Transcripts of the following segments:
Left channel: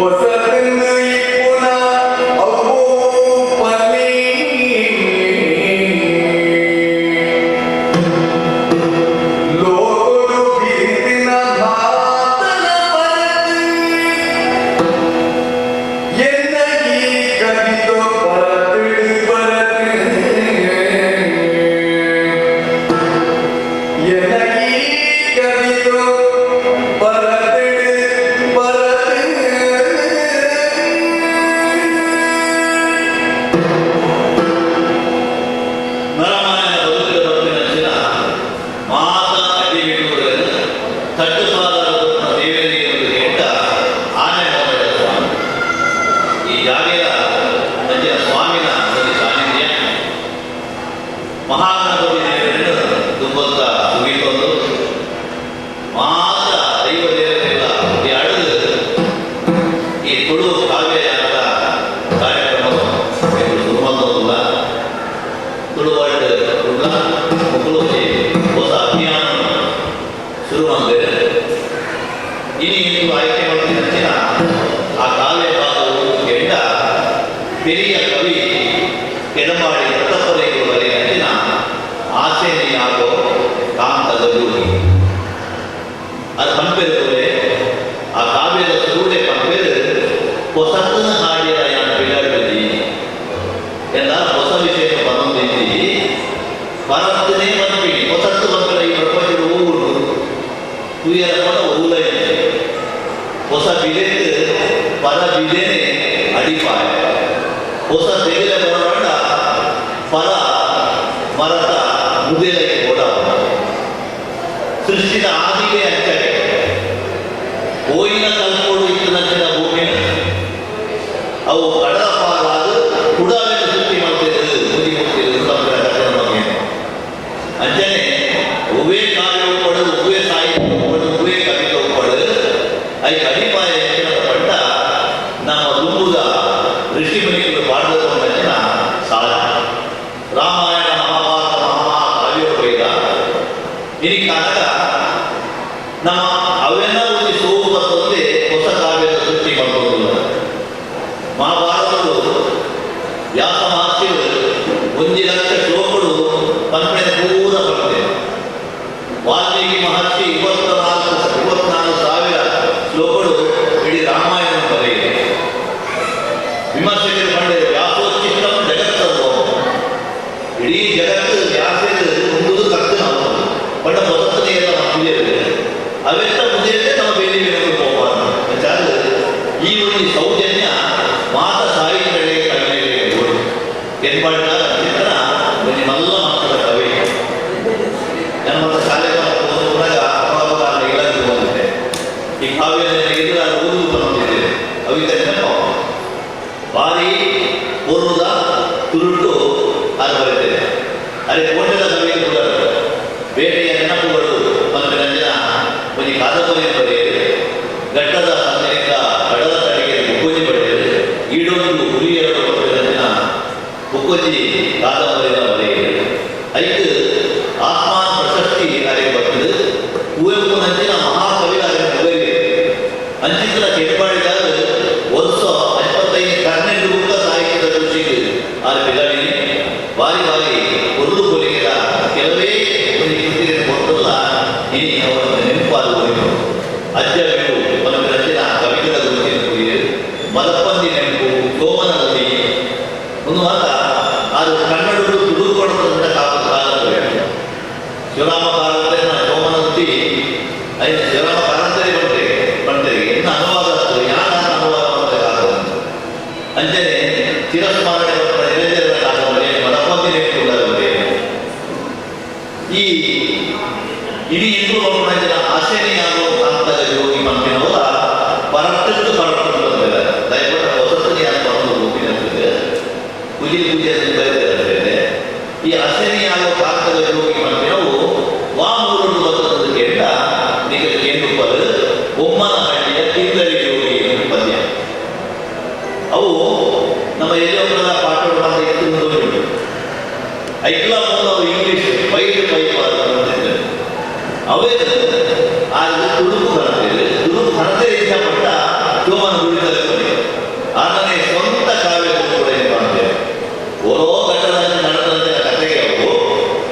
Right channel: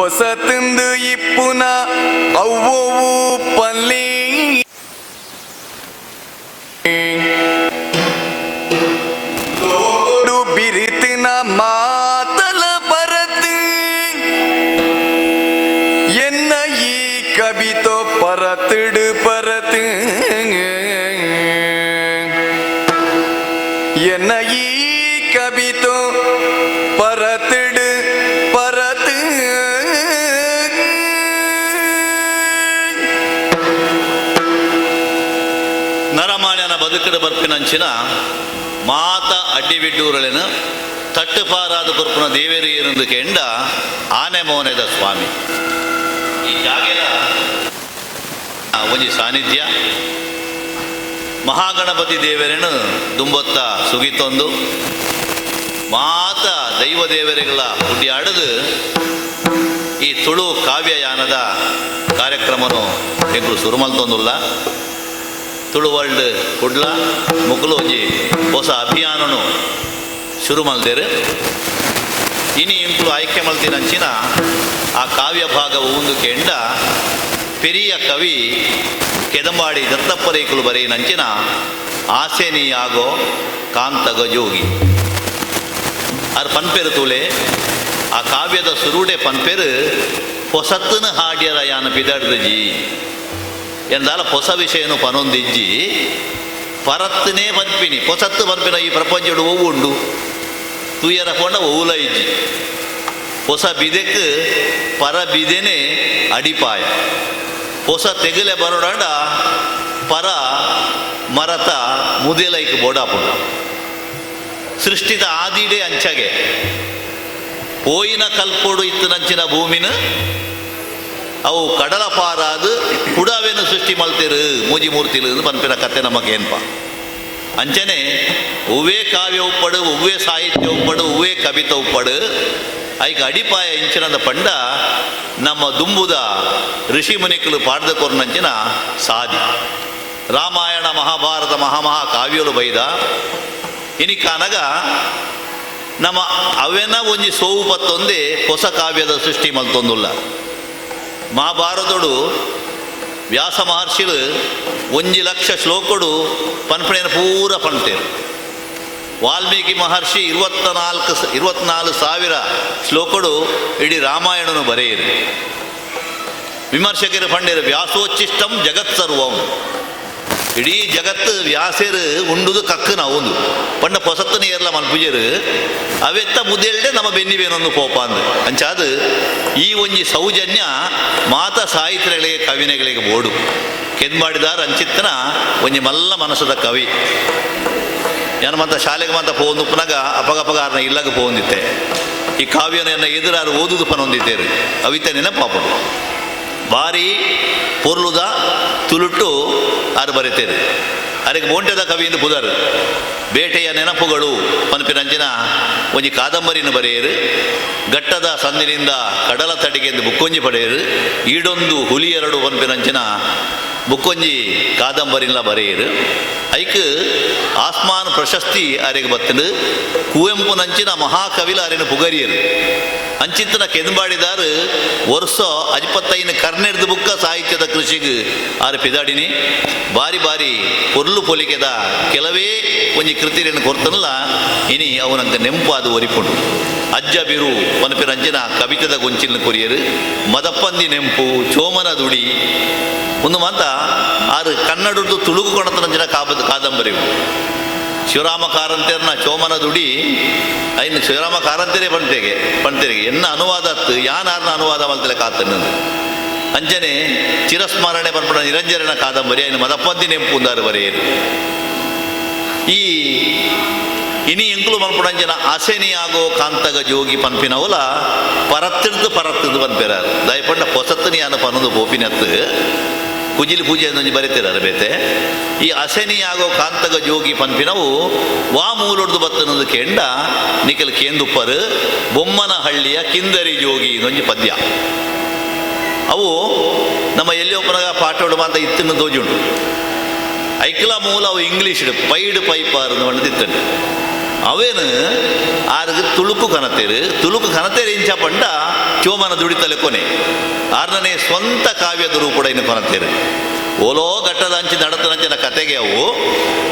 ಹೊಸತಿಂದು ಇಪ್ಪುನ ಅವ್ವೂ ಪಲ್ಲಿ ಲೋಡು ಬಿರಿತಿನ ಮಾತಲ ಬರತಿ ಎನ್ನ ಈ ಕವಿತೋ ಪರತಿಡು ಪರತಿ ಎನ್ನ ಈ ಕವಿತೋ ಪರತಿಡು ಪರತಿ ನರಮಾನ್ಯನ ಬದುಕಿನ ಬದುಕಿನಂಚಿನ ಮಾತ ಅಡ್ಡಿಬಿಟ್ಟೂರಲಿನ ತಟ್ಟುಪಾರಾದ ಬದುಕಿನ ದೇವೇರಿ ಇರೋದು ಕೆಂಡ ಆನೆ ಮೌನದ ಸ್ವಾಮಿ ಈ ಜಾಗೆಯ ಸ್ವಾಮಿನ ಒಂದು ಸಾನ್ನಿಧ್ಯ ಮಹಾಗಣಪತಿ ದೇವರನ್ನು ದುಂಬೊತ್ತ ಸುಗೀತೊಂದು ಮಾತ ದೈವ ದೇವರೆಲ್ಲ ಆಡದು ಈ ತುಳು ಕಾವ್ಯಯಾನದ ಕಾರ್ಯಕ್ರಮವನ್ನು ನೀವು ಶುರು ಮಾಡ್ತಂದಿಲ್ಲ ತುಳು ವರ್ಲ್ಡ್ ಕುಡ್ಲ ಮುಗ್ಲೋಜಿ ಹೊಸ ಅಭಿಯಾನನು ಶುರು ಮಾಡ್ತಾರೆ ಇನಿ ఇప్పుడు ಆಯ್ಕೆ ಮಾಡ್ತೀನಿ ಹಂಚಿನ ಆ ಕಾವ್ಯ ಭಾಗ ಒಂದು ಕೇಂದ್ರ ಪೆರಿಯ ಕವಿ ಕೆಡಮಾಡಿ ದತ್ತಪದೇಕರು ಬರೆಯ ನಂಚಿನ ಆಸೆ ನೀಯಾಗೋ ಕಾಂತಗ ಜೋಗಿ ಅದು ಪಂಪೇರು ತೊಲೆ ಆ ಕಾವ್ಯದ ಸುರುಡೆ ಪಂಪೇರು ಹೊಸತನ ಹಾಡ್ಯದ ಯಾನ ಬಿಡಾಡ್ದಜಿ ಎಂದಾರ ಹೊಸ ವಿಷಯನು ಪನೊಂದಿಂಚಿ ಪರತ್ತನೇ ಪಂಪಿನಿ ಹೊಸತ್ತು ಪಂಪಿನ ಈ ಪ್ರಪಂಚದ ಹೂವುಂಡು ತುಯ್ಯರ ಕೊಂಡ ಹೂಲ ಇಜ್ಜಿ ಹೊಸ ಬಿದೆಕ್ ಪರ ಬಿದೆನೆ ಅಡಿಪಾಯ ಹೊಸ ತೆಗಲೆ ಬರೋಡಾಟ ಪರ ಮರತ ಮುದೇಲೈಕ್ ಬೋಡಾಪ ಸೃಷ್ಟಿದ ಆದಿಡೆ ಅಂಚಾಗೆ ಹೋಯಿನ ಕಲ್ಪೋಡು ಇತ್ತು ನಂಚಿನ ಭೂಮಿನ ಅವು ಕಡಲ ಪಾದಾದ ಕುಡವೆನ ಸೃಷ್ಟಿ ಮಾಡ್ತಿರು ಮೂಜಿ ಮೂರ್ತಿರು ಬರ್ತಿರ ಕತೆ ನಮಗೆ ಏನ್ಪ ಅಂಚನೆ ಹೂವೇ ಕಾವ್ಯ ಉಪ್ಪಡು ಹೂವೇ ಸಾಹಿತ್ಯ ಉಪ್ಪಡು ಹೂವೇ ಕವಿತೆ ಉಪ್ಪಡು ಐಗೆ ಅಡಿಪಾಯ ಇಂಚಿನದ ಪಂಡ ನಮ್ಮ ದುಂಬುದ ಋಷಿ ಮುನಿಕುಲು ಪಾಡ್ದ ತೋರ್ನಂಚಿನ ಸಾಧಿ ರಾಮಾಯಣ ಮಹಾಭಾರತ ಮಹಾಮಹಾ ಕಾವ್ಯರು ಬೈದ ಇನಿ ಕಾನಗ ನಮ್ಮ ಅವೇನ ಒಂಜಿ ಸೋಗು ಮತ್ತೊಂದೇ ಹೊಸ ಕಾವ್ಯದ ಸೃಷ್ಟಿ ಮತ್ತೊಂದುಲ್ಲ ಮಹಾಭಾರತಡು ವ್ಯಾಸ ಮಹರ್ಷಿಗಳು 1,00,000 ಶ್ಲೋಕಡು ಪನ್ಪಣೆನ ಪೂರ ಪಡ್ತೇನೆ ವಾಲ್ಮೀಕಿ ಮಹರ್ಷಿ 24,000 ಶ್ಲೋಕಡು ಇಡೀ ರಾಮಾಯಣನ ಬರೆಯಿರಿ ವಿಮರ್ಶಕರು ಪಂಡಿರು ವ್ಯಾಸೋಚ್ಚಿಷ್ಟಂ ಜಗತ್ ಸರ್ವಂ ಇಡೀ ಜಗತ್ತು ವ್ಯಾಸರು ಉಂಡುದು ಕಕ್ಕನ ಹೌದು ಪಂಡ ಹೊಸತನೇ ಎಲ್ಲ ಮನ್ಪಿಜರು ಅವೆತ್ತ ಮುದ್ದೆ ನಮ್ಮ ಬೆನ್ನಿವೇನೊಂದು ಪೋಪ ಅಂದ ಅಂಚಾದ ಈ ಒಂಜಿ ಸೌಜನ್ಯ ಮಾತ ಸಾಹಿತ್ಯಗಳಿಗೆ ಕವಿನೆಗಳಿಗೆ ಓಡು ಕೆನ್ಮಾಡಿದಾರ ಅಂಚಿತ್ತನ ಒಂಜಿ ಮಲ್ಲ ಮನಸ್ಸದ ಕವಿ ನಾನು ಮತ್ತೆ ಶಾಲೆಗೆ ಬಂದ ಹೋಗುದು ಪುನಗ ಅಪಗಪಗಾರನ ಇಲ್ಲದೆ ಹೋಗಿದ್ದೆ ಈ ಕಾವ್ಯನ ಎದುರಾರು ಓದುದು ಪರೊಂದಿದ್ದೇವೆ ಕವಿತೆ ನೆನಪಾಪ ಭಾರಿ ಪೂರ್ಣದ ತುಳುಟು ಆರು ಬರೀತೇವೆ ಅರೆ ಮೋಂಟದ ಕವಿಯಿಂದ ಬುಧರು ಬೇಟೆಯ ನೆನಪುಗಳು ಪನ್ಪಿನಂಜಿನ ಒಂಜಿ ಕಾದಂಬರಿನ ಬರೆಯರು ಘಟ್ಟದ ಸಂದಿನಿಂದ ಕಡಲ ತಟಿಗೆಯಿಂದ ಮುಕ್ಕೊಂಜಿ ಪಡೆಯರು ಈಡೊಂದು ಹುಲಿ ಎರಡು ಪನ್ಪಿನಂಚಿನ ಮುಕ್ಕೊಂಜಿ ಕಾದಂಬರಿಲ್ಲ ಬರೆಯರು ಐಕ್ ಆತ್ಮಾನ ಪ್ರಶಸ್ತಿ ಅರೆಗೆ ಬರ್ತದೆ ಕುವೆಂಪು ನಂಚಿನ ಮಹಾಕವಿಲ ಅರೆನ ಪುಗರಿಯರು ಅಂಚಿತ್ತನ ಕೆಂದುಬಾಡಿದಾರು ವರ್ಷ 55 ಕರ್ನಾಟಕದ ಬುಕ್ಕ ಸಾಹಿತ್ಯದ ಕೃಷಿಗೆ ಆರು ಬಿದಾಡಿನಿ ಬಾರಿ ಬಾರಿ ಕೊರ್ಲು ಪೊಲಿಕೆದ ಕೆಲವೇ ಒಂಜಿ ಕೃತಿಯನ್ನು ಕೊಡ್ತಲ್ಲ ಇನಿ ಅವರಂತ ನೆಂಪಾದ ಒರಿಪುಡು ಅಜ್ಜ ಬಿರು ಮಲ್ಪಿನ ಅಜ್ಜನ ಕವಿತದ ಗೊಂಚಿನ ಕೊರಿಯರು ಮದಪ್ಪಂದಿ ನೆಂಪು ಚೋಮನ ನುಡಿ ಒಂದು ಮಾತ ಆರು ಕನ್ನಡದ್ದು ತುಳುಗು ಕೊಡತರಂಜನ ಕಾಪದ ಕಾದಂಬರಿ ಶಿವರಾಮ ಕಾರಂತರನ್ನ ಚೋಮನ ನುಡಿ ಐದು ಶಿವರಾಮ ಕಾರಂತರೇ ಪಂತೆರಿಗೆ ಎನ್ನ ಅನುವಾದ ಯಾನ ಅನುವಾದ ಬಂದರೆ ಕಾತನ ಅಂಜನೆ ಚಿರಸ್ಮರಣೆ ಬರ್ಪಡ ನಿರಂಜನ ಕಾದಂಬರಿ ಐದು ಮದಪ್ಪಂದಿ ನೆಂಪು ಬರೆಯರು ಈ ಇನಿ ಇಂದು ಬಂಪುಣಂಜನ ಆಸೆನಿಯಾಗೋ ಕಾಂತಗ ಜೋಗಿ ಪಂಪಿನವಲ ಪರತ್ತಿರ್ದು ಬಂಪೆರ ದಯಪಟ್ಟ ಹೊಸತ್ತನಿಯಾದ ಪನ್ನದು ಬೋಪಿನಂತ ಕುಜಿಲಿ ಪೂಜೆ ಅಂತ ಬರೀತಾರೆ ಬೇತೆ ಈ ಅಸೆನಿಯಾಗೋ ಕಾಂತಗ ಜೋಗಿ ಪಂಪಿನವು ವಾಮೂರೊಡ್ದು ಬತ್ತನದು ಕೇಂಡ ನಿಖಿಲ್ ಕೇಂದುಪ್ಪರು ಬೊಮ್ಮನಹಳ್ಳಿಯ ಕಿಂದರಿ ಜೋಗಿ ಒಂಜಿ ಪದ್ಯ ಅವು ನಮ್ಮ ಎಲ್ಲಿಯೊಬ್ಬರ ಪಾಠೋಡು ಬಂದ ಇತ್ತಿನ ದೋಜುಂಡು ಐಕ್ಲ ಮೂಲ ಅವು ಇಂಗ್ಲೀಷ್ ಪೈಡ್ ಪೈಪಾರು ಬರೆದಿತ್ತಂಡು ಅವೇನು ಆಗ ತುಳುಕು ಕನತೇರು ಇಂಚ ಪಂಡ ಚೋಮನ ದುಡಿತಲೆ ಕೊನೆ ಆನನೇ ಸ್ವಂತ ಕಾವ್ಯದ ರೂಪಡ ಇನ್ನು ಬರಂತೇವೆ ಓಲೋ ಗಟ್ಟದಂಚಿ ನಡತನಂಚಿನ ಕತೆಗೆ ಅವು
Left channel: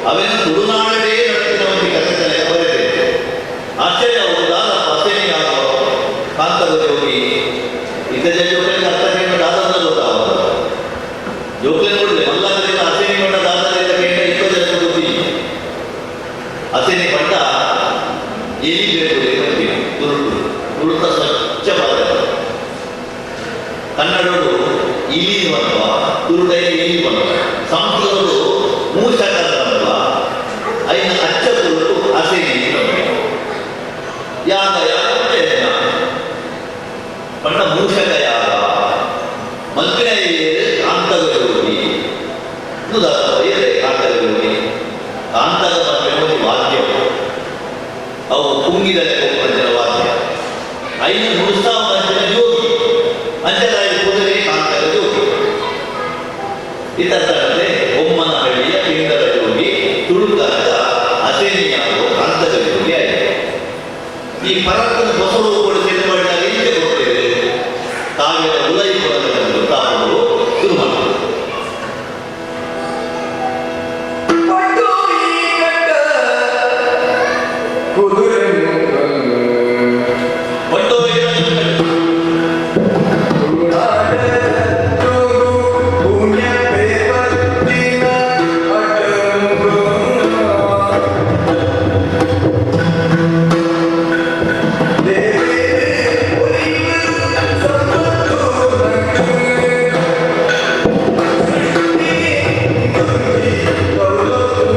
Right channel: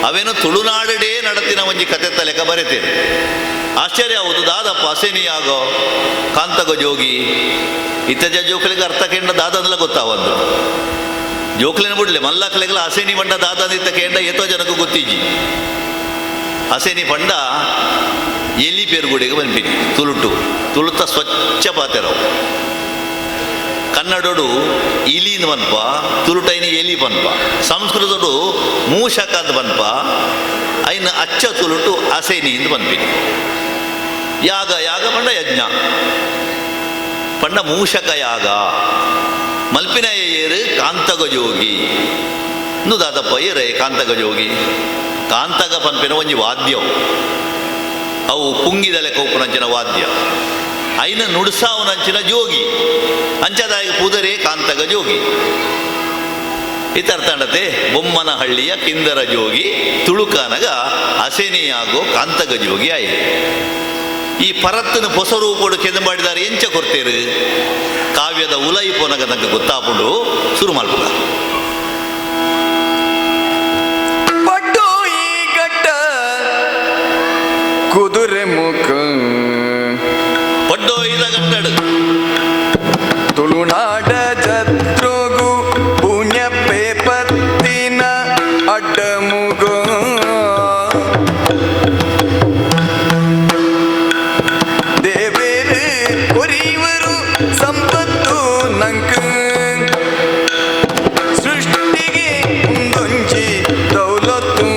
ಅವೇನು ತುಳುನಾಡೇ ನಡತಿನ ಒಂಜಿ ಕತೆ ತಲೆಗೆ ಬರೀತೇವೆ ಆಶ್ಚರ್ಯ ಒಂದು ದಾದಪ್ಪ ಅಸೇನಿ ಆಗೋ ಕಾಂತಗ ಜೋಗಿ ಇತ್ತೆಜ ಜೋಕಲಿಗೆ ಅರ್ಥ ಕೆಂಡ ದಾದನೆಲ್ಲ ಗೊತ್ತಾವಂತ ಜೋಕಲಿನ ಬಿಡ್ಲಿ ಮಲ್ಲಕ್ಕಲಿಗೆಲ್ಲ ಹಸೇನಿ ಬಂಡ ದಾದದ ಇತ್ತ ಕೆಂಡ ಎಷ್ಟೋ ಜನಕ್ಕೆ ಗೊತ್ತಿಜ್ಜಿ ಹಸೇನಿ ಬಂಡ ಎಲಿ ಬೇರುಗುಡಿಗೆ ಬಂದಿನಿ ತುಳುತ ಸ್ವಚ್ಛ ಮಾತೆ ನಾವು ಕನ್ನಡಡು ಇಲಿನ ಬನ್ಪ ತುರುಟೈನ ಎಲಿ ಬನ್ಪ ಸಂಸ್ಕೃತಡು ಮೂಷಕ ಅಂತ ಬನ್ಪ ಐನ ಅಚ್ಚ ತುರುಟು ಹಸೇನಿ ಅಂತ ಬಂದ್ಬಿನಿ ಯಾಗ ಪಂಡ ಯಜ್ಞ ಪಂಡ ಮೂಷಕ ಯಾಗ ಮಲ್ಪಿನ ಏರು ಕಾಂತಗ ಜೋಗಿ ದಾದಪ್ಪ ಏರೇ ಕಾಂತಗ ಜೋಗಿ ಕಾಂತಗ ಮಲ್ಪಿನ ಒಂಜಿ ವಾದ್ಯ ಅವು ಪುಂಗಿದಲೆ ಕೊಪ್ಪುನಂಚಿನ ವಾದ್ಯ ಐನ ನುಡಿಸಾವನಂಚಿನ ಜೋಗಿ ಅಂಚದಾಗಿ ಕುದುರೆ ಕಾಂತಗ ಜೋಗಿ ಇತರ್ತಡತೆ ಬೊಮ್ಮನ ಹಳ್ಳಿಯ ಕಿಂದರ ಜೋಗಿ ತುಳುಕನಗ ಹಸೇನಿಯಾಗೋ ಕಾಂತಗ ಜೋಗಿ ಆಯ್ತು ಈ ಪರತ್ತನ ಹೊಸ ರೂಪೋಡು ಕೆದ ಮಾಡಿದಾರೆ ಎಂಚ ಕೊಡ್ತೇವೆ ಕಾವ್ಯದ ಉಲೈ ಪೊನಗ ನನಗೆ ಗೊತ್ತಾಪುಡು ಶುರು ಮಾಡ್ಬೋದು ಕುದುರೆ ಮುಖ ಬಡ್ಡೋ ಇದಾಗಂಟಾಡು ತುಳುನಾಡ ಜತ್ರುಗು ಪುಣ್ಯ ಪೇಪತ್ತಿನ ಅಡ್ಡಮುಗು ದೇವೇರು ಒರಿವರು ಸಂಪತ್ತು ನಂಕ ಸೃಷ್ಟಿಗೆ ಮುಂದೊಂಜಿ ದೌಲತ್ತು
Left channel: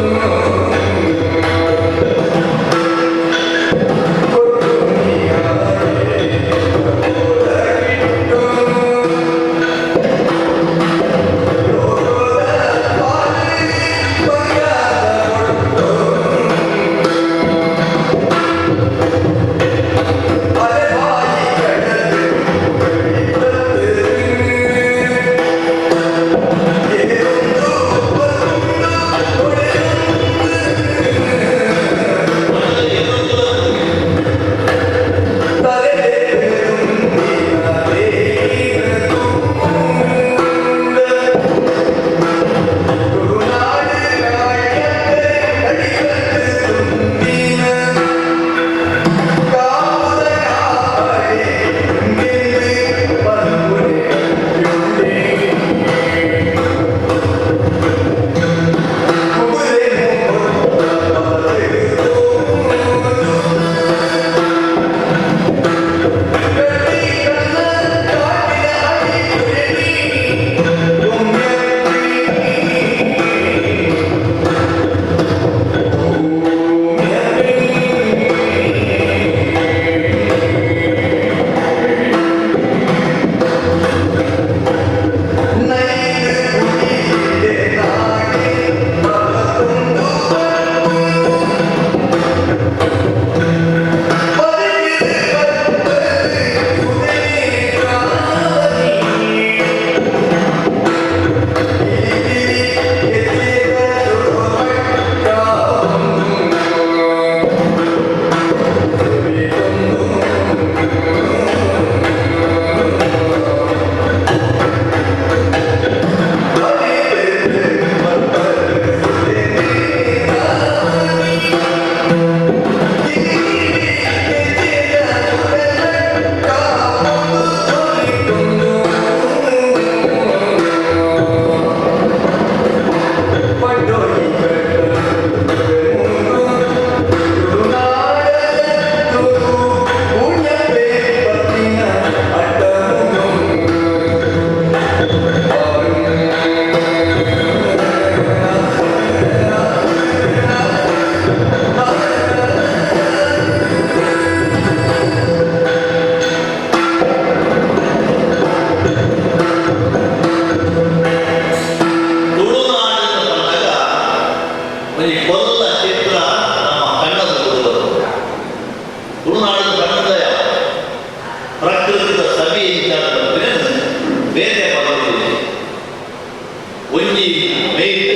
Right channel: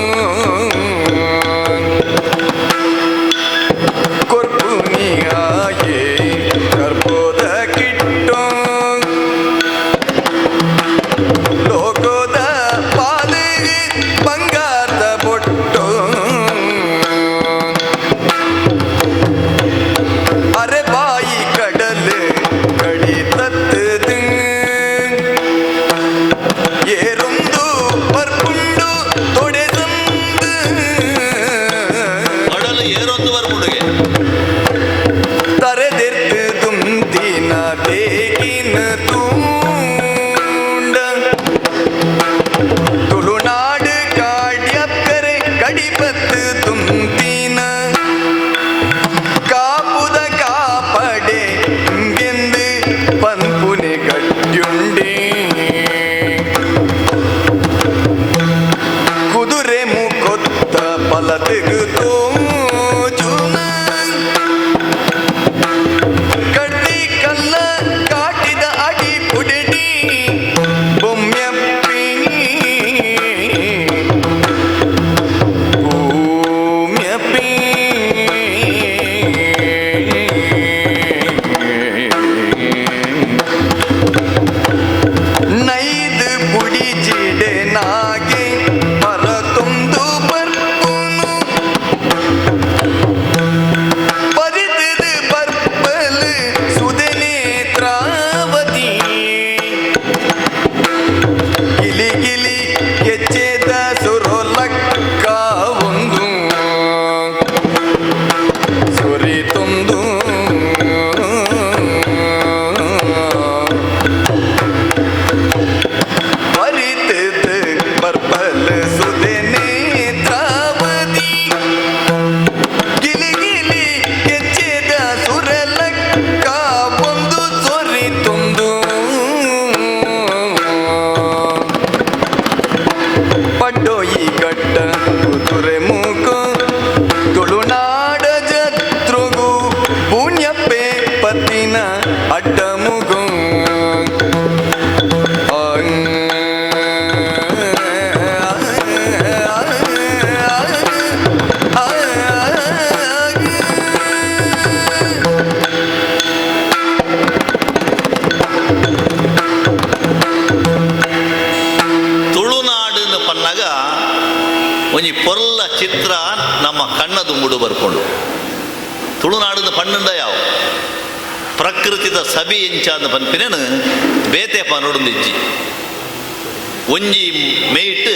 ಒಂಜಿ ಮೇಯ್ಟ್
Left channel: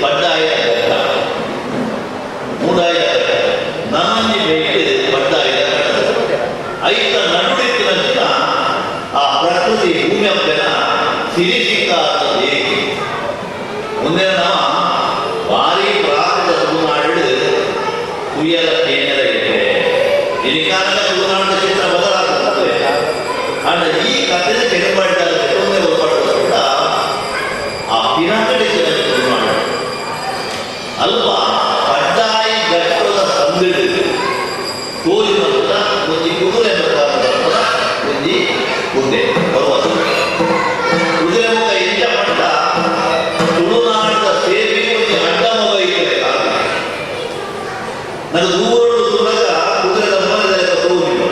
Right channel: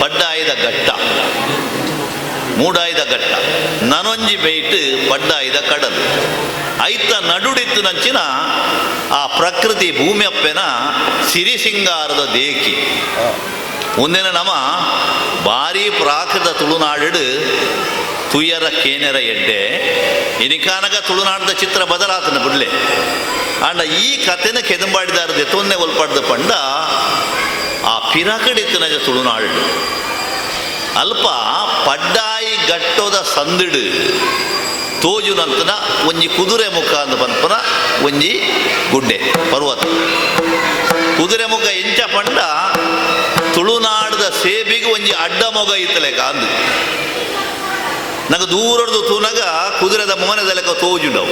ಪಡ್ಡಾಯ್ದ ಕಟ್ಟ ಮೂಡಾಯ್ದ ಕಟ್ಟ ನನೊಂಜಿ ಮೇಯ್ಟ್ ಪಡ್ಡಾಯ್ದ ಕಡಲು ಐತ ನಡುಡಿತ್ತು ನಂಚಿನ ಪ್ರಕೃತಿ ಭೂಮಿ ಅಪ್ಪೆನ ಸಿರಿ ಸಿಂಗಾರದ ದೇಕಿ ಒಂದಿನ ನಮ್ಮ ಭಾರಿ ಪ್ರಾಕೃತ ತುಳುನಾಡು ತುಯ್ಯರ ಕೇನರ ಎಡ್ಡೆ ಇರಿಕಾನಗ ತುಳುನಾಡಿನ ಚಿತ್ರ ಬದಲಾತನ ಬಿಡ್ಲೆ ಆಂಡ ಈ ಕಥೆನ ಕೆದಮಾಡಿದಾರೆ ತೊಂದೆ ಒಲ್ಪಡ್ದ ಪಂಡ ಆ ಪಿನಕಡಿತ್ತು ನನಗೆ ತುಳುನಾಡು ಅಲ್ಪ ಪಡ್ಡಾಯಿ ಗಟ್ಟೋದ ಸಂದಿಡು ತೋಜು ನಂತರ ಒಂಜಿ ಕುದುರೆ ಮುಖ ಅಂತ ಪರಪರ ಒಂಜಿ ಗುಡ್ಡೆ ಪರ್ವತ ಕುದುರೆ ಮುಖ ಇಂಚ ಪಂಡ ತುಳುನಾಡದ ಸೇವೆಗೆ ಒಂಜಿ ಅಡ್ಡ ಮೊಗ ಇತ್ತಲೆ ಕಾಂದು ನಂಗೆ ದೂರದ್ದು ತೂನಗ ಕುದುರೆ ದಮ್ಮನದಲೆಕ ತೋಜುಂಡು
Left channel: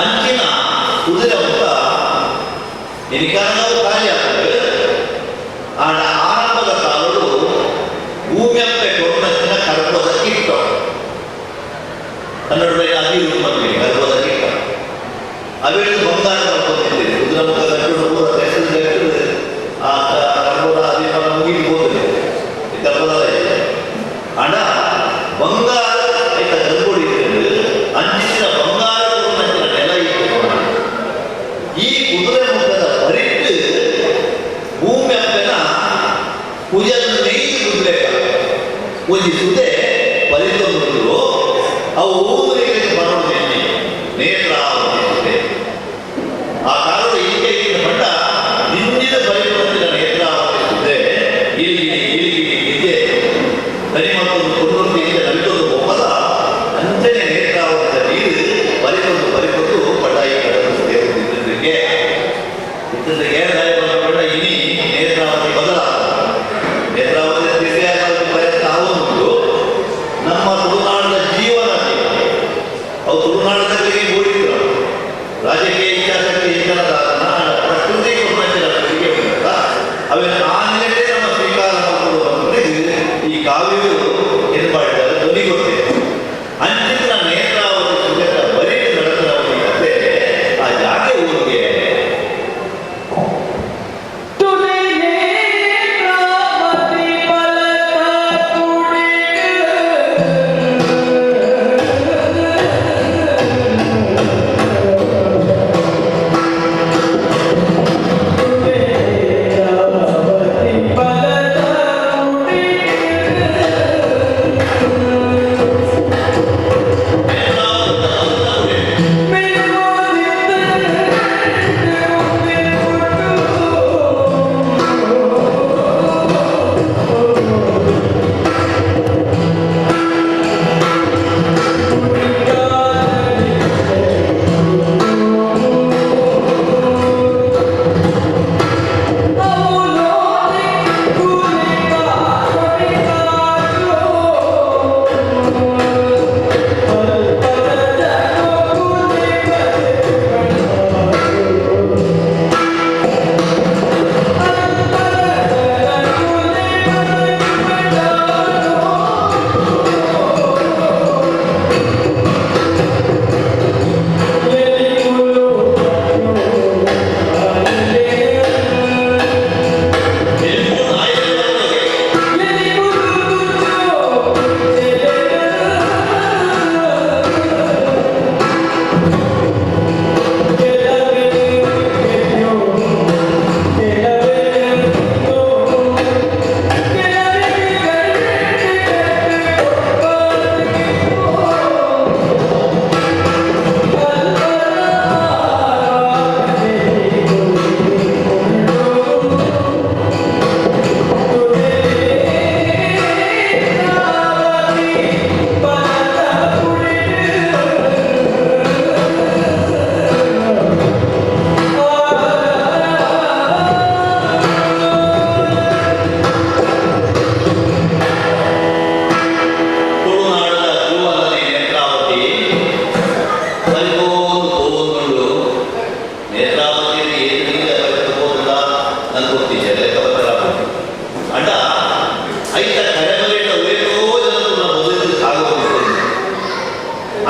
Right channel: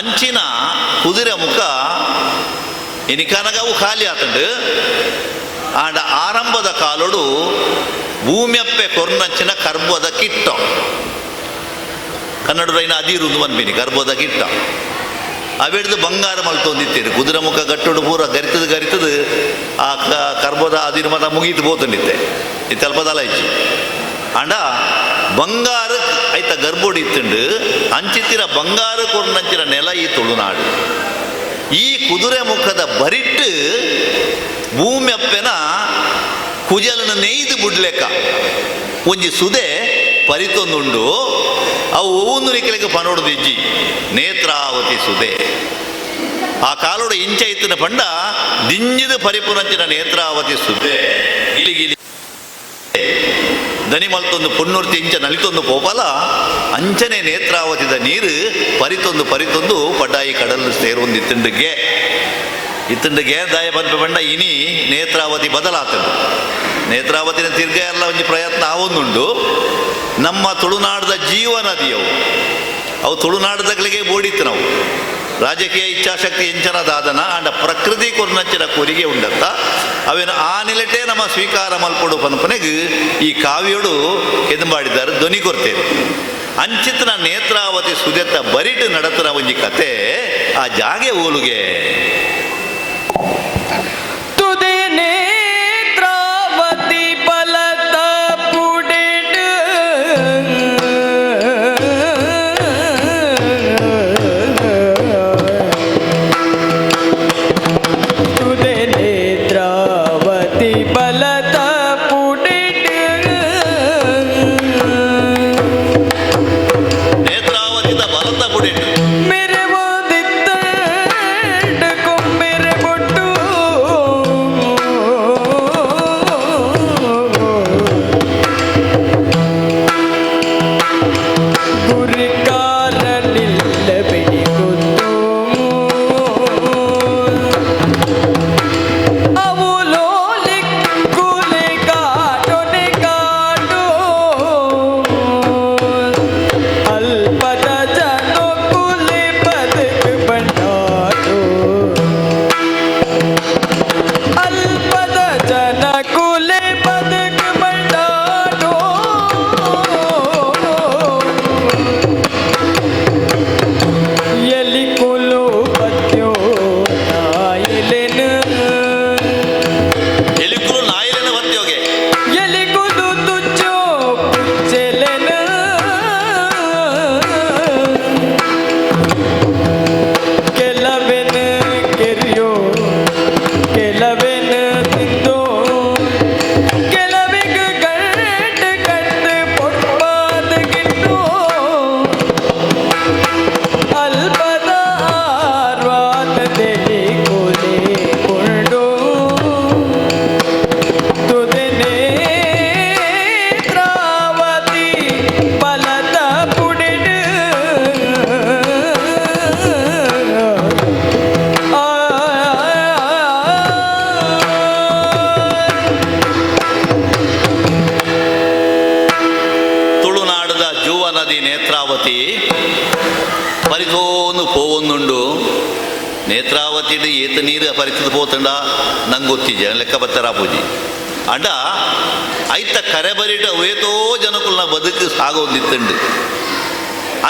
ಅಂಚಿನ ಕುದುರೆ ಮುಖ ಎನಿಕಾನಗವು ಖಾಲಿ ಆತಂಡು ಆಂಡ ಆರಂಭದ ಕಾಲೋಡು ಭೂಮಿಯಪ್ಪೆ ಕೊರ್ನಚ್ಚಿನ ಕರ್ಬೋದ ಕಿಟ್ಟ ಕನ್ನಡದೈನ ಅದಿರುವುದು ಬಂದ್ಬಿನಿ ಕರ್ಬೋದ ಕಿಟ್ಟ ಅವೆಡ್ದು ಬಂಗಾರ ಮಲ್ತೊಂದಿತ್ತೀರಿ ಕುದುರೆ ಮುಖ ಗಟ್ಟೋಡು ಪೂರ ಗರಿತದು ಆ ಕರ್ಬೋದ ಅದಿರ್ಮದ ಮುಗಿಟ್ಟು ಬೋತಲ್ಲಿತ್ತೆ ಇತ್ತಲ್ಪದಲ್ಲ ಇತ್ತು ಆಂಡ ಬಂಗಾರ ಆಯ್ತ ಗರ್ಬೋಡಿ ಇತ್ತಂಡು ಅಂಚಿತ್ತಿನ ಬಂಗಾರ ಕೊರ್ನಚ್ಚಿನ ನೆಲ ಈ ತುಳುನಾಡು ಈ ಕುದುರೆ ಮುಖದ ಬರಿಟ್ಟು ಭೂಮಿಯಪ್ಪೆನ ಕುಜಲನ್ನು ನೇಯ್ದು ಬಿಡ್ಲೇಕ ಒಂಜಿ ಸುದೆ ಪರಿತೊಂದುಂಡು ಅವು ಊನುರಿಕೆಗೆ ಬರೋಡು ದಿಜ್ಜಿ ನೇತ್ರಾವತಿ ಸುದೆ ಆ ಕಾಲೋಡ ಇಂಚೆ ಇತ್ತಿನ ಪಂಡ ದಿಂಜಿದ ಪರಿಪುರಂಚಿನ ನೇತ್ರಾವತಿ ಸುದೆ ಇಲ್ಲಿಗೆ ದನಿಮಂತೊಂದು ಪುಣ್ಣೂರ್ತಿ ಇಂಚೆ ನಲಿತೊಂದು ಹೋಗಲ್ಲ ಅಂಚನೆ ನೇತ್ರಾವತಿದ ನೀರು ಪರಿತೊಂದು ಪಡ್ಡಾಯಿ ಕಡಲು ಸೇರುವುದು ಇತ್ತಂಡಿಗೆ ದಾಯ ಬಂದ ಪಂಡ ಇನಿ ನೇತ್ರಾವತಿ ಬದಲಾಗ್ತದೆ ನೇತ್ರಾವತಿ ತಿರ್ಗ ಎಲ್ಲ ಒಂದು ಪ್ರಯತ್ನ ಆವೊಂದುಂಡು ನಮ್ಮ ತುಳುನಾಡದ ಜೀವ ನದಿಯವು ಅವು ತುಳುನಾಡದಾಗಲಿಗೆ ಓಡಿತ್ತು ನಾವು ರಾಜಕೀಯ ಇಚ್ಛಾಶಕ್ತಿ ಹೆಚ್ಚನದಾದನ ಅಂಡ ಪ್ರಕೃತಿ ಕೊನ್ನಂಚಿನ ಕೊರಿಗೆ ಉಂಡಂತ ಅವೇನು ಆ ನಿಲಟೇ ನಮ್ಮ ಸ್ವೀಕಾರ ಮಾಡ್ಕೊಂಡು ಬಂದ್ಕೊನೆಗೆ ಈ ಕಾವ್ಯಗಳು ಎದು ಮಾಡಿದ್ದಾರೆ ಧ್ವನಿ ಗೊತ್ತಿದೆ ಅಂಚಿತನ ನೇತ್ರಾವತಿ ಸುಜೆತ ಬರಿಟ್ಟು ನಡತರ ಒಂಜಿ ಕತೆ ಆ ಜಾಗೆ ಓಲುಗೆ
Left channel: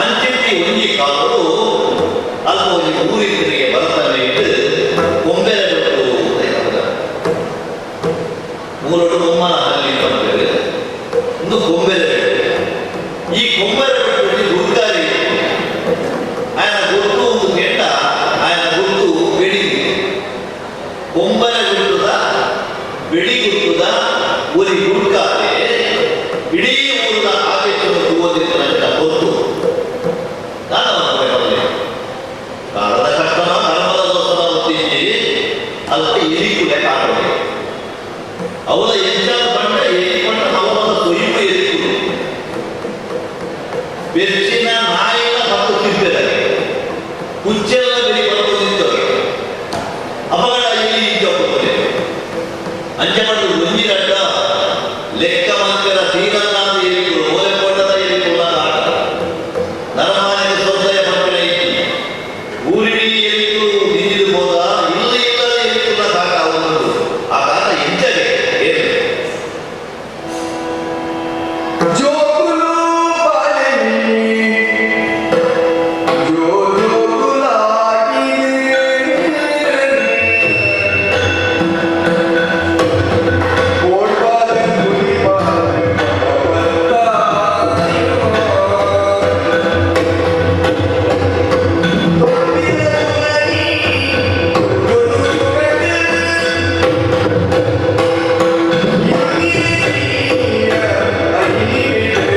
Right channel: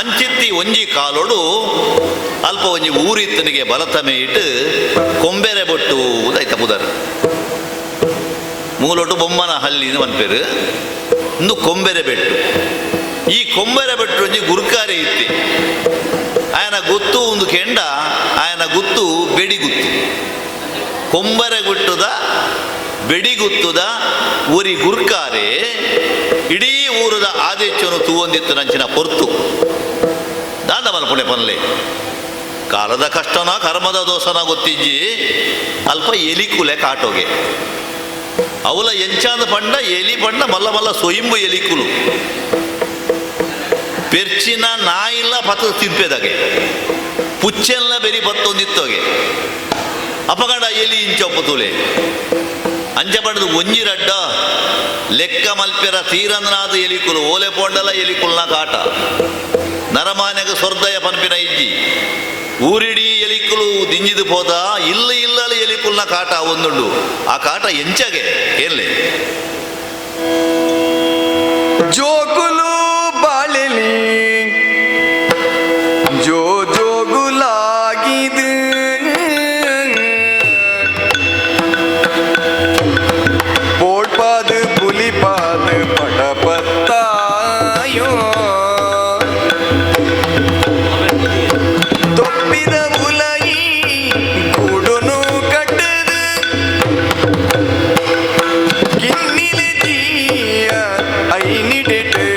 ಅಂಚಿತ್ತಿ ಒಂಜಿ ಕಾಲೋಡು ಅಲ್ಪ ಒಂಜಿ ಊರಿತ್ತನಿಗೆ ಬಲತ ಮೇಯಿಟ್ಟು ಕೊಂಬೆರೆ ಕೊಟ್ಟು ಉದೈತ ಮುದರ ಮೂರೊಟ್ಟು ಬೊಮ್ಮನ ಹಲ್ಲಿನ ಮಲ್ಪೇರು ಇನ್ನು ಕೊಂಬೆರೆ ಬೆಟ್ಟು ಈ ಕೊಂಬೆರೆ ಬೆಟ್ಟು ಒಂಜಿ ಗುರ್ಕಾರಿ ಇತ್ತು ಆಯನ ಗೊತ್ತು ಒಂದು ಕೆಂಡ ಆಯನ ಗೊತ್ತು ಬೇಡಿ ಗುತ್ತು ಕೊಂಬರೆ ಗುಟ್ಟುದ ಬೆಡಿಗುತ್ತುದ ಊರಿ ಗುರ್ಕಾರೆ ಇಡೀ ಊರದ ಆದೇಶವನ್ನು ತೂವೊಂದಿತ್ತು ನಂಚಿನ ಹೊರತು ದಾನವನ್ನು ಕೊಡೆ ಬರಲಿ ಕಾಲದ ಕಷ್ಟನ ಕರ್ಮದ ದೋಷನ ಗೊತ್ತಿಜ್ಜಿ ಅಲ್ಪ ಎಲಿ ಕುಲೆ ಕಾಟೋಗೆ ಅವಳ ಎಂಚಾದ ಪಂಡ ಎಲಿ ಪಂಡ ಮಲ್ಲ ಮಲ್ಲ ಸೊಯ್ಮು ಎಲಿಕುಲು ಪೆರ್ಚಿನ ನಾಯಿಲ್ಲ ಪತ್ರ ತಿಪ್ಪೆದಾಗೆ ಪುಚ್ಚೆಲ್ಲ ಬೆರಿ ಬಂದು ನಿಂತೋಗೆ ಅಪಗಡ ಎಲ್ಲಿ ಇಂಚೊಪ್ಪ ತೊಲೆ ಅಂಚೆ ಮಾಡಿದ್ರು ಒಂಜಿರಡ್ಡ ಲೆಕ್ಕ ಮಲ್ಪೆರ ತೀರಂದ್ರಾದ ಎಲಿಕುಲು ಓಲೆ ಪೋಟಲ ಎಲಿಕುಲ್ನ ಕಾಟ ನರಮಾನೆಗ ಸ್ವರ್ಧಯ ಮಲ್ಪೆರ ಇಂಜಿ ಊರಿಡೀ ಎಲಿಕುಲು ದಿಂಜಿದು ಹೋದ ಇಲ್ಲ ಇಲ್ಲದ ಎಲಿಕುಲ್ನ ಕಾಟ ಒಂದುಂಡು ಆ ಕಾಟ ಎಂಚಗೆ ಹೇಳಿ ಜೋಗುಲು ಬಾಳೆಲಿ ಜೋಗುಲಾಗಿದೆ ಓಡ್ಪಾದ ಪುಲಿಪಾದ ಪಟಪತ್ತಾಯೋ ತೊಪ್ಪಿದ ಮುಲಾಯಿ ಕೂಡುನು ಕಟ್ಟದು ಕಿನ್ನಿದೆ ತೀಯ ಐನಿಡಿದೆ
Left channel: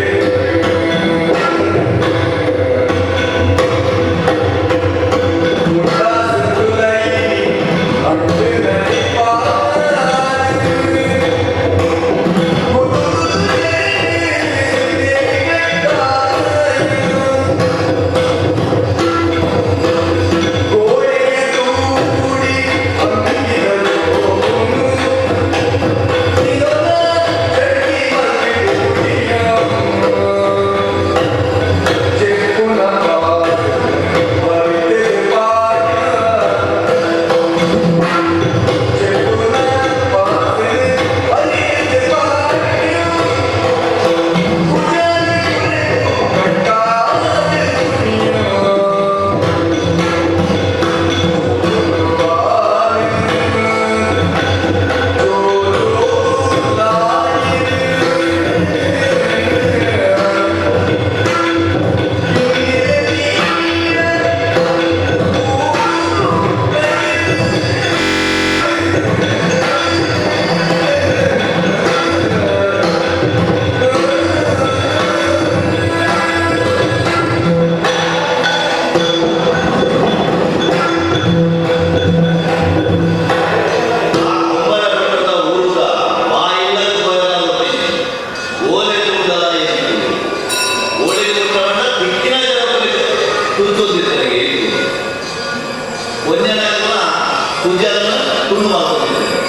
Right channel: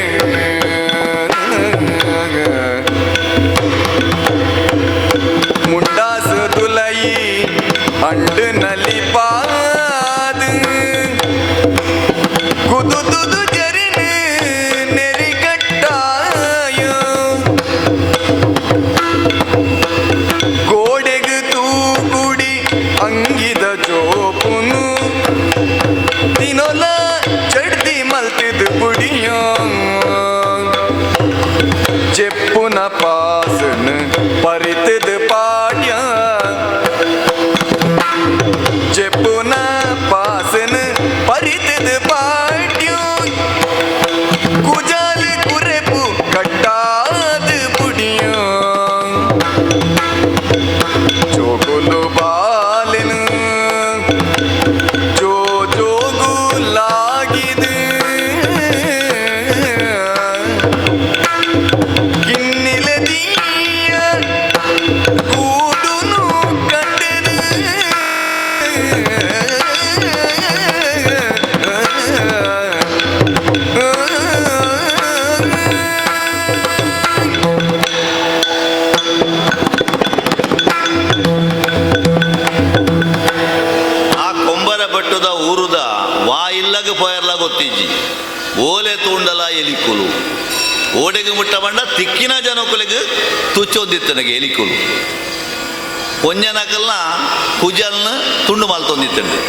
ಮುಂಡಾಸ ತುಲೈ ಅಂಡು ನಲಿ ಪಾದ ಕುದುದು ಜರಿ ನೆರಿಗಟ್ಟಾಯ ಗೋಡೆಗೆ ತೂಗುಡಿ ಅಂಗಿದ ಜೋಗುನು ದಿನೊಲ್ಲ ಚಡ್ದಿ ಮಲ್ಕಿದ ಗುಡಿಯ ಚೆಪ್ಪುನ ಪಾಸನ ಪರಿತದ ಪಾಡ್ಯ ಚೆಪ್ಪುನ ಪಾಸನ ಪರಿತದ ಪಾಡ್ಯ ಕುಜಾಲ ಕುರೆಕು ಕಟ್ಟಾದ ಗುಡಿಯ ಜೋಗುಲು ಬಾಲೆನು ಜೋಗುಲಾಗಿದೆ ಕಿನ್ನಿಲೆ ತೀಯ ಕೂಡುನು ಕಟ್ಟದು ಆ ಕೊಂಬರ ಬಟ್ಟದ ಊರುದ ವಾಯಿಲ್ಲಗ ಪೋಯಲ್ಲ ಗೊತ್ತಿಜ್ಜಿ ಓಲೆ ತೂಂಡಲ ಎಲಿಕುಲು ಓಡೆಗೆ ಮುಟ್ಟ ಬಣ್ಣ ತಿಕ್ಕಿನ ಜನಗಳಿಗೆ ತುಚ್ಚೋದಿತ್ತನಗೆ ಎಲಿಕುಲು ಕೊಂಜನಗೆಲ್ಲ ಕುಜಲ್ಲ ತುಂಡು ಮಾಲ್ತೊಂದಿತ್ತಂಡೆ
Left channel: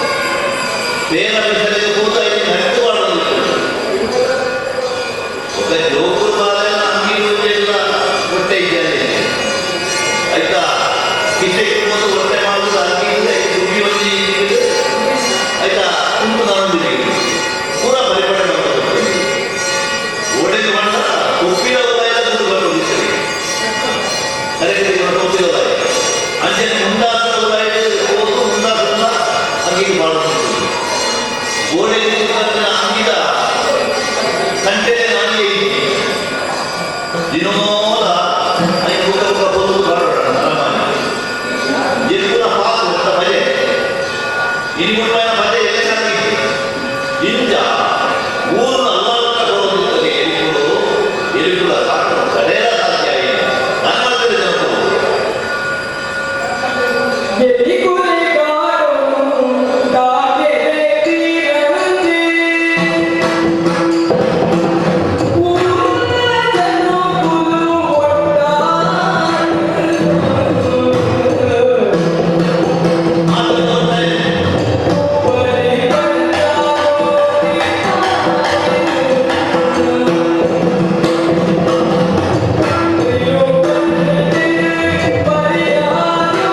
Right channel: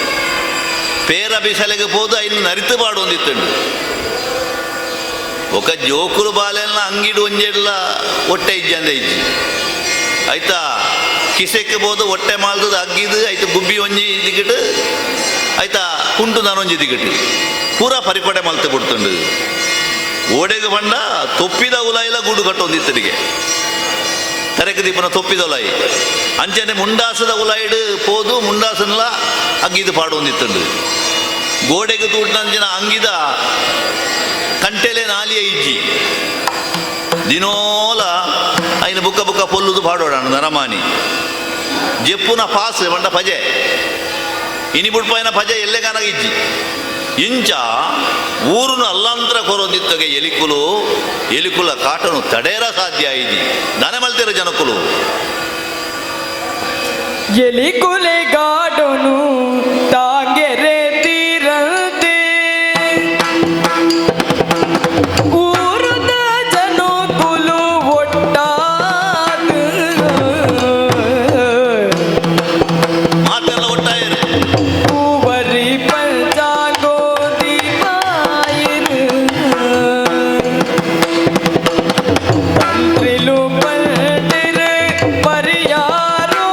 ಪೇರ ಬೆಸಲಿಗೆ ಹೋದ ಇನ್ನು ನರಿತು ಮಾಡೋದಿತ್ತಂಡು ఒక ಜೋಕುರು ಬಾಲೆಲ್ಲ ಅಂಗಿಡು ಒಂಜೆಲ್ಲ ಹೊಟ್ಟೆ ಇಜ್ಜಲ್ಲ ಇಜ್ಜಿ ಆಯ್ತಾ ಕಿಸೆಗೆ ಹೋದ ಹೊಟ್ಟೆ ಮಾಡುದು ಅಂಗಿದು ಆಯ್ತು ಗುಬ್ಬಿ ಒಂಜಿ ಇದಿಗಿಟ್ಟು ಆಯ್ತಾ ಕುಂಟು ನಾನೊಂಜಿ ಇದಿಗಿಟ್ಟು ಪೂರ ಪರಿಪಡೆ ಮಂತ ಕೊಡ್ತಂಡು ಓಡೆಗೆ ಬಂಡ ತೊಪ್ಪಿದ ಉಲಾಯಿಲ ಗೂಡು ಕಟ್ಟೊಂದಿತ್ತನಿಗೆ ಕರೆಗೆ ದಿಪ್ಪನ ತೊಪ್ಪಿದ ಉಲಾಯಿ ಅಂಚನೆ ಮುಂಡಾಸದ ಉಲಾಯಿಡು ಹೋದು ಮುಂಡಾಸನೆಲ್ಲ ಅಂಗಿದು ಪಾಡೊಂದಿತ್ತಂಡು ಗೋಡೆಗೆ ತೂಟಂಜಿನ ಅಂಗಿದ ಕಂಟೆಲೆ ನಾಲಿಯ ಇಜ್ಜಿ ದಿನೋಲ ಐನ ಬುಕ್ಕ ಬುಕ್ಕ ಪೊಲ್ಲುದು ಪಾಡೋಣ ನರಮಾನಿ ಜೆಪ್ಪುನ ಪಾಸ್ ಬಂಡ ಪಜೆ ಇನಿ ಮುಡ್ಪಾಯಿನ ಪಜೆ ಎಲ್ಲೆ ಕನಗಿಜ್ಜಿ ಇಂಚ ಊರುನ ಅಲ್ಲಂತರ ಕೊರೋದಿತ್ತಗೆ ಎಲಿಕುಲು ಎಲಿಕುಲ ಕಾಟನು ತಡೆಯರ ಸಾಧ್ಯ ಆಯ್ತು ನಾನು ಮಾಡ್ತೇನೆ ಜನಕುಲು ಎಲಿಕುಲೆ ಗಾಡನು ತಾಗೆರೆ ತೀರದೆ ಊರದ ಜನಕುಲು ಒಟ್ಟಾಗ ಮಾತೆಲ್ಲ ಒಟ್ಟಾಯ ಊವರಿ ಪರ್ಜಾಗೋದಿ ತಾಯಿರು ತ್ರಿಲು ಪರ್ದಿರು ಪರಿಯಾರು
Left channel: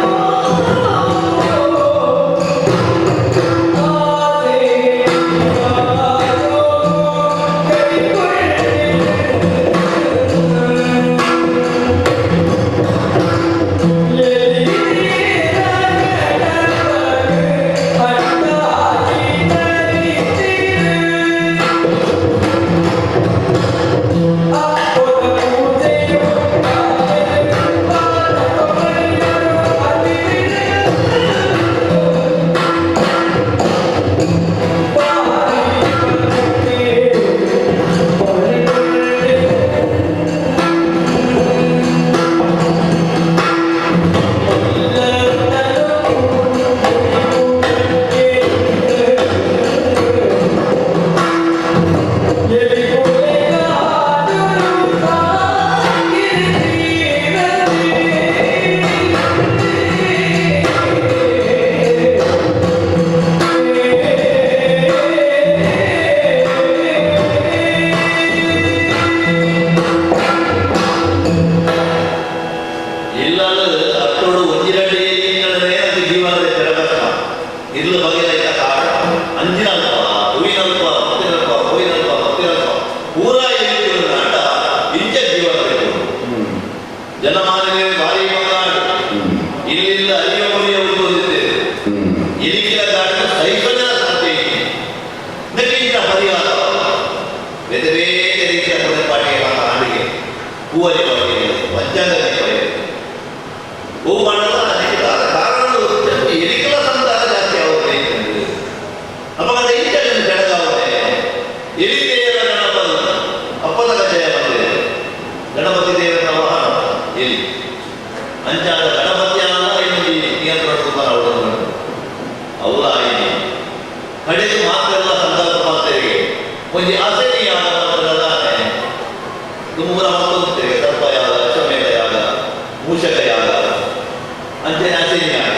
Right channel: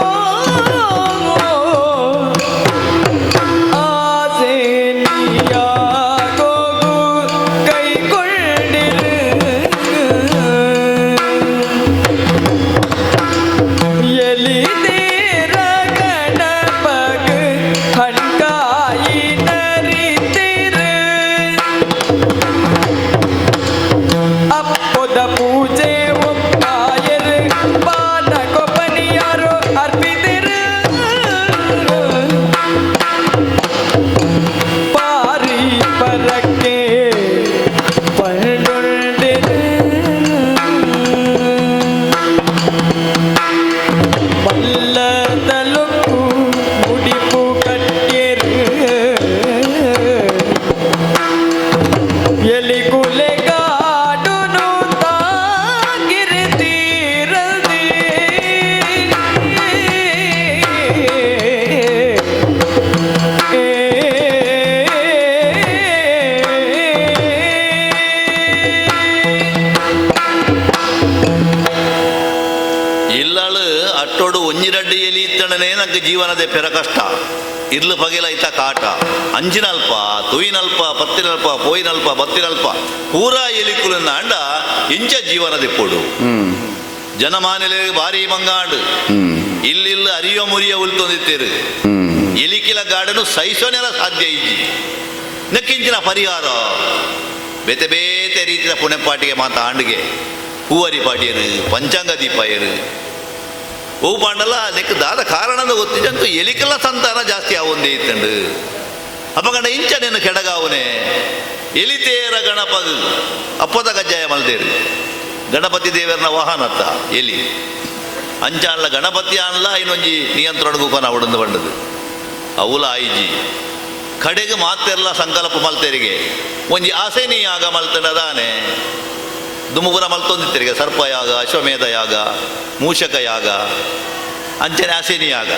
ಜನಕ್ಕೆ ಜೀವನದ ಪೆರ ಕಷ್ಟ ಇರ್ಲು ಬಗೆಲೈತ ಕಾಟ ಅಂಜಿನಲ್ಪ ತೊಯ್ನಲ್ಪ ಬತ್ತಿನಲ್ಪ ಕೊಯ್ನಲ್ಪ ಬತ್ತಿನಲ್ಪ ಪೂರಾ ಎಲಿಕುಲನ್ನ ಅಂಡ ಇಂಚ ಜೀವನದ ಕೊಡು ಜನಮಾನವೇ ಭಾರಿ ಮಂಗಾಡು ಇಲ್ಲಿಂದ ಅರಿಯ ಮುರಿಯ ಉಳ್ತೋದಿತ್ತೇವೆ ಎಲಿಕಿಲ ಗಾಡನು ಸಹಿಸೋದಿಲ್ಲ ಸಾಧ್ಯ ಇಜ್ಜಿ ನಕ್ಕಿಂಚಿನ ಪರಿಹಾರ ಬೇತೆ ಬೇತೆ ರೀತಿಯ ಪುಣಪಾಟಿಗೆ ಮಾತಾಂಡಿಗೆ ಹೂವರಿ ಪಾಟಿಯರು ಪಂಚಾಂಗ ದೀಪಾಯರು ಹೂ ಮಾಡಲ್ಲ ಅದಕ್ಕೆ ದಾದ ಕಾರಣದ ಗೊತ್ತಿದ್ದು ಎಲಿಕೆಲ್ಲ ಸಂತಾನ ಜಾಸ್ತಿ ಆವಂದೇ ಇತ್ತಂದು ಅಮ್ಮಗಂಡ ಇಂಚ ನಿನ್ನ ಕೆಳಗಾವನೆ ಎಲಿತೇರ ಗಣಪತಿ ಅಪ್ಪದ ಕಜ್ಜಾಯ ಮಲ್ದೇರು ಗಣಪತಿ ದೇವರ ವಾಹನ ಅಂತ ಎಲಿ ಅಂಚಾನ ಗಣಪತಿ ಅನ್ನಲ್ಲ ಇನ್ನೊಂಜಿ ನಿಯಂತ್ರಣ ರೂಪನ ಅವಡನ್ನು ಬಂದದ್ದು ಅವಲ ಐಜಿ ಕಡೆಗೆ ಮಾತೆಲ್ಲ ಸಂಕಲ್ಪ ಮಲ್ತೆರಿಗೆ ಒಂಜಿ ಆಸೆ ನೀ ಯಾಗ ಮಲ್ತಡದಾನೆ ದುಮುಗುರ ಮಲ್ತೊಂದಿತ್ತರಿಗೆ ಸರ್ಪಯಾಗ ಅಶ್ವಮೇಧ ಯಾಗ ಮೂಷಕ ಯಾಗ ಅಂಚನೆ ಅಶನಿ ಯಾಗ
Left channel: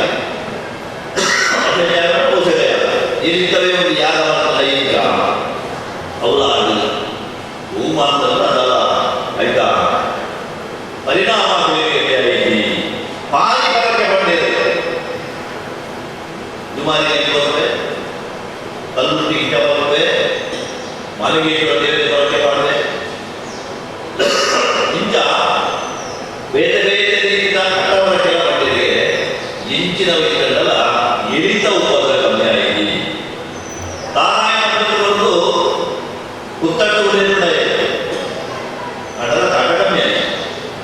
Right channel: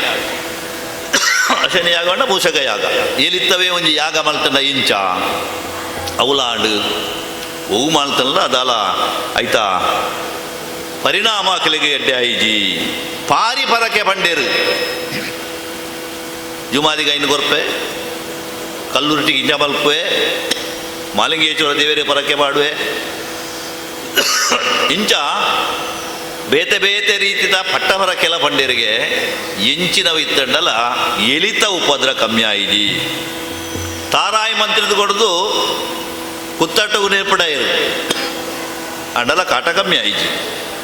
ಅಶನಿ ಯಾಗ ಮೂಷಕ ಯಾಗ ಇಲ್ಲಿತ್ತವೇ ಒಂದು ಯಾಗ ಮಲ್ತನ ಇಂಚ ಅವಲಾಡು ಹೂ ಮಾಡ್ತಂದ್ರ ಅದಲ್ಲ ಆಯ್ತಾ ಪರಿಣಾಮ ಕೆಳಗೆ ಐಜಿ ಪಾರಿ ಪರಕೆ ಬಂಡೇರು ಜುಮಾನಿಗೆ 5 ರೂಪಾಯಿ ಕಲ್ಲುರುಟಿಗೆ ಜಬಲ್ಪೆ ಮಾಲಿಗೆ ಚೋಳ ದೇವರಿಗೆ ಪರಕೆ ಮಾಡುವೆ ಇಂಚ ಬೇತೆ ಬೇತೆ ರೀತಿಯ ಅಟ್ಟವರಕ್ಕೆಲ್ಲ ಬಂಡೇರಿಗೆ ಎಂಚಿನವಿತ್ತಂಡಲ ಎಲಿತ ಉಪದ್ರ ಕಮ್ಮಿ ಆಯಿದಿ ತಾರಾಯಿ ಮಂತ್ರದ ಕೊಡದು ಕುತ್ತಾಟ ಉಡೇರ್ಪಡ ಅಣ್ಣದ ಕಾಟ ಕಮ್ಮಿ ಆಯಿತು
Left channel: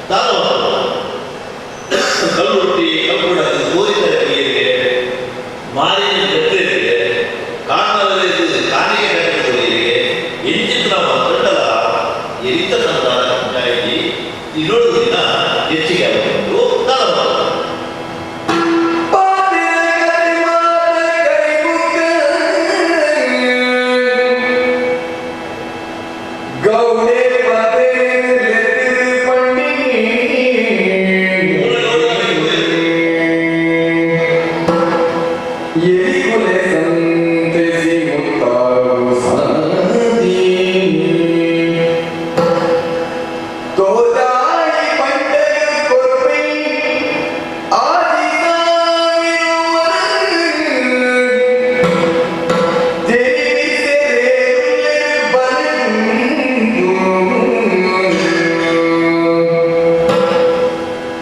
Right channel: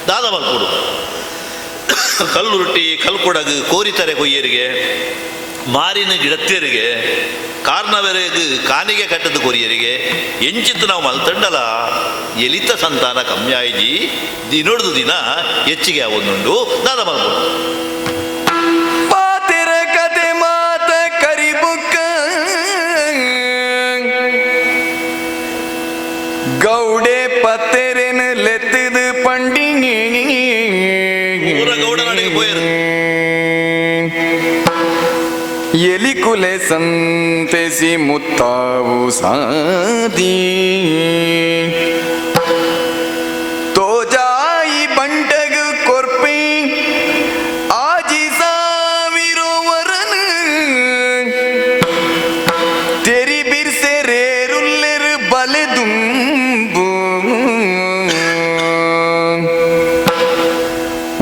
ದಾದ ಮಕ್ಕಳು ಕಲ್ಲುರುಟಿ ಕಲ್ಕೊಡಗು ಕೋರಿತರೆ ಕೊಯ್ಯರಿಗೆ ಮಾರಿನ ಗಿಡತ್ತೇರಿಗೆ ಕಾರ್ನವರಿಗೆ ಕಾನಿಗೆ ಕಟ್ಟದ ಕೊರಿಯರಿಗೆ ಎಂಚಿತ್ತು ನಾವು ಮಲ್ತಂಡಲ ಎಲಿತ ಸಂತಾನ ಕಮ್ಮಿ ಆಗಿ ದಿನೋಡ್ದು ದಿನ ಹೆಚ್ಚಿಗೆ ಅವನುಂಡು ದಾನ ಮಕ್ಕಳು ಪಾತಿರ ಕತೆ ಮಾತ ಕರಿಬುಕ್ಕ ಗೌಡೆ ಪತ್ತೆರಿನ ಲೆತ್ತದ ಪಂಡಿನಿ ಊರಗೌಡನಿಗೆ ಹೋಯರು ಎಲಿಕುಲೆ ಸಂತೆಸಿ ಮುತ್ತಾವು ಸಾದಿ ತೋಜಾಯಿ ಬಂಡಗ ಕೊರ್ಪೆ ಆಜಿ ಸಾವಿರುವರನ ತೆರಿ ಬಿರ್ಸೆರೇರುಲ್ಲೆರ ಬಲೆದುಂಬು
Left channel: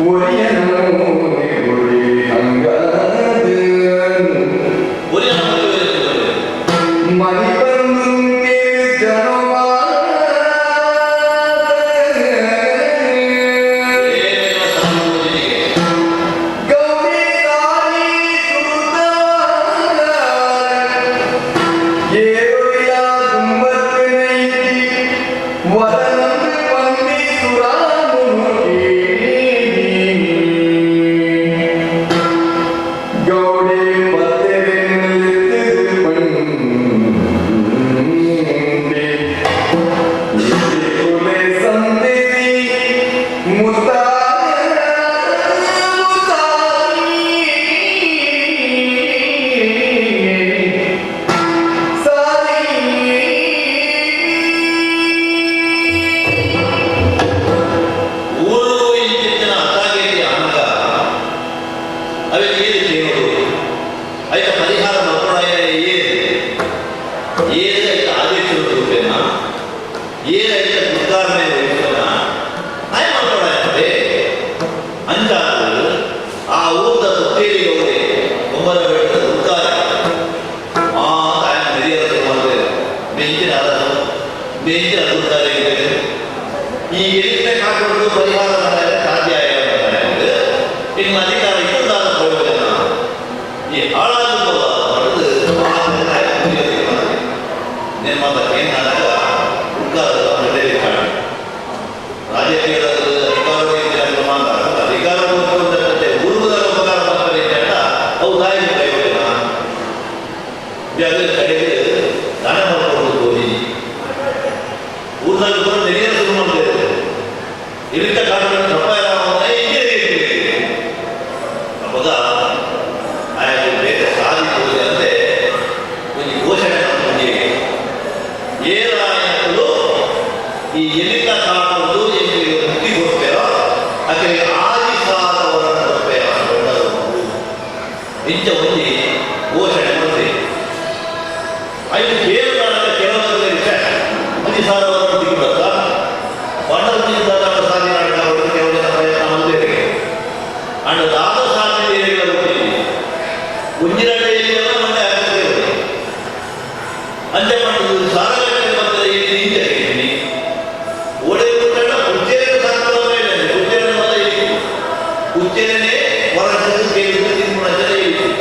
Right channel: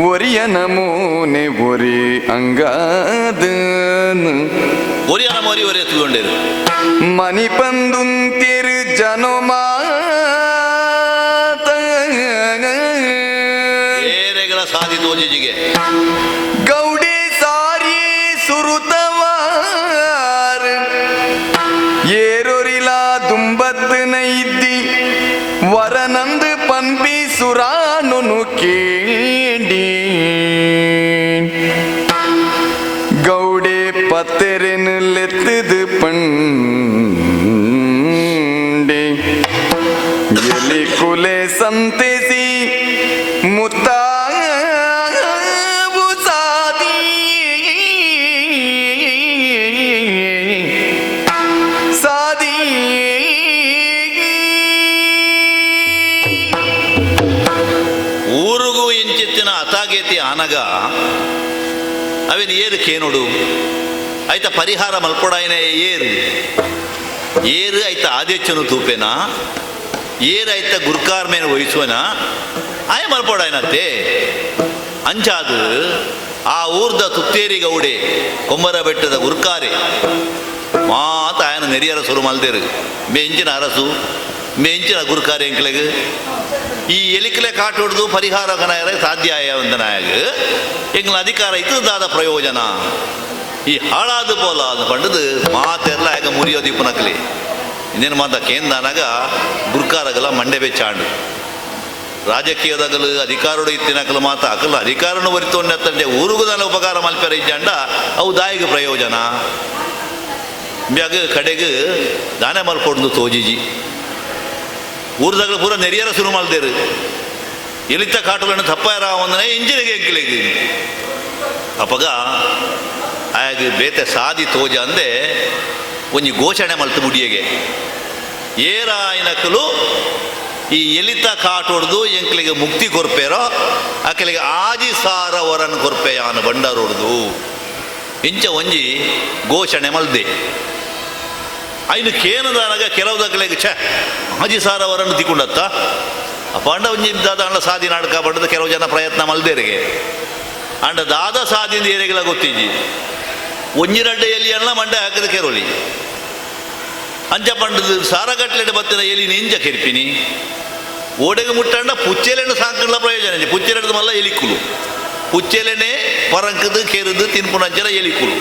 ಒರಿಯ ನಮೂನೆ ಒರಿ ಅಂಗಾದ ಒರಿಯನ ಮರಿ ಒರಿ ಎತ್ತುಕೊಂಡಿರು ಮನಿ ಬಂದುಂತಿರು ಜನುಮಾತ ಏನೆಗಳ ಸಂಧಿ ತೋಜಿಜಿಗೆ ಗೌಡೆ ಸಾರಿ ಸುರುತವಾರ ಏರೊರಿಲ ತುಂಬತ್ತನ ಇದ್ದಿ ವರನಂದ ಪಂಪಿ ಸುರಾನುನು ಕೇಳಿ ಗೌಡೆ ಪತ್ತೆರಿನಲೆತ್ತದ ಪಂಡಿ ಎಲ್ಲಿ ಕೊಲೆ ಸಂತೆಸಿ ಮುತ್ತಾವು ಸಾದಿ ಸಾದಿ ಊರಿಗೂ ಎಂಚಿತ್ತಿನ ಅತಾಗೇತಿ ಆನಗ ಅವೇನು ಏನಕ್ಕೆ ನೋಡು ಆಯ್ತ ಪರಿಹಾರ ಮಲ್ಕೊಡಾಯಿನ ಏನು ಆಯ್ತ ಆದೇಶನು ತೂಪೇನ ಏನಾಯ್ತ ಗುರ್ಕಾರ್ ಮೇಲೆ ವಹಿಸುವನ ಆಯ್ ಮಲ್ಕೊಡಾಯನಂತೆ ಅಂಚಾದ ಆ ಊರ್ದ ತುತ್ತೇರಿ ಗೌಡೆ ಕೊಮ್ಮರ ಬೆಟ್ಟದ ಗುರ್ಕಾರೆ ಮಾತ ಆಯನ ನೆರಿಯರ ಶುರು ಮಾಡ್ದೇರು ಮೆಂಚಿನ ಅರಸು ಮೆಂಚಿನ ಗುರ್ಕಾರೆ ಎಂಕ್ಲೆಗೆ ಈ ಎಲಿಕಲೆ ಕಾಟುವುದು ಪರಿಹಾರ ಮನೆಯರೆ ಸಾಧ್ಯ ಒಂದನಾಯ ಎಂಗ್ಲ ಅಧಿಕಾರ ಇದ್ದದಾದ ಪ್ರಯೋಜನ ಈ ಹಾಳಾದ ಬೋಲ ಪಡೆದು ಮಾತೆಲ್ಲ ಹೇಗ ಮುರಿಯೋದಿ ಪುನಕಲಿ ಇನ್ನೇನು ಮಾತಕ್ಕೆ ನನಗ ಗುರ್ಕಾರಗಲ ಮಂಡೆ ಬೆಚ್ಚಾಡು ರಾಜಕೀಯದಾಗಲು ಅಧಿಕಾರದ ಇತ್ತಿನಾಗಲು ಮಾತ ಆಗಲ್ಲ ಅಧಿಕಾರನ ಹೊರಿತೊಂಡೆ ತಂದೆ ಊರುವುದಲ್ಲ ಉಪಕಾರ ಮಲ್ಪರೆ ಇದ್ದ ಅವು ದಾಯಿಗೆ ಪ್ರಯೋಜನ ಬ್ಯಾಗ ಕಡೆಗೆ ದಾನ ಮಲ್ಕೊಂಡು ತೋಜಿಜಿ ಊರ್ದಾಗ ಪೂರ ನೆರಿಯರ ಶುರು ಮಾಡ್ದೇರು ಎಲಿತ ಕಾಟುಗಳನ್ನು ತಪ್ಪಾಯಿರ ಒಂದನೇ ಇಂಜಿನಿಯರ್ ಇರ್ಲಿಕ್ಕೆ ಅಪ್ಪಗ ಆಗ ಬೇತೆ ಸಾದಿ ತೋಜ ಅಂದೆ ಒಂಜಿ ಘೋಷಣೆ ಮಾಡ್ತು ಮುಡಿಯಗೆ ಏರಾಯನಕಲು ಈ ಎಲಿತ ಕಾಟೊಡ್ದು ಎಂಕ್ಲಿಗೆ ಮುಕ್ತಿ ಕೊರ್ಪೇರೋ ಆಕೆಗೆ ಆದಿ ಸಾರ ವರನ್ ಕೊರ್ಪೆಯ ಬಂಡರೊಡ್ದು ಇಂಚ ಒಂಜಿ ಘೋಷಣೆ ಮಲ್ದೆ ಅಲ್ಲಿ ಕೇರಳದಾಗ ಕೆಲವದಾಗಲಿಗೆ ಛೆ ಮಜಿ ಸಾಲವರನ್ನು ತಿಕೊಂಡತ್ತ ಪಾಂಡ ಒಂಜಿ ದಾದ ಸಾಧಿ ನಾಟಕ ಪಡೆದ ಕೆಲವು ಜನ ಪ್ರಯತ್ನ ಮಲ್ದೇರಿಗೆ ಅಂಡ ದಾದ ಸಾಧಿನ ಏರಿಗೆಲ್ಲ ಗೊತ್ತಿದ್ದಿ ಒಂಜಿನಡ್ಡ ಇಲ್ಲಿ ಎಲ್ಲ ಮಂಡ ಹಾಕದ ಕೇರೋಳಿ ಅಂಜ ಪಂಡದು ಸಾರಗಟ್ಟಲೆ ಬಂದರೆ ಇಲ್ಲಿ ಇಂಜ ಕೇಳ್ತೀನಿ ಓಡೆಗೆ ಮುಟ್ಟಂಡ ಪುಚ್ಚೆಲೆಂಡ ಸಾಕಲ್ಲ ಪ್ರಯೋಜನ ಇದೆ ಪುಚ್ಚೆಲೆಂಡ ಮಲ್ಲ ಎಲಿಕ್ಕುಲು ಪುಚ್ಚೆಲೆನೆ ಪರಂಕದು ಕೇಳಿದ್ದು ತಿನ್ಪುಣ ಅಂಜನ ಎಲಿಕ್ಕುಲು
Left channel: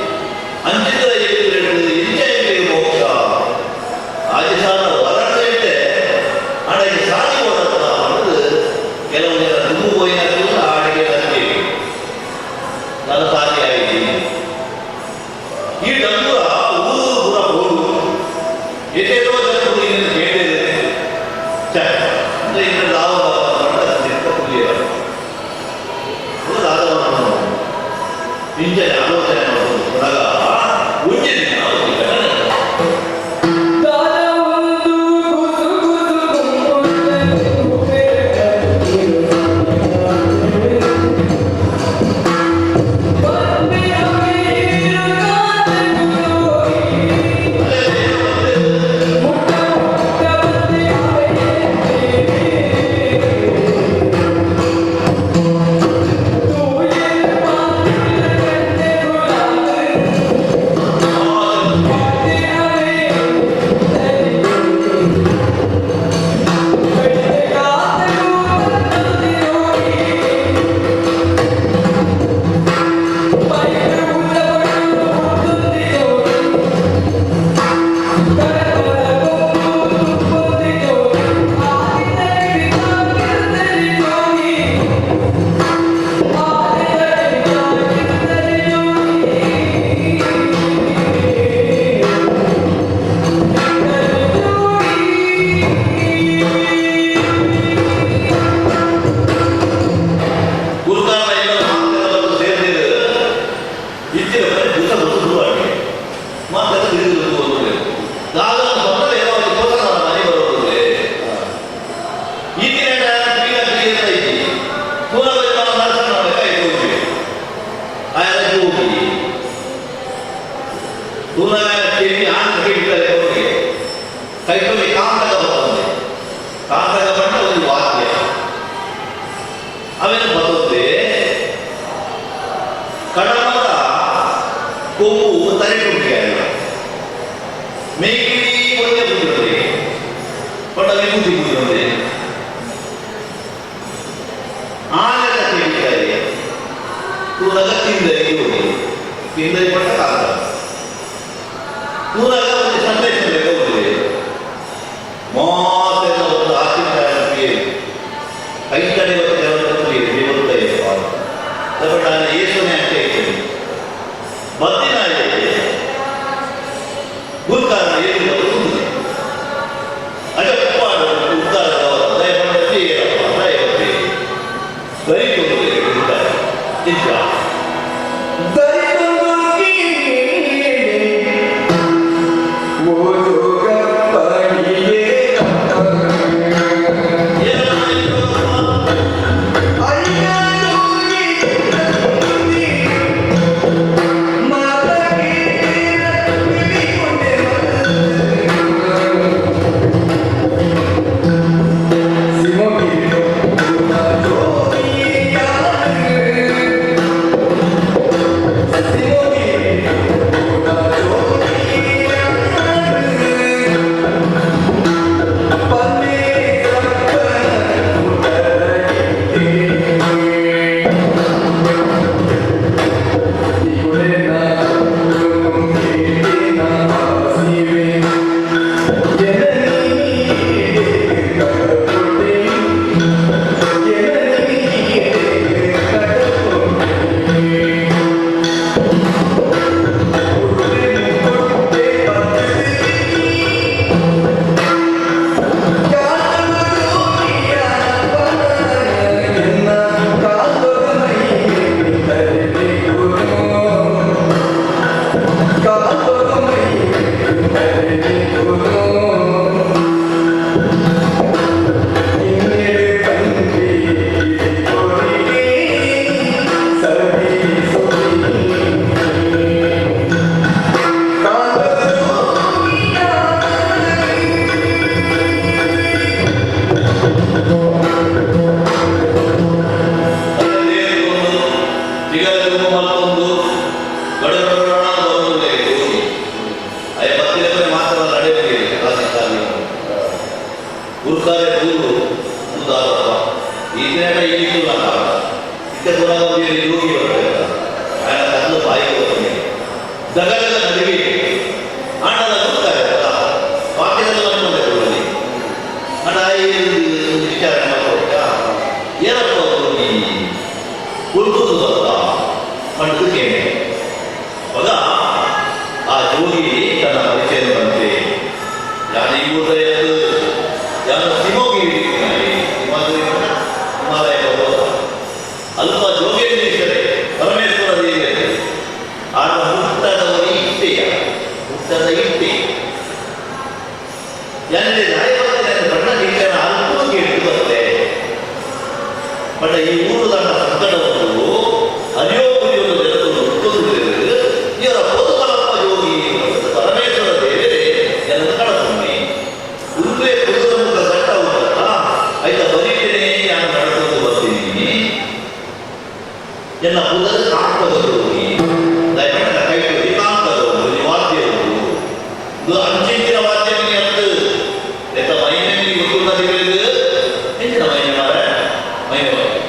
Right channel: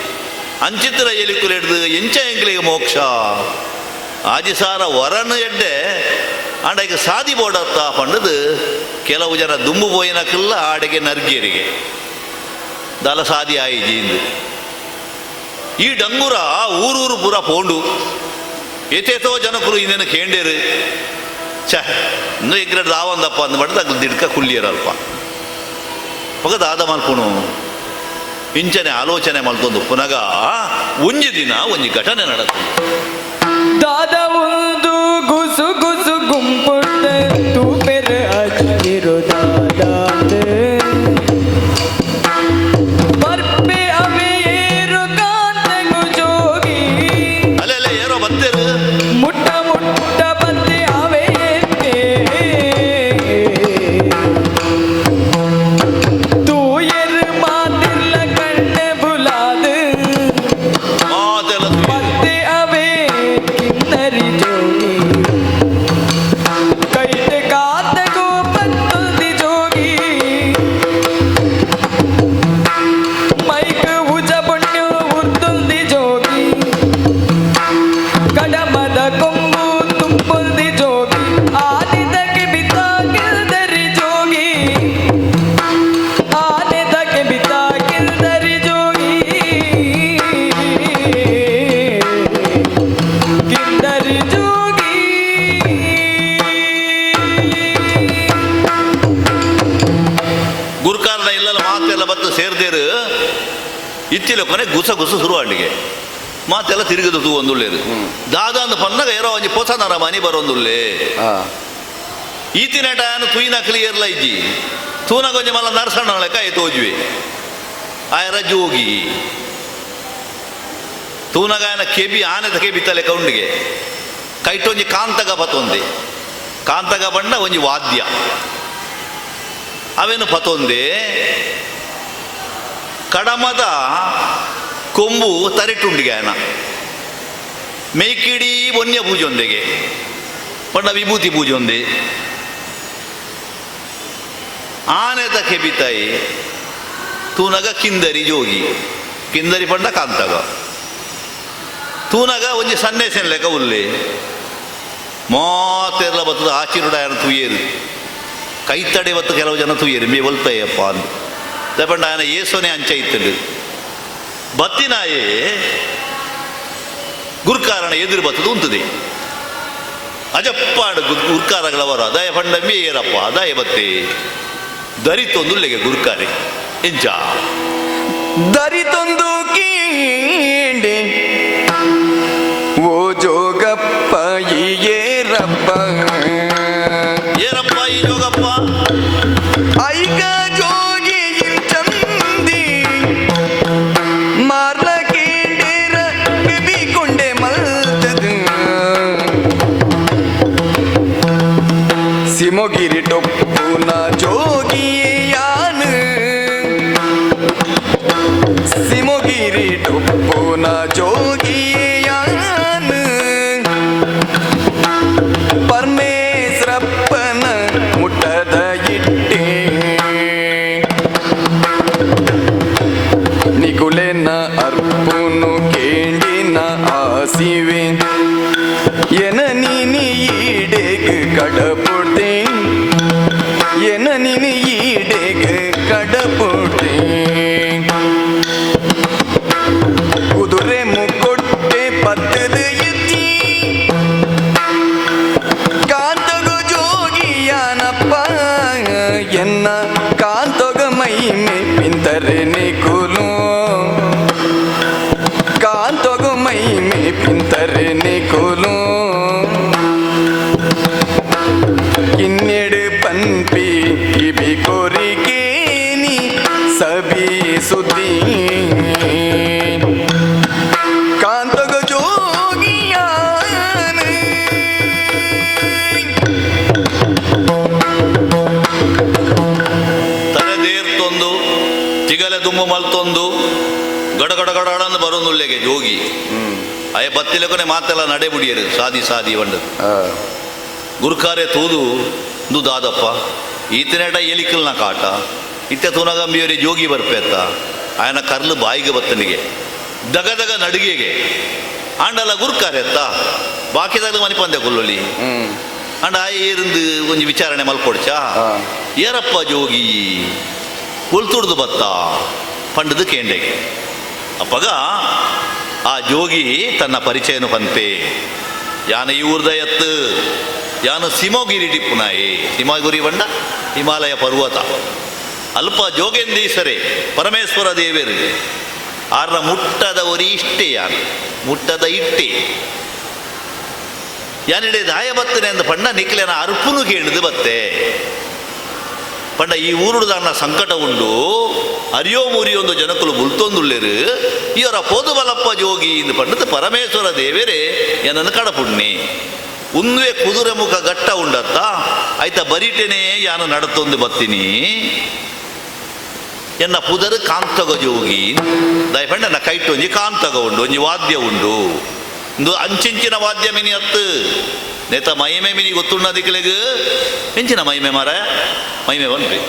ಅಂಚಿದ್ದರ ಎಲಿಕ್ಕುಲು ಹಿಡಿದು ಎಂಚ ಎಂಕಲಿಗೆ ಮೋಕ್ಷ ಆದಿಸಾನ ವರನ ಎಡ್ಡೆ ಆಡೆಗೆ ಸಾದಿ ಬೋಡತ್ತ ಪಂಡದು ಕೆಲವು ಜನ ದುಮ್ಮು ಪೋಯಿನಕಲ್ಲ ಆಡೆಗೆ ನರ್ಕೇರಿಗೆ ದಲ ಸಾದಿ ಆಯ್ತು ಈ ಡಂಗುರ ಊರೂರು ಪುರ ಬೋಂಡು ಏತೇತೋ ಜನಕರು ಇದನ್ನು ಕೇಳಿರು ಛ ಅಂದ್ರೆ ಇದ್ರೆ ರಾವಂದಪ್ಪ ಅಂದ ಮಾಡ್ತಾ ಅದು ದಿಡ್ಕ ಕುಲ್ಲಿಯರಪ್ಪ ಹೊಗದ ಆದ ಮಾಡ್ಕೊಂಡು ಪಿಂಚನೆ ಆಲೋಚನೆ ಮಾಡ್ಕೊಂಡು ಪುನಗ ಒಂಜೆ ದಿನ ಒಂದು ಘಟನೆ ನಡೆದ ದಾದ ಒಂದು ಗುಸು ಗುಸು ಗುಂಪುಂಟು ಬೆರೆ ಹಚ್ಚಿರು ಬರ್ಪೆ ಅವೇರು ಕಾಂತನು ಜೋಗಿ ಅಲ್ಲೆಲ್ಲ ಏನೋ ಬಂತೇರು ಮುಟ್ಟ ಮುಟ್ಟ ಬಂದೆ ಅವೇಕೆ ತೂಯರ್ ಮಾತಿಲ್ಲ ಕಣ್ಣೆ ಬುಲಾದು ಮತ್ತೆ ಅವೇ ಕಿಂದರಿ ಜೋಗಿ ಕೈತೆ ಕಾತಗೂ ಬಂದಿ ಜೋಗಿ ಮೈಕ ಉಜ ಪಟ್ಟು ಉತ್ತುಂದಿ ಜೋಗಿ ಕಡಮದ ಕೊಂಬು ತುಂಬುಂದಿ ಜೋಗಿ ಆದಿದಕ್ಕೆ ಬಿದ್ದಾಗಿಲ್ದರಿ ಜೋಗಿ ಆದಿದಕ್ಕೆ ಬಿದ್ದಾಗಿಲ್ದರಿ ಜೋಗಿ ಗಿಲ್ದರಿ ಜೋಗಿ ಗುರುಕಾಲ ಎಲ್ಲ ಮಾತೆಲ್ಲ ಬಂದು ಸೇರ್ದೇರು ಇತ್ತಿನ ಬರೀ ಗುಸ ಗುಸ ಶುರುವಾಟಿಗೆ ಮಾತೆಲ್ಲ ತಿರುಗಿದು ಒಂದುಳ್ಳೇದು ದಾದೊಂದು ಪನ್ನಗ ಏನೋ ಒಂಜಿ ಪೋಸನರ ಮನೆ ಬರೋದುಳ್ಳೆ ಈತಿನ ತುಯಿನ ಕ್ಲಿಯರ್ಲ ಇಜ್ಜಿ ತೂನ ಕೊಂಚ ಮಲ್ಲ ನರಸಣ್ಣ ಕೈ ತೋಜುವೆ ಆಯನ ಜೋಗಿ ತೂನಗಾಯನ ಕೆಬಿ ಆನದ ಕೆಬಿ ತಲೆ ಕೌಂಡಿಗೆ ಕೈಟೊಂಜಿ ಕಾಂತಗ ಬತ್ತೊಂದೆ ಕಾಂತಗ ಬಣ್ಣ ಒಂಜಿ ವಾದ್ಯ ಅವೇನು ಬತ್ತೊಂದೆ ಕಡಮದ ಕೊಂಬು ತಲೆಟುಂಡಿಗೆ ಅನ್ನ ಮೇಕಿಡಿ ವನ್ಯ ಪೂಜೆ ಒಂದೆಗೆ ಪಂಡ ವಿಭೂತಿ ಪೂಜೆ ಒಂದೇ ಆನೆದ ಕೆಬಿತಾಯಿ ತೂನಗ ಕಿಂದರಿ ಜೋಗಿ ಕಿಂದರಿ ಪಂಡ ಕಾಂತಗ ತೂನಗ ಒಂಜಿ ಸಂದೇಶ ಲೆಕ್ಕ ಉಲ್ಲೆ ಮಾತೆಲ್ಲ ಬತ್ತದ ಆಚಿನ ತುಯ್ಯೇರಿ ಕೈ ತಡೆ ಬತ್ತು ಕೆಲವು ಜನ ತುಯ್ಯೇರಿ ಮೇ ಒಲ್ಪಯ್ಯಪ್ಪ ಪಂಡ ಆನೆ ಏಸೋನೆ ಅಂಚೆ ಇರ್ತದೆ ಬತ್ತಿನಾಯೇ ಗುರುಕಾರಣ ಎದುರು ಬತ್ತದು ಉಂತದೆ ಅಜಪ್ಪಾಡು ಗುರುಕಾರಗಳವರ ದಯ ಬಂಡ ಮೇರಪ್ಪ ದಯ ಬತ್ತೆ ದರಿತೊಂದುಲ್ಲಿಗೆ ಗುರುಕಾರೆ ಎಂಚ ದರಿತೊಂದು ಕೀಂಡೆ ಓ ಜೋಗಪ್ಪ ಈಗೇರಪ್ಪ ಏನಪ್ಪ ಈ ಯೋಗಪ್ಪ ಐಗ ಜೋಗಿ ಚಂದಿ ಮರ ಕೇಟೇರ ಕಿವಿಕೊಂಡೆ ಮಳತದು ಸಿಮೋಗಿರಿ ಟೊಪ್ಪುನ ಜೋಗಿಯಾನು ಪುರಾಣನ ಬರೋದುಳ್ಳೆಗೆ ಜೋಗಿ ಅಯ ಬತ್ತಿಲೆ ಮಾತೆಲ್ಲ ನಡೆ ಮುಡಿಯರು ಸಾದಿ ಸಾದಿ ಬಂಡ ಗುರುಕಾರೆ ತೋದು ದಾದಪ್ಪ ಈತನೇಟ ಇಲಿಕಲ್ನ ಕಾಟ ಇತ್ತೆ ತೋರಾಗ ಮೀರಿ ಜೋಗಿ ಬರ್ಪೇತ ఆయన ಕಲ್ಲು ಬಾಯಿಗೆ ಬತ್ತನಿಗೆ ದಗದಗ ನಡಿಗೆಗೆ ಆಂಡಲ ಗುರುಕಾರೆತ್ತ ಬಾಕಿದಾಗ ಮನೆ ಬಂದೆ ಕೊಲ್ಲುಲಿ ಅಂಡ ಏರಿಂದು ಒಂದು ವಿಚಾರಣೆ ಮಾಡ್ಕೊಡ್ಚ ಏನಪ್ಪ ಜೋಗಿ ಕುಲ್ತುಡ್ದು ಬತ್ತ ಪಂಡದು ಕೇಂಡೆ ಅಪ್ಪಗ ಆ ಜೋಗಿ ತನ್ನ ಪರಿಚಯನ ಬಂತೆ ಯಾನ ಈ ಊರ್ದ ಎತ್ತು ಯಾನ ಸಿಮೋಗಿರಿ ದಿಕ್ಕುನಾಯಿ ಸಿಮಾಗುರಿ ಬಣ್ಣ ಹಿಮಾಲಯ ಪರ್ವತ ಅಲ್ಪ ಜೋಗೇಂದ್ರೇಶ್ವರೇ ಪರಮೇಶ್ವರ ದೇವೇರಿ ಆನ ಮುಟ್ಟದವರಿ ಇಷ್ಟೇ ಯಾನ ಮುಟ್ಟದ ಇಟ್ಟೆ ಯಾನೆ ದಾಯ ಬರ್ತೇನೆ ಅಂತ ಬಣ್ಣ ನಿಕ್ಲೇನ ಅಲ್ಪನು ಕೇಳಿದು ಬತ್ತೆ ಬಟ್ ಈ ಊರುದ ಸಂಕಟ ಉಂಟು ಅರಿಯೋ ಮೂರಿಯೊಂದು ಜನಕರು ಗುರ್ತೊಂದುಳ್ಳೇರು ಇವರ ಪೋದುವಲಪ್ಪ ಜೋಗಿ ಎಂದು ಪಂಡದ ಪರಮೇಶ್ವರ ದೇವೇರೆ ಏನನ್ನು ಕಡಪುಣ್ಣಿ ಉಂದುವೆ ಕುದುರೆ ಮುಖ ಗಟ್ಟ ಉಂಡತ್ತ ಆಯ್ತ ಬರಿಟೇನೆ ಯಾನ ನಡತೊಂದು ಬರ್ತೀನಿ ಎನ್ನ ಪುದರ ಕಾಂತಗ ಜೋಗಿ ದಯಪಂಡ ಕೈಟ್ ಒಂಜಿ ಕಾಂತಗ ಉಂಡು ಒಂಜಿ ವಾದ್ಯ ಉಂಡು ಒಂದು ಅಂಚಿಂಚಿನ ವಾದ್ಯ ಮಿನಿ ಅತ್ತು ನೇತ ಮೈಮೆ ಮಿನಿ ಗೊತ್ತುಂಡದ ಕೆಳಗೆ ಹೆಂಚಿನ ಮೈಮೆ ಮಾರ ಮೈಮೆ ಬಂದ್ಬೇಕು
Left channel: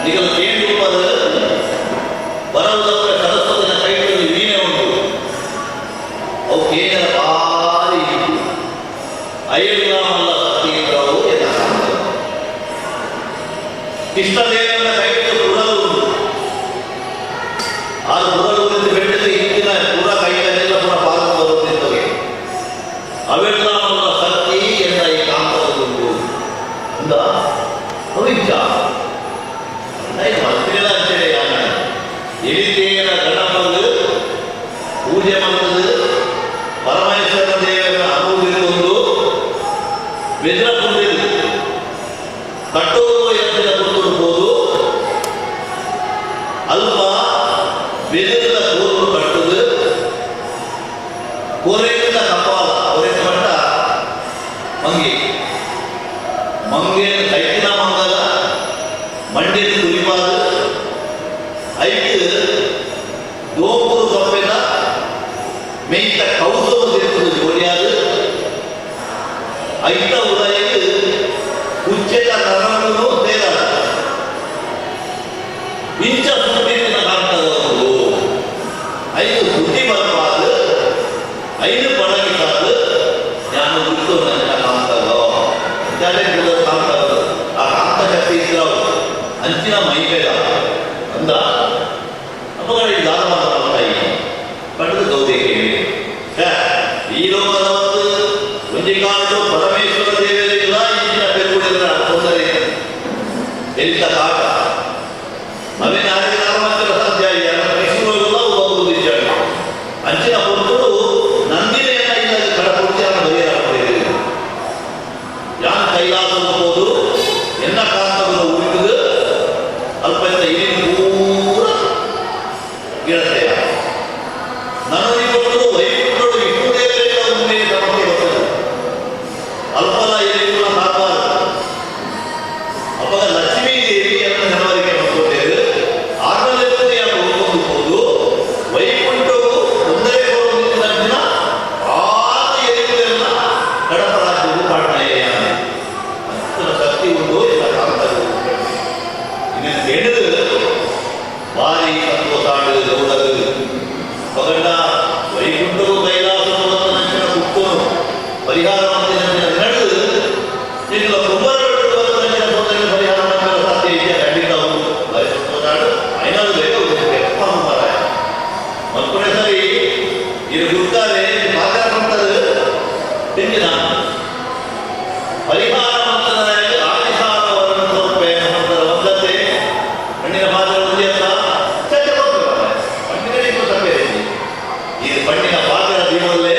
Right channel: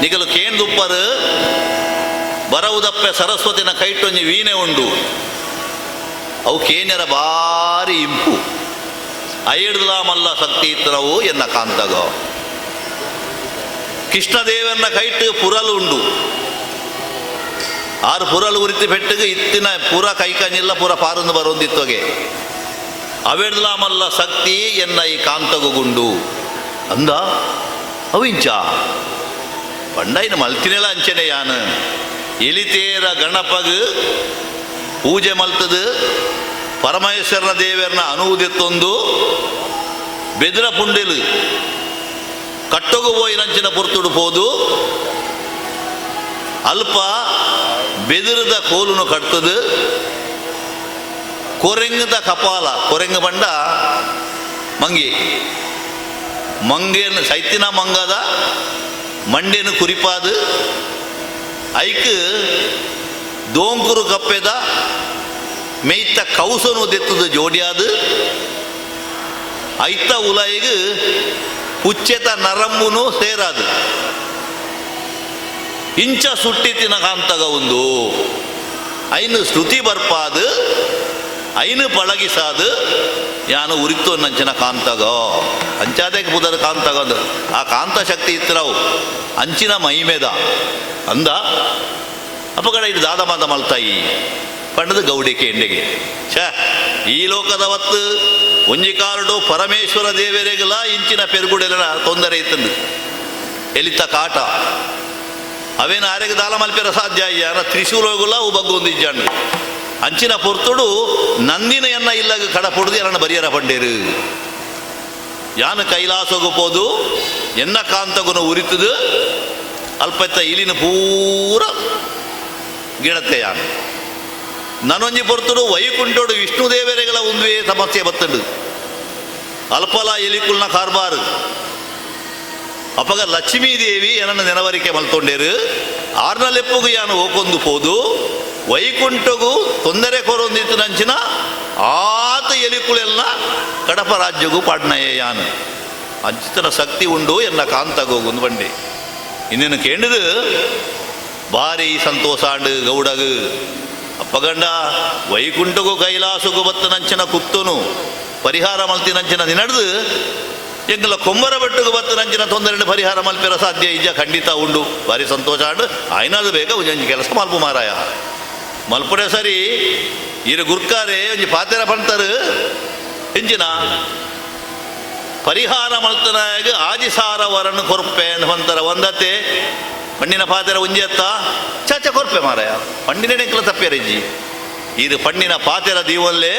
ನಿಗಲು ಕೇಂದುಪ್ಪರು ಬರವುದಪ್ಪೆ ಸರಸ್ವತಿನ ಕೈಟೊಂಜಿ ವೀಣೆ ಉಂಡು ಅವು ಕೇಂದ್ರ ಭಾರಿ ಇಂಪು ಐಡ್ಲ ಮಲ್ಲ ಸತ್ತೀಂದ್ರವು ಎನ್ನ ಕಾಂತಗ ಕೃಷ್ಣದೇವಿಯನ್ನ ಕೈಟ್ ಪುರಲು ಉಂಡು ಆರು ಪುರಲು ಉರಿದು ಬೆಟ್ಟಗೆ ಇತ್ತಿನ ಪುರ ಕೈಟನೆಲ್ಲ ಪುರ ಪಾಲನ ಬರೋದಿತ್ತಗೆ ಅವೆಡ್ಲ ಮಲ್ಲ ಶಕ್ತಿ ಎನ್ನ ಈ ಕಾಂತಗುಂಡು ಅಂದ ಅವಿಂಚ ಪಂಡೈನ ಮಲ್ತಿನೆಲ್ಲ ಅಂಚನೆ ಯಾನ ಎಲಿತೇರ ಗಣಪಗ ಪೂಜೆ ಮಲ್ತದು ಪರಮೇಶ್ವರ ದೇವರನ್ನ ಅನುವುದಿತ್ತೊಂದು ಬೆದ್ರ ಪುಂಡೆಲು ಕಟ್ಟಗು ಹೋಯಿ ರಂಚಿನ ಪುರ್ತುಡು ಹೋದು ಅಲ್ಪ ಬೆದಿರದ ಕೋರುನು ಕಟ್ಟದು ಕೊರೆಂಗದ ಕಪಾಲ ಕೊರೆಂಗ ಬಂಡ ಮಂಗಿ ಮಂಗೇನು ಸೈತಿನ ಮಂಗದ ಮಂಡಿನ ಕುರಿಪಾದು ಐಕ್ ದೋಂಕುರು ಕಪ್ಪೆದ ಮೇಯ್ತ ಕೌಸನು ದೆತ್ತದ ಜೋಡಿಯಾದು ಐತ ಉಲೈಗ್ ಕುಚ್ಚೆತ ನರಂಗುನು ಸೇರಾದ ಇಂಚ ಸುಟ್ಟಿತಿನ ಕಾಂತದ ಒಂದು ಐನು ಶ್ರುತಿ ಬರ್ಪಾದು ಐನು ಪಳಗಿಸಾದು ಯಾನು ಉರಿತು ನಂಚನ ಕಾಂತಗ ಅಂಚಾದೇ ಮೊದಲ ಕಾಂತಗದು ಆ ಕಾಂತ ಶಕ್ತಿ ಇತ್ತರವು ಅಂಚಿನ ಮೈಮೇದ ಅಂದ ಅಪಗಡ ಇದು ದಾದ ಮಾತ ಮಲ್ತಾಯಿ ಪಂಡದ ಗೌಡಿ ಕೇಳಿಗೆ ಛ ಈ ಲೋಕದ ಹೊತ್ತು ಒಂಜಿಕಾಂಡು ಪರಮೇಶ್ವರ ದೇವರಿಗೆಲ್ಲ ಇಂಚಿನ ಪೆರುಗುಡಿಗಳ ತೊಂದರೆ ಇತ್ತಂದು ಎಲಿತ ಕಾಟ ಅವೇನು ಯಾರಿಗೆ ದಾನ ಮಾಡ್ತಾರೆ ಸಾಧ್ಯ ಉಳಿತದು ಅಲ್ಪ ಇಲ್ಲಿನ ಪೂರ ಗಿಡತೆಯ ನನೊಂಜಿ ಬರ್ತಡು ವೈಕುಂಠೋಡು ವಿಷ್ಣು ದೇವರೆಗಳ ಒಂದು ಸಮಸ್ಯೆ ಬರ್ತದ್ದು ಅಲ್ಪಲ ಎಲಿಕುಲ್ಲ ಕಾರ್ಬಾರ್ ಅಪ್ಪಗ ಲಕ್ಷ್ಮೀ ದೇವಿ ನನ್ನ ನೆನವರಿಕೆ ಬಂತೊಂಡೇರು ಆನಲೆಪ್ಪಗೂ ಯಾನು ಹೋಗೊಂದು ಹೋದು ವೈಕುಂಠಗೂ ತೊಂದರೆ ಕೊರೊಂದಿತ್ತು ನಂಚಿನ ಆತ ಎಲಿಕುಲೆಲ್ಲ ಕಡಪ ರಾಜ್ಯಗೂ ಪಾಡ್ನಯ್ಯಾನು ಅಂಚಿತನ ಶಕ್ತಿ ಉಂಡು ಎಲ್ಲ ಕಾಂತಾಗ ಹೋಗುದು ಬಂಡೆ ಇನ್ನೇನು ಕೇಳಿದು ಭಾರಿ ಸಂತೋಷ ಆಡು ಗೌಡಗ ಅಪ್ಪಗಂಡ ವೈಕುಂಠಗೂ ಕೈಲಾಸಗೂ ಬಂದ ನಂಚಿನ ಕುಕ್ತನು ಪರಿಹಾರ ಮಂದಿ ನಂಚಿನ ದಿನಡು ಎಂಗಲ ಕುಂಬರ ಬೆಟ್ಟಗೂ ಬಂದ ನಂಚಿನ ತೊಂದರೆ ಪರಿಹಾರ ಮಾಡ್ತಿರೋ ಸಾಧ್ಯ ಇದೆಯಾ ಖಂಡಿತ ಉಂಡು ಭಾರಿ ಸಂತೋಷ ಆಡು ಆಯ್ನಾದ್ರು ಬೇಗ ಕೆಲಸ ಮಾಡ್ಬ ಮಾರಾಯ ಮಲ್ಪುಣೆ ಸರಿ ಇರು ಗುರ್ಕಾರೆ ಪಾತ್ರ ಬರ್ತಾರೆ ಎಂಜಿನ ಪರಿಹಾರ ಮಂತನಾಗ ಆದಿಸಾರ ವರನ್ನು ಕೊರಪೆ ಮಂತರ ಒಂದತ್ತೆ ಪಣ್ಣಿನ ಪಾದರ ಒಂಜಿ ಅಂತ ಚರ್ಚ ಕೊರಪೆ ಮಾರ ಪಣ್ಣಿನ ನೆಕ್ಲ ತಪ್ಪೇರೇಜಿ ಇದು ಪಣ್ಣಿನ ಪಾದರ ದೀವಲ್ಲೇ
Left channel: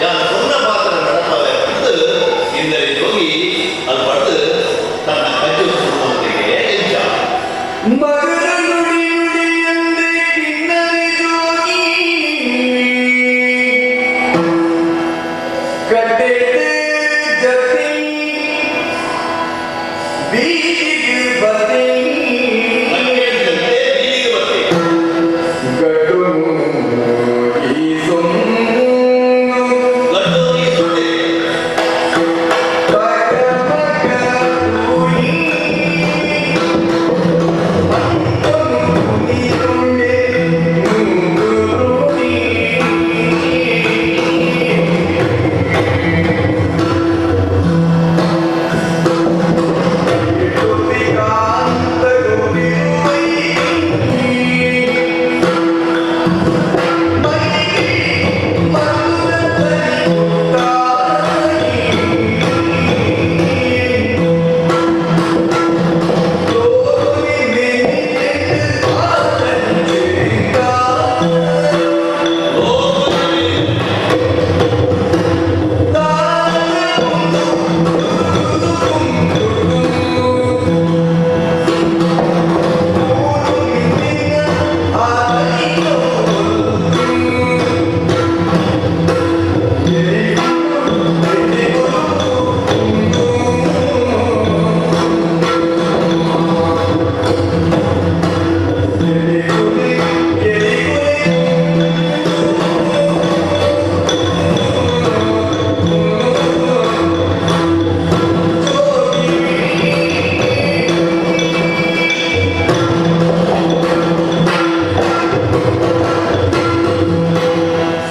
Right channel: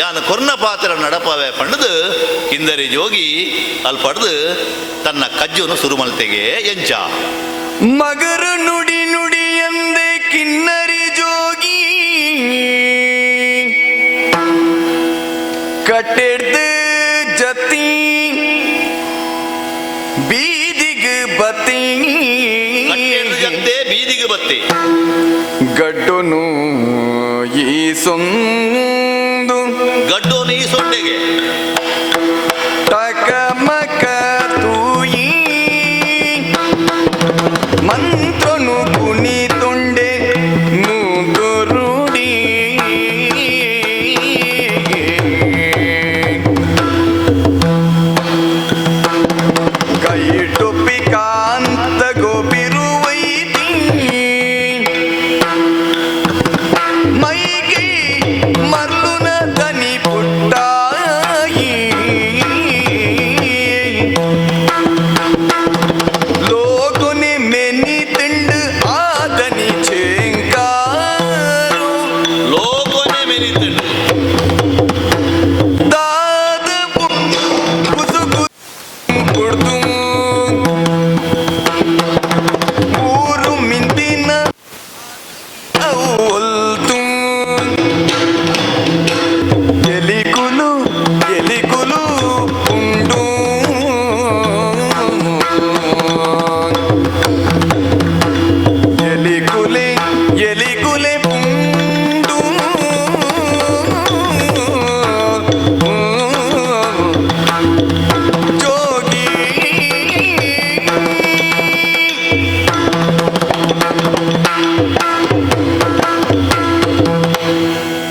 ಯಾನು ಕೊನ್ನ ಪಾದರ ನಡಪವೆ ಪಣ್ಣದು ಕಿಂದರಿ ಜೋಗಿ ಅದು ಪಡೆದು ತನ್ನ ಕಜ್ಜನ್ನು ಶುರು ಮಾಡ್ತೆಗೆ ಎಂಚ ಮಗರ ನುಡಿ ನುಡಿ ಎಂದೆ ಕಿನ್ನರಿ ಜೋಗಿ ಕಟ್ಟೆಡ್ದು ಜತಿ ಬೀದಿಗೆ ಬತ್ತಿ ಬೀದಿಗೆ ಬತ್ತೆ ಗಡ್ಡುನು ಈ ಸೊಂದು ಗಡ್ಡು ನೀ ಸೊಂಡೆಗೆ ಟಕಮಕ ತೂಯಿ ಮಂತನು ತುನಿ ತೊಂಡೆ ನುಗುರುಡಿ ಕೈ ಟೊಪ್ಪಿ ಕಾಂತ ಗೋಪಿರುವೈತಿ ಮೈಗೆ ಮರುನ ದನಿ ಪುಟ್ಟಾಯಿ ಲೋಕನೆ ಮೆನಿ ತಿಂಡು ಆದನಿ ಚೇಂಗಾರು ಲೋಕನೆ ಮೆಲಿತಿಂಡು ದಾದ ಕುದು ಕುಡ್ದು ಊರು ಮಿಂದಿನ ಆಲ್ತು ಎಲಿಗುಲು ಎಲಿಗುಲು ಉಂಡು ಎಲಿಗುಲೆ ಎಲಿಗುಲೆ ಉಂಡು ಜೋಗಿ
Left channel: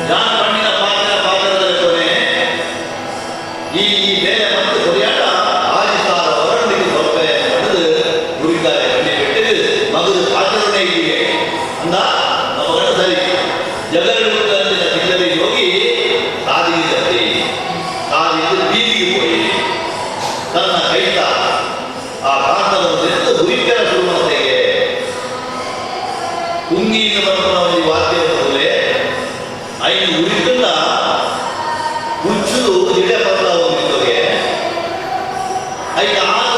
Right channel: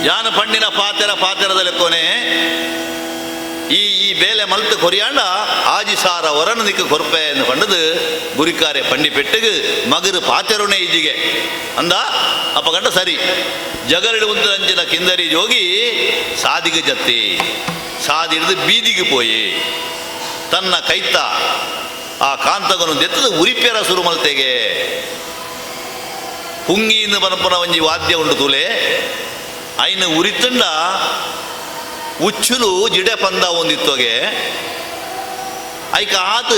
ಯಾನ ಪಣ್ಣಿನ ಪಾತ್ರದಲ್ಲಿ ಕೊನೆ ಈ ಬೇಲೆ ಮಂತ್ ಕೊರಿಯಾಡ ಆದಿಸಾರ ವರನದಿಕ್ಕೆ ಕೊರಪೆ ಪಣ್ಣದು ಗುರಿಕಾರೆ ಪಣ್ಣಿ ಪೆಟ್ಟೆಗೆ ಮಗದು ಪಾತ್ರನೇ ಇಲ್ಲಿಗೆ ಅಂದ ಅಪಗಂಡ ಸರಿ ಜಗಳು ಅಂಚಿನ ಕಿಂದರಿ ಜೋಗಿ ಸಾದಿಗೆ ಜತ್ತಿ ಸಾದಿದ್ದು ಬೀದಿಗೆ ಪೋಯಿ ತನ್ನ ಕೈತ ಆ ಕಾಂತಗನು ತೆತ್ತದ ಉರಿಪೇರ ಶುರು ಮಾಡ್ತೆಗೆ ಪುಂಗಿಯಿಂದ ಬರಪನ ಒಂಜಿ ವಾದ್ಯ ಉಂಡು ತುಲೆ ಐನ ಉರಿತುಂಡ ಉಚ್ಚುರು ಜಿಡೆ ಪಂದ ಒಂದಿತ್ತೋಗೆ ಐಕ ಆತು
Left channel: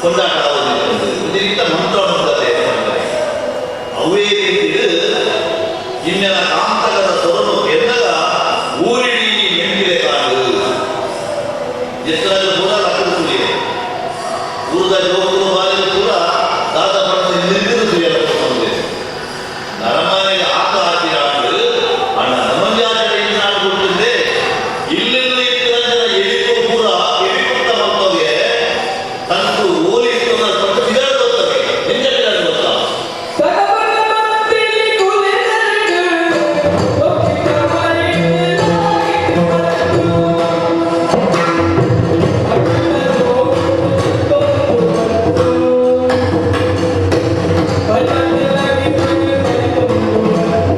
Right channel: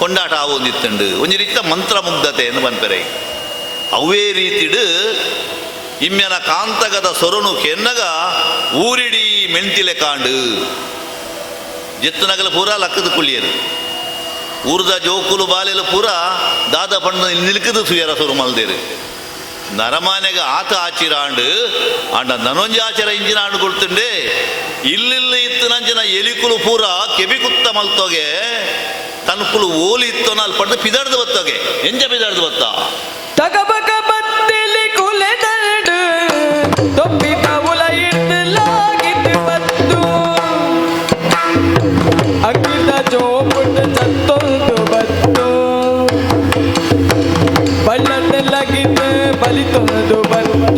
ಕೊಂಡಾಟ ಒಂದಿತ್ತುಂಡು ಒಂಜಿ ರೀತಿಯ ಮಂತ್ರ ಮುಗ್ಧತೆ ಎಂದು ಬಂದರೆ ಅವೇ ರೀತಿಡು ಇಮ್ಮೆನ ಕಾಂತಕದ ಸೊರನು ಕೆನ್ನಗ ಊರಿಡಿ ಮೆಂತಿಲೆ ಕಾಂಡು ಜಿತ್ತನಗಲು ಪೂರ ಲಕ್ಕದ ಕುಳಿಯರು ಊರ್ದ ಜೋಕುಲು ಬಾಲೆಲು ಪೂರ ದಾದ ಬಣ್ಣ ನಿಲ್ಕದು ಸುಯರ ಶುರು ಮಾಡ್ತಿದೆ ನರಮಾನೆಗೆ ಆತ ಆಚಿರಾಂಡು ಆಟ ನನೊಂಜಾಚರ ಇಂಜಿನಾಡು ಕೊಡ್తుండే ಇಲ್ಲೆಲ್ಲ ಇತ್ತು ಜನ ಎಲಿಕುಲು ಪೂರ ಕೆವಿ ಕುತ್ತ ಮಲ್ತೋಗೆ ತನ್ಕುಲು ಓಲಿ ಇತ್ತು ಅನ್ನೋದು ಪಂಡು ಪಿದಾಡ್ದು ಹೊತ್ತೋಗೆ ಎಂತ ಪಿದಾಡ್ದು ಹೊತ್ತ ತಗಬಗ ಬತ್ತಿಲಿ ಕುಲೆದರಡು ತೊಪ್ಪಿ ಪ್ರವುಲ ಎಡ್ದಲಾಗಿಟ್ಟು ಬತ್ತು ಅಗ್ಗಿದ ಜೋಮುಂಡ ಚತ್ತೊಂದು ಬತ್ತು ಬಳ್ಳದೆಲ್ಲಗಿದ್ದು ಬಲಿತೊಂದು ಬತ್ತು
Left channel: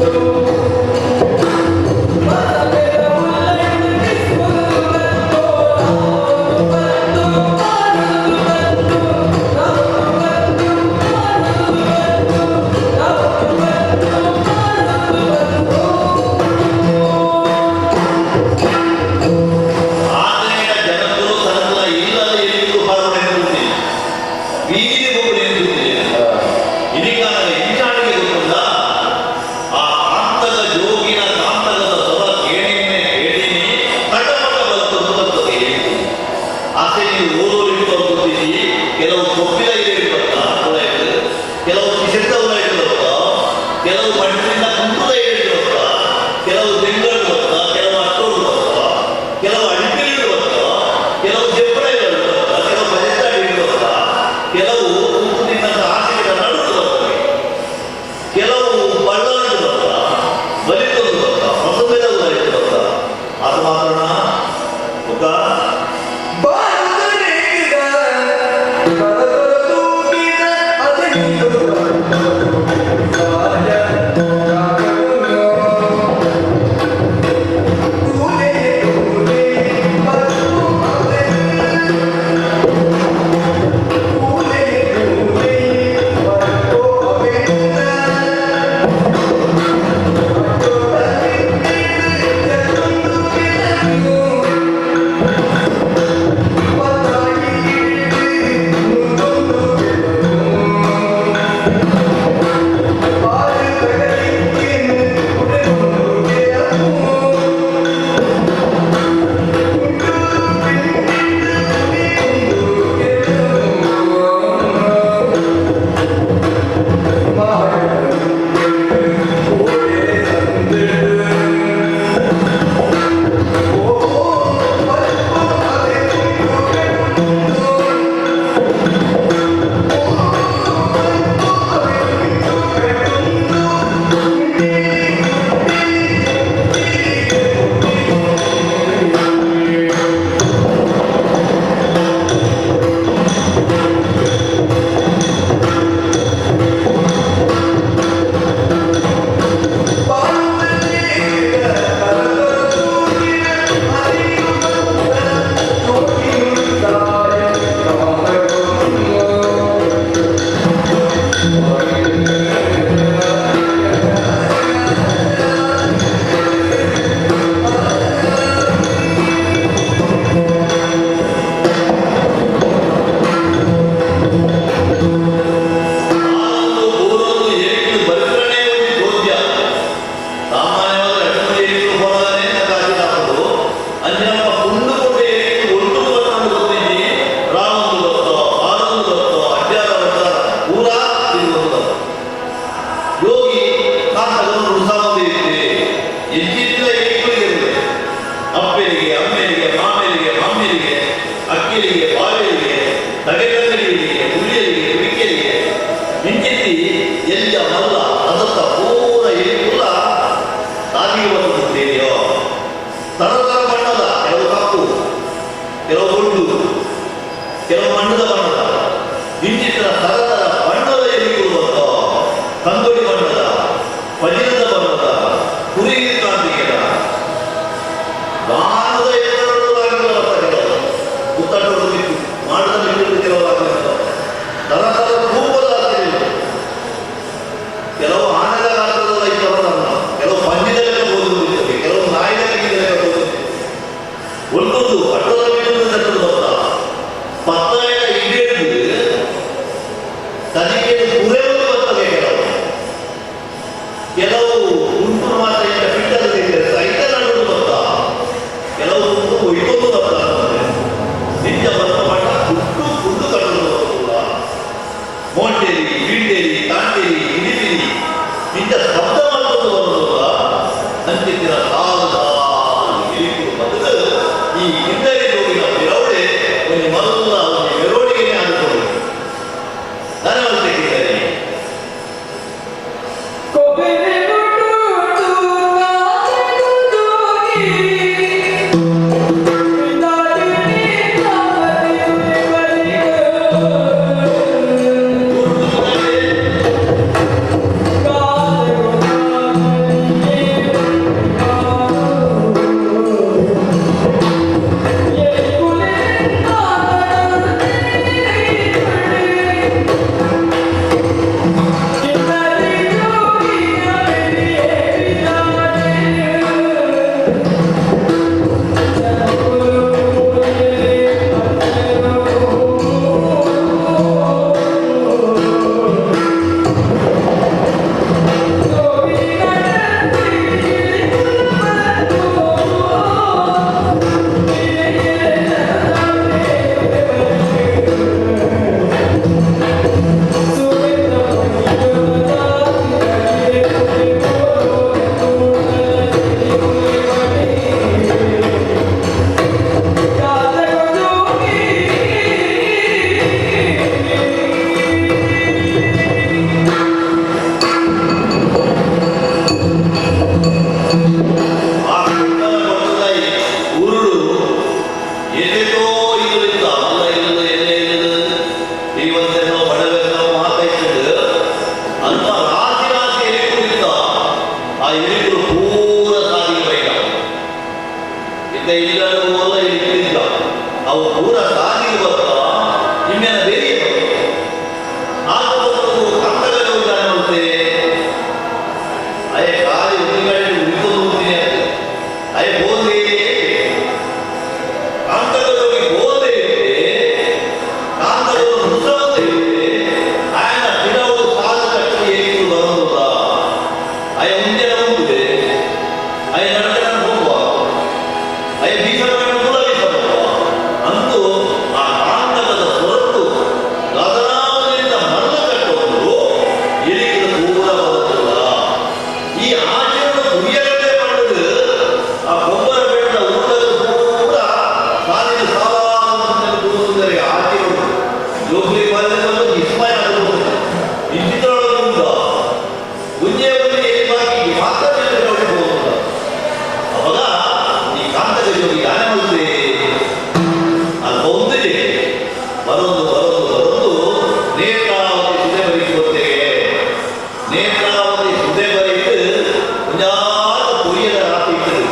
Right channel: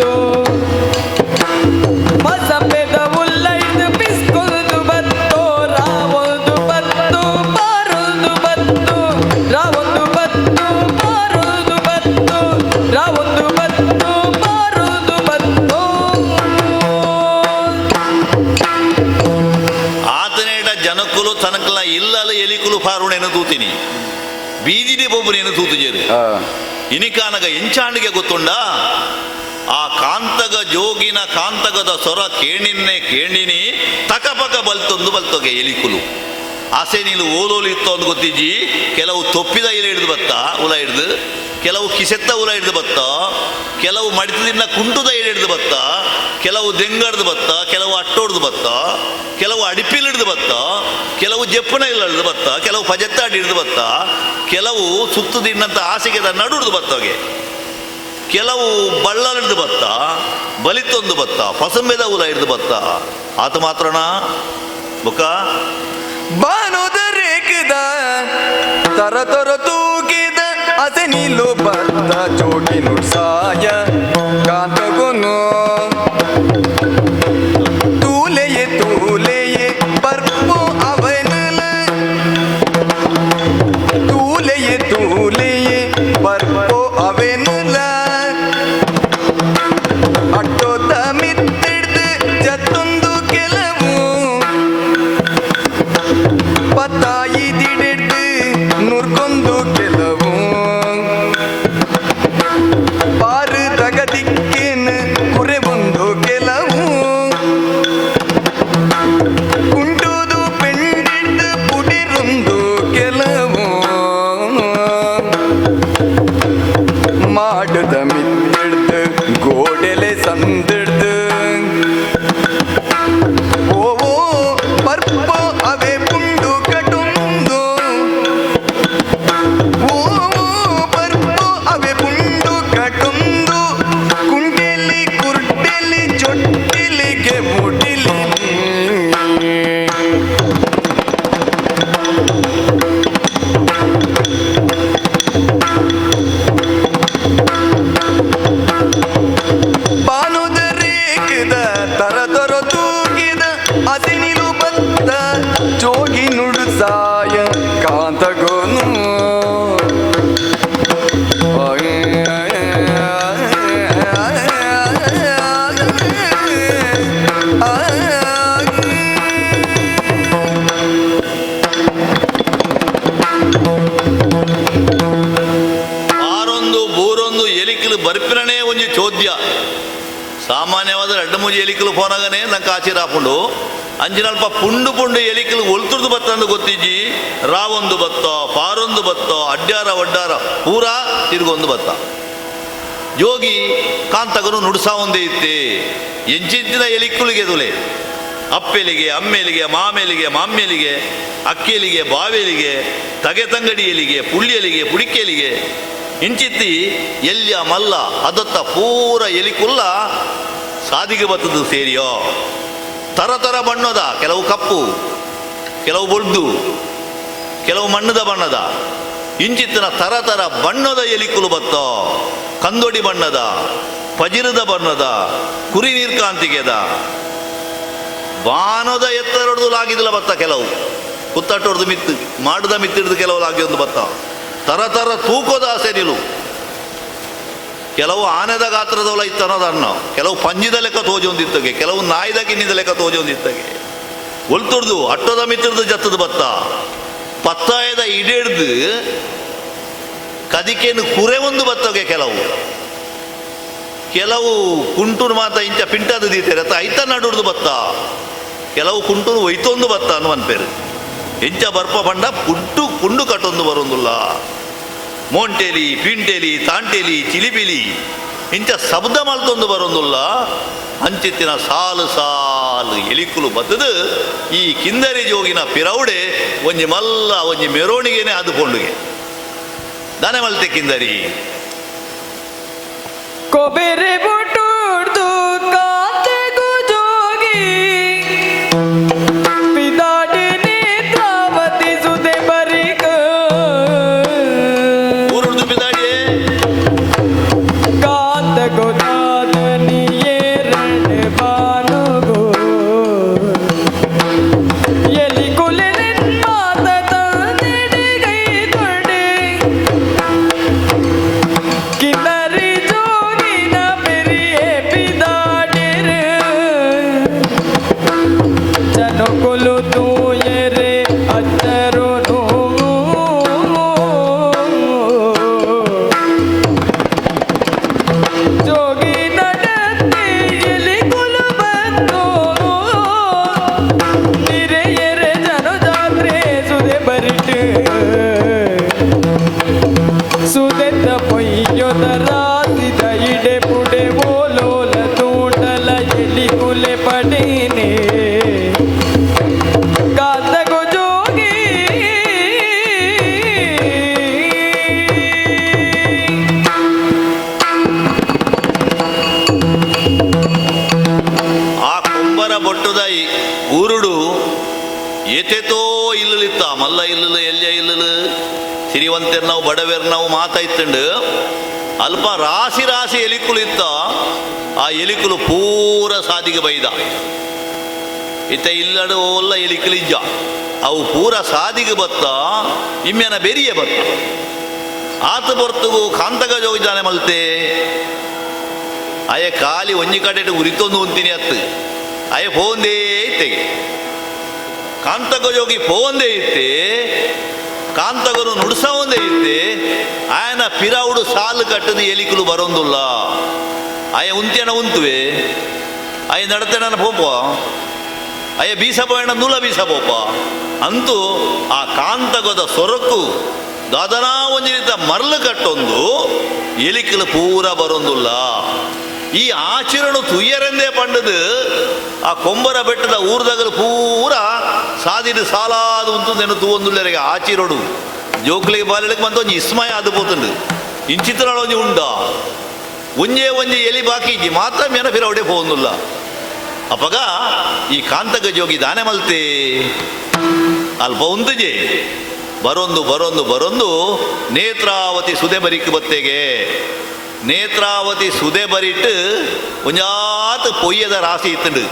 ಕೆಲವು ಸುತ್ತು ತಿನ್ನಂತ ಹಾಸಿಗೆ ನಡುವುದು ಬತ್ತವೆ, ಕೆಲವು ಬಳ್ಳಾಡ್ದು ಬತ್ತ, ಬಲಿತೊಂದು ಬತ್ತ, ಹೊಸ ಮೇಲೆ ಊರ ಹಿಡಿದು ಬತ್ತ. ಆತ ಮಾತ್ರನ ಮುಖ ಬಾನುದರೇಕಿದ ತರ ತರ ತೂಗಿದ ಅಸನಿಲು ಬತ್ತ ಜೋಡಿನು ಸಾಯ ಕಾತಗೊನು ತೂಲೆಯೇ ತೂಲೆಯೇ ಬರ್ಪು ಅವನಲ ತೂಲೆಯೇ ತೂಲೆಯೇ ಬರ್ಪು ಅವನಲ ಅಟ್ಟೋತ ಮಿತ್ತಿಡ್ದು ಜತ್ತೊಂದು ಕೆಲವು ಬತ್ತಾಯಿ ದಿಡಿಟ್ಟು ನೂರ್ಕೊಂದು ಕೆಲವು ಪಾರು ತಗದಿಕ್ಕೇನು ಕುರೆ ಬಂದು ಕೆಲವು ಕುಂಟುದು ಬೆಂಡಿಟ್ಟು ಪುಡಿರೊಂದು ಕೆಲವು ಮಾಡದ ಮಿತ್ತಿಡ್ದು ಗೋಡೆಲೆ ಸಂದಿಡ್ದು ಓ ಬರ್ಪು ಅವೇ ಪುಂಡು ಕಟುಂದು ಓ ಬರ್ಪು ಅವೇ ಪುಂಡು ಕಟುಂದು ಕುಂಟಿಲಿ ಕುರ್ಟಿಲಿ ಚೊಟ್ಟಿಲಿಗೆ ಮುಟಿಲಿ ಬಾನುದರೇಗಿದ ತರ ತರ ತೂಗಿದ ಅಸನಿಲು ಬತ್ತ ಜೋಗಿ ನುಡು ಸಾಯ ಕಾಂತಗೊನು ಆರೊಂದು ಮೂರೊಂದು ಎಲಿಕಲು ಬರ್ಪಿರನೇ ಒಂಜಿ ಚೋದ್ಯ. ಸಾಮಾನ್ಯವಾದ 2-3 ಎಲಿಕಲು ಹೊರಗನೆ ಕಾಚಿರ ಹಾಕೊಂಡು ಅಂಜಿನಪ್ಪ ಪುಂಡು ಪುಂಡು ಎಲಿಕಲು ಒಲ್ತುರ್ದು ಬತ್ತಂದು ಗೊತ್ತಿಜ್ಜಿ. ರಾವೊಂದು ಬತ್ತ, ಬಾರೊಂದು ಬತ್ತ, ಅಡ್ಡಾರ ಒಡ್ಡಾರ ಪೂರಾ ತಿರ್ಗೊಂದು ಬತ್ತ. ಯೋಗಿ ಕಾಂತಗನು ನುಡ್ಸಾ ಒಂದೇ ಇತ್ತೆ ಎಂಚಿತ್ತಿನ ಎಲಿಕುಲಿಗೆ ದುಲೆ ಅಪ್ಪೆಲಿಗೆ, ಅಮ್ಮೆಲಿಗೆ, ಮಾಮೆಲಿಗೆ, ಮಾಮ್ಮಿಲಿಗೆ, ಅಕ್ಕಿಲಿಗೆ, ಬಾವೆಲಿಗೆ, ತಗೆತಂಗಡಿಯಲಿಗೆ, ಪುಳ್ಳಿಯಲಿಗೆ, ಪುಡಿಕೆಲಿಗೆ ಇಂಚಿತ್ತಿ ಎಲ್ಲಿಯ ಮಲ್ಲ ಅದತ್ತ ಪೂರ ಎಲಿಕುಲ್ಲ ಸಾದಿಗೆ ಬರ್ತದ್ದು ಸೇರಿಯೋ. ತರತರ ಬಣ್ಣದ ಕೆಲವು ಕಪ್ಪು, ಕೆಲವು ಬೊಡ್ಡು, ಕೆಲವು ಮಣ್ಣದ ಬಣ್ಣದ ಇಂಚಿತ್ತಿನ ತರತರ ಬಣ್ಣದ ಎಲಿಕುಲು ಬತ್ತ. ಕಂದೊಡಿ ಬಣ್ಣದ, ಪಜಿರದ ಬಣ್ಣದ, ಕುರಿ ನೀರ್ಕಾಂತಿಗೆದ ವಾನದ ಎತ್ತರದಲ್ಲಾಗಿದಲ್ಲ ಬತ್ತ. ಕೆಲವು ಕುತ್ತಟ್ಟೊಡ್ದು ಮಿತ್ತು ಮಾಡದ ಮಿತ್ತಿಡ್ದು ಕೆಲವು ಆಗಿ ಒಂದು ಬತ್ತ. ತರತರ ತೂಕದ ಆಸೆನಿಲು ಕೆಲವು ಆನೆದ ಗಾತ್ರದವಳ ಇತ್ತರದನ್ನ, ಕೆಲವು ಪಂಜಿದ ಲೆಕ್ಕ ತೋಜೊಂದಿತ್ತಗೆ, ಕೆಲವು ನಾಯಿದ ಕಿನ್ನಿದ ಲೆಕ್ಕ ತೋಜೊಂದಿತ್ತಗೆ ಒಲ್ತುರ್ದು ಅಟ್ಟದ ಮಿತ್ತಿಡ್ದು ಜತ್ತದ ಬತ್ತ. ಪತ್ತಾಯದ ಇಡಿಡ್ದು ಕದಿಕೆಯನ್ನು ಕುರೆ ಒಂದು ಬತ್ತಗೆ. ಕೆಲವು ಕುಂಟುರು ಮಾತ ಇಂಚ ಪಿಂಟದ ದೀತಿರತ್ತ ಐತ ನಡುವುದು ಬತ್ತ. ಕೆಲವು ಕುಂಟುರು ಒಯ್ತೊಂದು ಬತ್ತ ಅನ್ನುವಂತೇನು ಇಂಚ ಬರ್ಪ ಬಂಡ ಪುಟ್ಟು ಕುಂಡು ಕಟ್ಟೊಂದು ಬರೋದಿಲ್ಲ. ಮೋಂಟೇಲಿ, ಪಿಂಟೇಲಿ, ತಾಂಟೇಲಿ, ಚಿಲಿಪಿಲಿ ಇಂಚ ಶಬ್ದ ಮತ್ತೊಂದು ಬರೋದಿಲ್ಲ. ಅಂಚಿತ್ತಿನ ಸಾಲು ಸಾಲು ಎಲಿಕುಲು ಬದ್ದದು ಈ ಕಿಂದರಿ ಜೋಗಿನ ಪಿರೌಡೆ ಒಂಜಿ ಮಲ್ಲ ಒಂಜಿ ಮೆರವಣಿಗೆನೆ ಅಂದುಕೊಂಡುಗೆ ದನೆ ಮಲ್ತೆ ಕಿಂದರಿ ಕೊಬ್ಬರಿ ಬುಟ್ಟುಡ್ದು ಕಾತೆಗೂ ಜೋಗಿ ಪಿದಾಡಿ ನೇತ್ರಾವತಿ ಸುದೆ ಬರಿಗ ಊರುಡ್ದು ಪಿದಾಡಿ ಕಾತೆಗೂ ಜಾದನಿಯೇ ರೆಂಡೆ ಬಾನು ಎಲಿ ಕುಲೆ ಮಾತ ತಂದೆಗೈ ಕೊಡೆ ಕಿನ್ನರಿ ಜೋಗಿನ ಇತ್ತೆ ಇಲ್ಲಡ ಓಲ್ಲ ಎಲಿಕಲಿಜ್ಜ ಅವು ಪೂರ ಸಾದಿಗೆ ಬತ್ತ ಇಮ್ಮೆನ ಬೆರಿಯೇ ಬತ್ತ ಆತ ಬರ್ತವು ಕಾಂತಗ ಯೋಜನೆ ಮಲ್ತೆ ಅಯ ಕಾಲಿ ಒಂಜಿ ಕಡೆ ಉರಿತೊಂದು ಉಂತೀನಿ ಅಂತ ಅಯ ಬೋಂದೇ ಇತ್ತೆ ಕಾಂತಗ ಯೋಗಿ ಬೋಂದೇ ಇತ್ತೆ ಕಾಂತಗರು ನುಡಿಸೋದೇ ಇತ್ತೆ ಆಯನ ಪಿರವುಡು ಸಾಲು ಕಟ್ಟದ ಎಲಿಕಲು ಬರೋದಿಲ್ಲ ಅಯ ಉಂತೆನ ಉಂತುವೆ ಅಯ ನಡತೆನ ಹೋಗುವ ಅಯ ಬೀಸಬೋಣ ನುಲ ಬೀಸಬೋಪ ಅಂತೂ ಆ ಕಾಂತಗದ ಸೊರತು ಗದನಾವನಿಂದ ಮರಳು ಕಟ್ಟೊಂದು ಎಲಿಕಲು ಪೂರ ಬರೋದಿಲ್ಲ ಈ ಆಚರಣೆ ತುಯ್ಯರೆಂದೇ ಪಂಡದು ಆ ಕೊಂಬರ ಬೆಟ್ಟದ ಊರ್ದಾಗ ಪೂರ ಸಾಲಿನ ಸಾಲಾದ ಒಂದು ತೋಂದುಲ್ಲರಿಗೆ ಆಚಿರೋಡು ಜೋಕ್ಲಿ ಬಾರಡೆ ಬಂದು ಒಂದು ಇಸ್ಮಯ ಅನ್ಬೋತಂದು ಇಂಚಿತ್ರೊಳಗೆ ಉಂಡ ಒಂಜೇ ಒಂಜೆ ಎಲಿ ಬಾಕಿ ಮಾತ್ರ ಮೇನ ಬಿರವಡೆ ಹೋಗುದಿಲ್ಲ ಅವಾಗ ಈ ಕಾಂತಗ ಜೋಗಿ ದಾನೆ ಮಲ್ತೆ ಅಲ್ಪ ಒಂದಜೆ ಬರೊಂದು ನೇತ್ರಾವತಿ ಸುದೆ ಬರಿಟ್ಟು ಬತ್ತೆಗೆ ನೇತ್ರಾವತಿ ಸುದೆ ಬರಿಟ್ಟು ಒಂಜಾತ ಪೊಯ್ಯದ ರಾಶಿ ಇತ್ತದು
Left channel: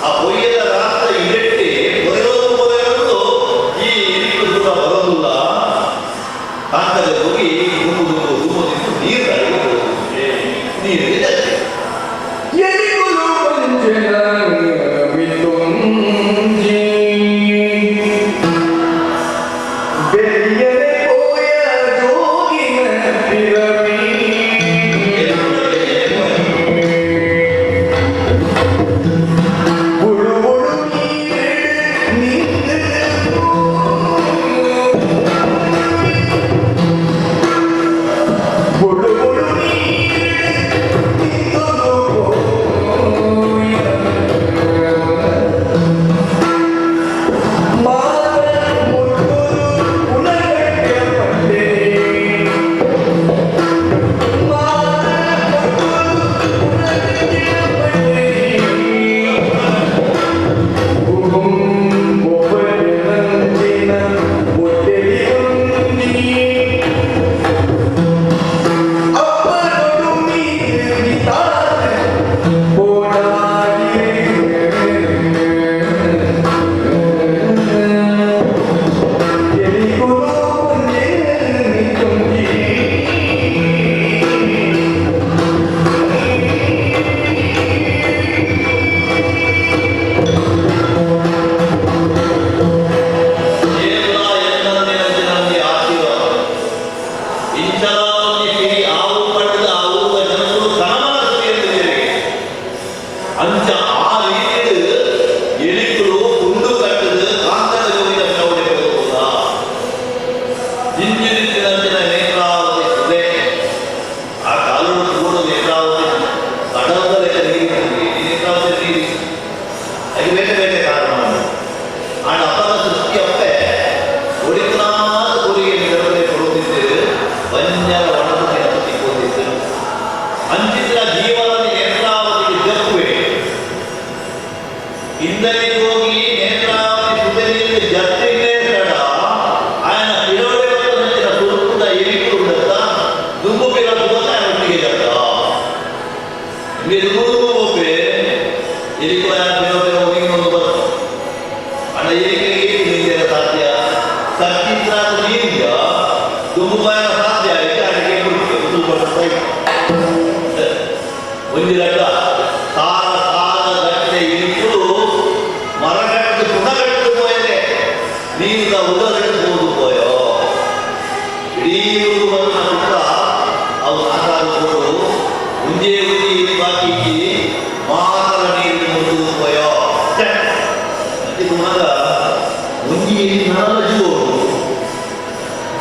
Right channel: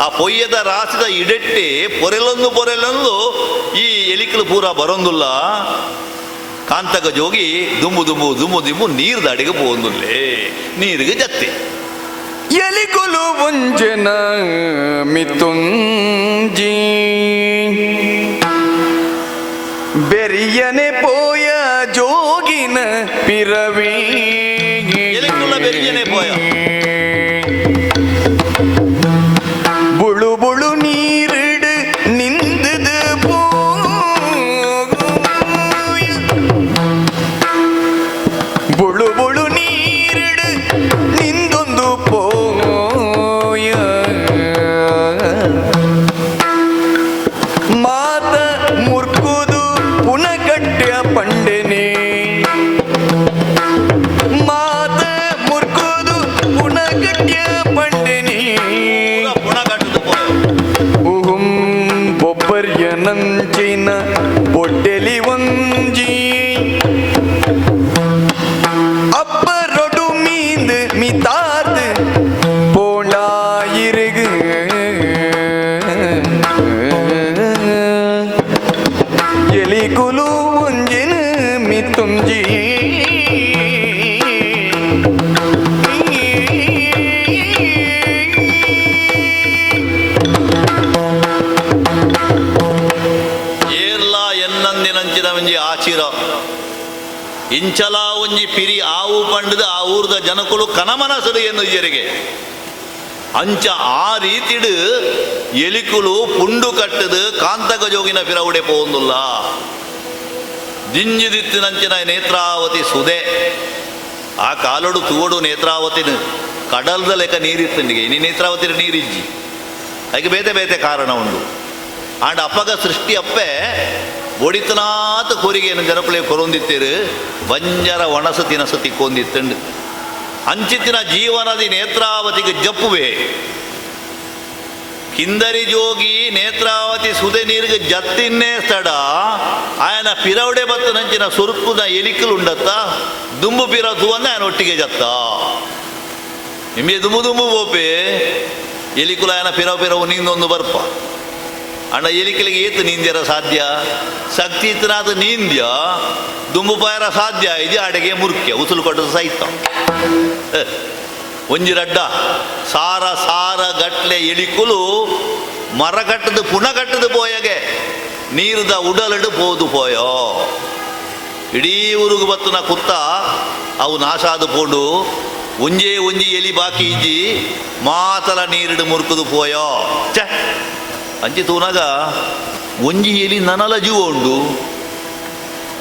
ಆ ಪೊಯ್ಯದ ರಾಶಿದ ಇಡಟ್ಟೆ ಪೊರೆಲೊಂದು ಈ ಎಲಿಕಲು ಪೂರ ಬರೋದಿಲ್ಲ ಕಾಂತಗ ಜೋಗಿ ದುಮ್ಮು ನೀರು ದಾಡಿಗೆ ಹೋಗುದಿಲ್ಲೇ ನೀರಿಗೆ ಜತ್ತೆ ಎಲಿಕುಲು ಒಂಜನ ಮಿತುಂಜಿ ಬೆರಿಯನೆ ಪೋಯ ಜೋಗಿನ ಪಿರವಿ ಎಲಿಕುಲ ಬೆರಿಯನೆ ಪೋಯ ಬುಳು ಬುಳು ನೀರಿಡು ನಿಂತದು ಬುಳು ಬುಳು ನೀರಿಡು ನಿಂದೊಂದು ಪೋಯ ಮಾತ ಮುರ್ಕುದು ಪುನಗಟ್ಟ್ಯ ಪಂಡಿನಿ ಮಾತ ಮುರ್ಕುದು ಪುನಗಟ್ಟ್ಯ ಪಂಡಿನಿ ಒಬ್ಬರಿಯ ನಂಜಿನ ಒಡ್ಡೆಲಿ ಒಂಜಿ ಅಪ್ಪರೊಡು ಮೀಂದು ಮಿತಾದ ಪೋಣಾಯಿರುಗು ಎಲಿಗುಲು ಒಂಜೆನ ಮಿತುಂಜಿ ಏಲ್ಲ ಎನ್ನಂದಿನಂಚಿನ ಒಂಜಿ ಆಚಿರ ಇಂಚಲ ಒಂಜಿ ಪಿರಿ ಆವು ಪಂಡದ ಆ ಊರ್ದ ಜನಕುಲು ಕನಮನಸದು ಎಂದು ಏರಿಗೆ ಅಂಚ ಆ ರೀತಿಡು ಎಲಿಕುಲು ಪುಂಡು ಕಟ್ಟದು ಕಾಂತಕ ಜೋಗಿನ ಪಿರವಡೆ ಹೋಗುದಿಲ್ಲ ದಿಂಜಿದಿತ್ತಿನಂಚಿನ ನೇತ್ರಾವತಿ ಸುದೆ ಆ ಕಾಲುಡು ತೂಡು ನೇತ್ರಾವತಿನ ಕಡಲದ ಲೆಕ್ಕ ನೀರಿತ್ತನಿಗೆ ಇನಿ ನೇತ್ರಾವತಿನ ನೀರಿಚ್ಚಿ ಅದಕ್ಕೆ ಬೇತೆ ಕಾರಣ ಉಂಟು ಆಡ ಅಪ್ಪಗ ಸೃಷ್ಟಿ ಅಪ್ಪೆ ಒಡಿತನಾತ ಕೋರಿಗೆಯನ್ನು ನೆರಪಳೆ ಪೊರುಂದಿತ್ತೇರು ಬಂಜರ ಒಣಸ ತಿನಸ ತಿಕ್ಕೊಂದಿತ್ತಂಡು ಅಂಚಿತ್ತಿನ ಜೀವನದ ನೇತ್ರಾವತಿಗೆ ಜಪ್ಪುವೆ ಕಿಂದರಿ ಜೋಗಿ ನೇತ್ರಾವತಿ ಸುದೆ ನೀರಿಗೆ ಜತ್ತಿನ್ನೇ ತಡ ಆಯನ ಪಿರವಡೆ ಬತ್ತ ನಂಚಿನ ಸುರುಕುದ ಎಲಿಕಲುಂಡತ್ತ ದುಂಬು ಪಿರತು ಅಂತ ఆయన ಒಟ್ಟಿಗೆ ಜತ್ತ ನಿಮಗೆ ದುಂಬು ಓಪೆ ಎಲಿಕುಲ ఆయన ಪಿರವು ನೀನೊಂದು ಬರ್ಪ ಅಣ್ಣ ಎಲಿಕಲಿಗೆ ಏತು ನೀಂದಿರ ಸಾಧ್ಯ ಶಕ್ತಿ ಇತ್ತನಾದ ನೀಂದ್ಯ ದುಂಬು ಬಾಯನ ಸಾಧ್ಯ ಇದೆ ಅಡಿಗೆ ಮುರ್ಕ್ಯ ಉಸುಲು ಕೊಟ್ಟರೆ ಸಹಿತ ಒಂಜಿರಡ್ಡ ಸಾರ ಗಟ್ಲೆ ಇಳಿಕುಲು ಮರಗಟ್ಟದ ಪುನಗಟ್ಟದ ಪೋಯಗೆ ನೀರುದ ಉಡಲಡು ಪೋದು ಪೋಯೋ ಇಡೀ ಊರಿಗೆ ಬತ್ತು ನಾ ಕುತ್ತ ಅವು ನಾಶಾದ ಪೋಡು ಒಂಜಿ ಇಲಿ ಬಾಕಿ ಇಜ್ಜಿ ಮಾತರ ನೀರಿಡು ಮುರುಕುದು ಪೋಯೋ ಚ ಅಂಚಿ ತೂನಗ ಒಂಜಿ ಎಲಿ ನನಲ ಜೀವೊಂಡು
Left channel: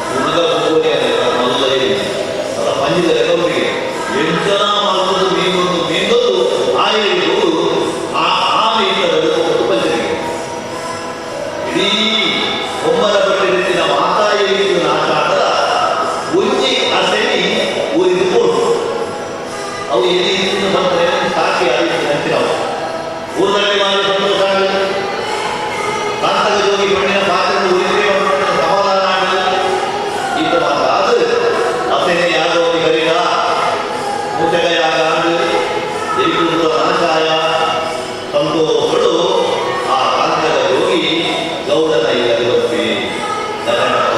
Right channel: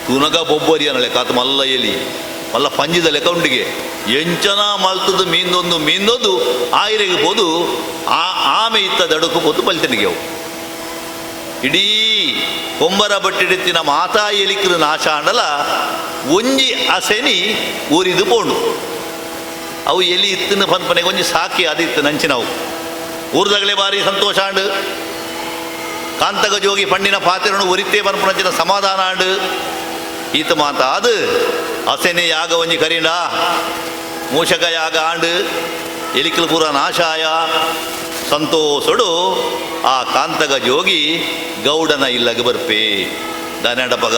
ತೂನಗ ಬೊಬ್ಬೊರಿ ಅಲ್ಲ ಕಾತ ಮಲ್ಲ ಎಲಿ ಮಲ್ಲ ಪಂಜಿದ ಲೆಕ್ಕ ಉಂಡಿಗೆ ಎಂಚಲ ಮಲ್ತದ ಮೀಂದೊಂದು ಆಯ್ಲೆ ಇರ್ಬೋದು ಆಮೆ ಇತ್ತ ದಡಕು ಬಂದು ಪಲ್ತನಿಗೆ ಇಡೀ ಕೊಂಬರ ಬಟ್ಟಿಡಿತ್ತಿನ ಮಾತಾ ಎಲಿಕರು ನಾಶ ಆಡಲ ಒಂಜಿ ಅಸೆನಿ ಊರಿದು ಪೋಡು ಅವು ಎಲಿ ಇತ್ತಿನ ಬಂದ್ಮನೆ ಕೊಂಚ ಸಾಕಿ ಅದಿತ್ತು ನಂಚಿನವು ಊರ್ದಗಳೇ ಬಾರಿ ಸಂತೋಷ ಆಂಡು ಕಾಂತಗ ಜೋಗಿ ಪಣ್ಣಿನ ಪಾತ್ರನು ಉರಿತೇ ಬಂದ್ಪಡಚಿನ ಸಮಾಧಾನ ಆಂಡು ಈತ ಮಾತ ಅದು ಅಸೆನೆ ಯಾಗ ಒಂಜಿ ಕರೀಡ ಮೋಷಕ ಯಾಗ ಆಂಡು ಎಲಿಕಲ್ ಪೂರ ನಾಶಾಯ ಸಂತೋಷಡು ಆ ಕಾಂತ ಆತಗ ಜೋಗಿ ಗೌಡನ ಇಲ್ಲಗೆ ಬರ್ಪೆ ದಾನಡ ಪದ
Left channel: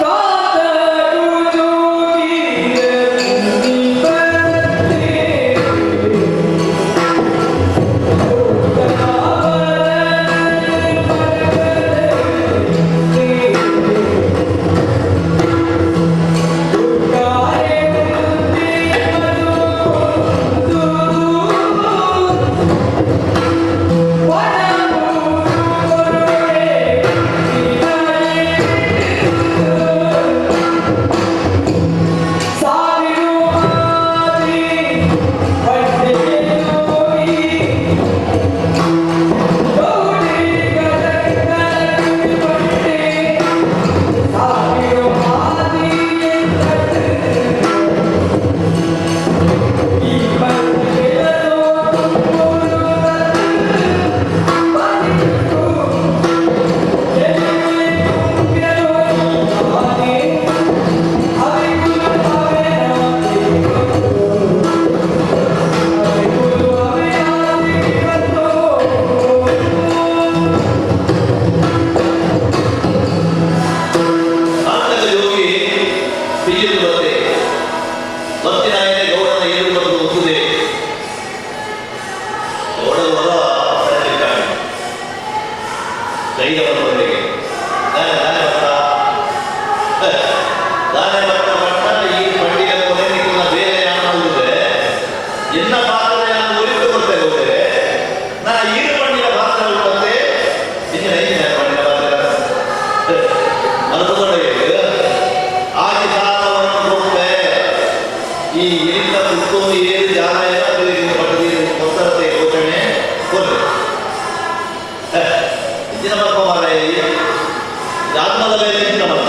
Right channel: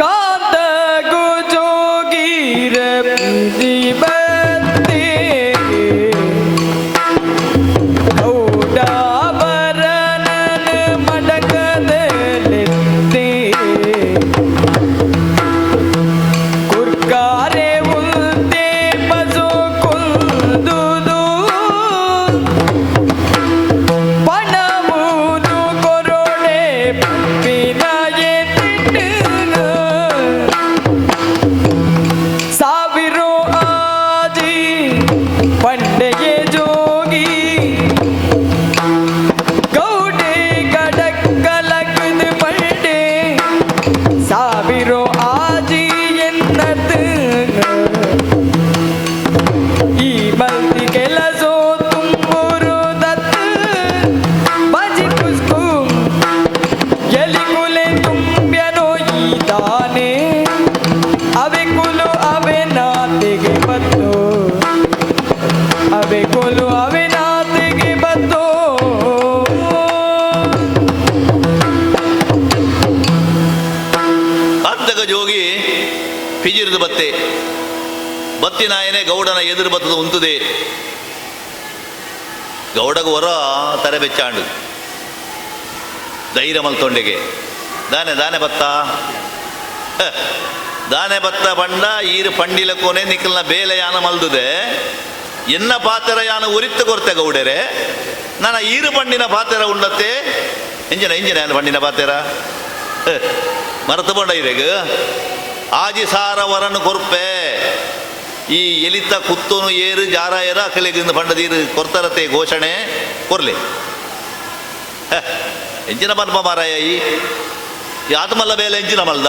ಕಾತಗು ಜೋಗಿರ ಬಂದೆ ಗೌಡಾಭರಣನ ಮಡಕದಲ್ಲಿದ್ದೆ ಕುರ್ಗಾರೆ ಉಲ್ತೆ ಬಸು ಕುಂದುದು ಪಣಮುದು ಕೊರುಡೆ ಪಿನಗೆ ತಿಂಡು ಸಾವಿರೋ ಆದಿ ಪಂಡೆಗೆ ಜೋಗಿ ಗೌಡೆ ಕಡಕ್ ಕಲಕದ ಪಂಡೆ ಸಾವಿರೋ ಆದಿ ಎಂದದ್ದು ಈ ಬಂದಿ ಕೆಲಸ ತುಂಬೂರು ದತ್ತು ಬಾಜಿ ಕುಸ್ಕು ಎಲಿ ಕುಲಿ ತುಂಬ್ಯನೋ ಈ ದಾನೆ ಅವೆ ಕುಲು ಅವೆ ನಾತಿಗೆ ಬಂತು ಅವೆ ಕುಲು ಅವೆ ನಾತಿಗೆ ಬಂತು ಆತಗ ಜೋಗಿ ಪಿಜಿರ್ದು ಬತ್ತೆ ಬತ್ತಿನಾಯನೆ ಗೌಡನ ಎದುರು ಬತ್ತದ ಉಂತದೆ ಗೌಡಗ ಹೊರ ತಲೆ ಬೆಚ್ಚಾಂಡು ಧೈರ್ಯ ಬಂತೊಂಡೆಗೆ ದಾನೆ ದಾನೆ ಬತ್ತ ದಾನೆ ಬತ್ತ ಬಣ್ಣ ಈರು ಪಂಡಿಲ ಕೊನೆ ನಿಕ್ಕಲ್ನ ಬೇಲೆ ಯಾನ ಮಂದುದೆ ಎನ್ನ ಪಾತ್ರ ಯಾನ ಉರಿತ್ತು ಕೊಡ್ತೆ ಗೌಡರೆ ನನ್ನ ಈರು ಪಂಡಿನ ಪಾತ್ರ ಉಂಡತ್ತೆ ಎಂಜಿನ ಎಂಜಿನ ಪಂಡಿನ ಪಾತ್ರ ಮರೆತು ಕೊಂಡ ಇವಾಗ ಆಗಿ ಸಾರವರನ್ನು ಕೊರ್ಪೆ ಈ ಇಲಿತ ಪುತ್ತೂನು ಏರು ಜಾರಾಯನ ಕಲಿದಿಂದ ಪಟ್ಟದೀರು ಕೊರ್ತಾರತೆ ಘೋಷಣೆ ಕೊರ್ಲಿ ಎಂಜಿನ ಮಲ್ಪ ಮಾರಾಯ ಯಾವ್ದು ಮಲ್ಲ ಮೇಲೆ ಎಂಜಿನ ಮಲ್ದ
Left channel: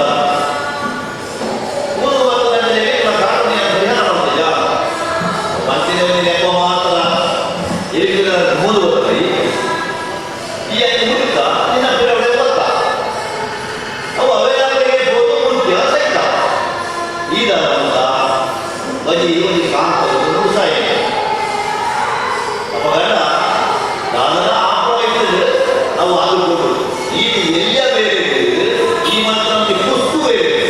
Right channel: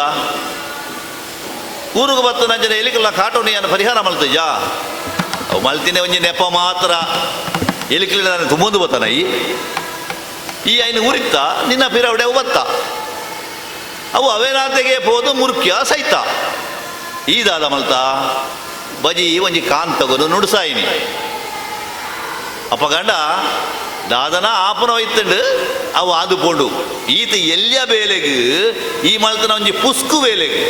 ಊರಿಗೆ ಬರ್ತದ ಅಂಜನೆ ಎಲಿಗೆಲ್ಲ ಕಾಟೋಣಿಯನ್ನು ಪರಿಹಾರ ಮಾಡ್ತಯ್ಯ ಅವು ಮಲ್ತಿನ ಒಂಜಿ ನೆಪ ಮಾತ್ರ ಎಲಿಕಲಿದ ಗುಮ್ಮದು ಬತ್ತಾರ ಈ ಐನು ಉರಿತ ನಿನ್ನ ಬಿರವಡೆ ಒತ್ತ ಅವು ಅವೇನಾಂತೆಗೆ ಬೋದು ಮುರ್ಕ್ಯ ಸಹಿತ ಈದಾಲ ಮಲ್ತ ಬರೀ ಒಂಜಿ ಕಾಮ್ ತಗೋದು ನುಡ್ಸಾಯಿನಿ ಅಪ್ಪಗಂಡ ದಾದನ ಆಪುರ ಇತ್ತಂಡು ಅವು ಅದು ಬೋಡು ಈತ ಎಲ್ಲಿಯ ಬೇಲೆಗೆ ಈ ಮಲ್ತನ ಒಂಜಿ ಪುಸ್ಕು ಬೇಲೆಗೆ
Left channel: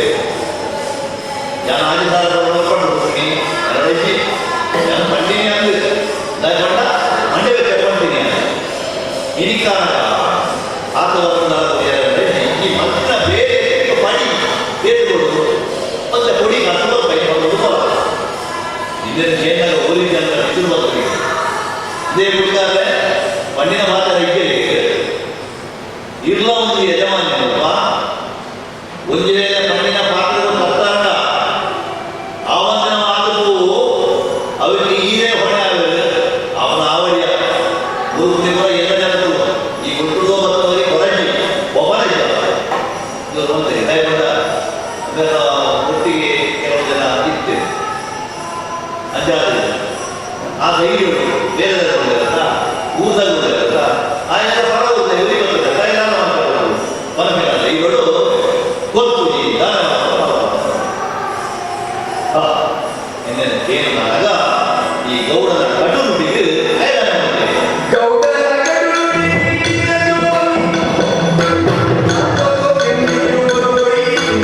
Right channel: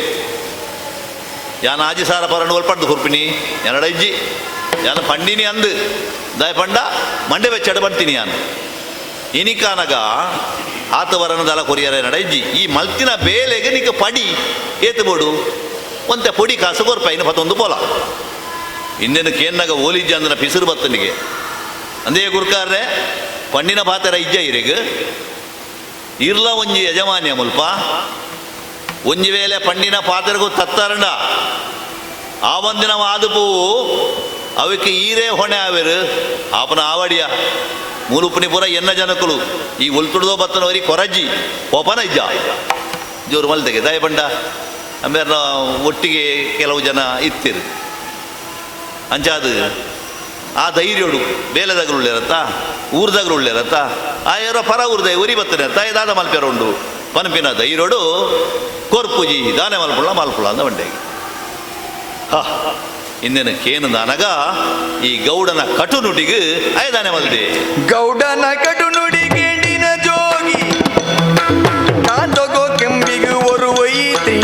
ಯಾನ ಆಜಿ ಸಾರ ಬರೋಣ ಪಟ್ಟು ಹುಪ್ಪಿನಿ ಎರಡಜ್ಜಿ ಯಾನ ಪಂಡಿನಿ ಅಂದು ದಾಯ ಪಂಡ ಮಂಡೆ ಬೆಚ್ಚಡ ಪಡ್ತೀನಿ ಅಂತ ಇನಿಕಾನಗ ಆತವರನ್ನು ದಲ ಕೊರಿಯರ ಎರಡಜ್ಜಿ ಈ ಮಲ್ತಿನ ಬೇಲೆಗೆ ನಿಕ ಪಡಿ ಏತು ಬೋಡು ಒಂತೆ ಪೊಡಿ ಕಾಸು ಬರ್ಪ ಇನ್ನು ಮತ್ತೊಂದು ಪೊಲ ಇನ್ನೇನು ಕೇನ್ನಾಗ ಓಲಿಜಿ ಅಂದ್ರೆ ಬಿಸಿರು ಬತ್ತನಿಗೆ ಅಂದೇ ಕುಡ್ಕಾದ್ರೆ ಪಣ್ಣಿನ ಮಾತರ ಇಜ್ಜ ಇದೀಗ ಇರ್ಲ ಒಂಜಿ ಯಜಮಾನ್ಯ ಸ್ವಲ್ಪ ಒಂಜಿ ವೇಳೆ ಪಣ್ಣಿನ ಪಾತ್ರಗೂ ತತ್ತಾರಂಡ ಆ ಒಂದಿನ ಮಾದುಪವು ಅವಕ್ಕೆ ಈರೇ ಹೊಣೆ ಆವೇರು ಆಪನ ಆವಡಿಯ ಮುರುಪುನಿ ಪುರ ಎಲ್ಲ ಜನಕರು ಈ ಉಲ್ತುಡುವ ಬತ್ತನವರಿಗೆ ಕೊರಜ್ಜಿ ಒಬ್ಬನಜ್ಜ ಜೋರು ಮಲ್ತೆಗೆ ದಯಪಂಡ ಆಮೇಲೆ ಒಟ್ಟಿಗೆ ಕೆಲವು ಜನ ಇರ್ತೀರಿ ಅಂಚಾದ ಆ ಧೈರ್ಯಗಳು ಬೇಲೆದಾಗ ಒಳ್ಳೆರತ್ತ ಊರ್ದಾಗ ಒಳ್ಳೆರತ್ತ ಆಯನ ಪರ ಊರ್ದ ಉರಿ ಬತ್ತಿರತ್ತ ಇದಾನ ಮಂಪೆರ ಉಂಡು ಪನಪಿನ ಧೈರ್ಯಡು ಕೋರ್ಪೂಜಿ ದಾನ ಮಲ್ಪುಳ ಮಲ್ಪುಳ ಅಂದ ಮಂಡೆ ಇನ್ನೇನ ಕೇನು ನನಗ ಈ ಗೌಡನ ಕಟು ನುಡಿಗೆ ಆಯ್ದಾನೆ ಮಲ್ದೆ ಗೌಡನ ಕಡು ನುಡಿಗೆ ನಿನ ಜೋಗಿ ನಾ ತಗೋ ಕೆಂಪಿಗೆ ஒரு ಒಯ್ತಿ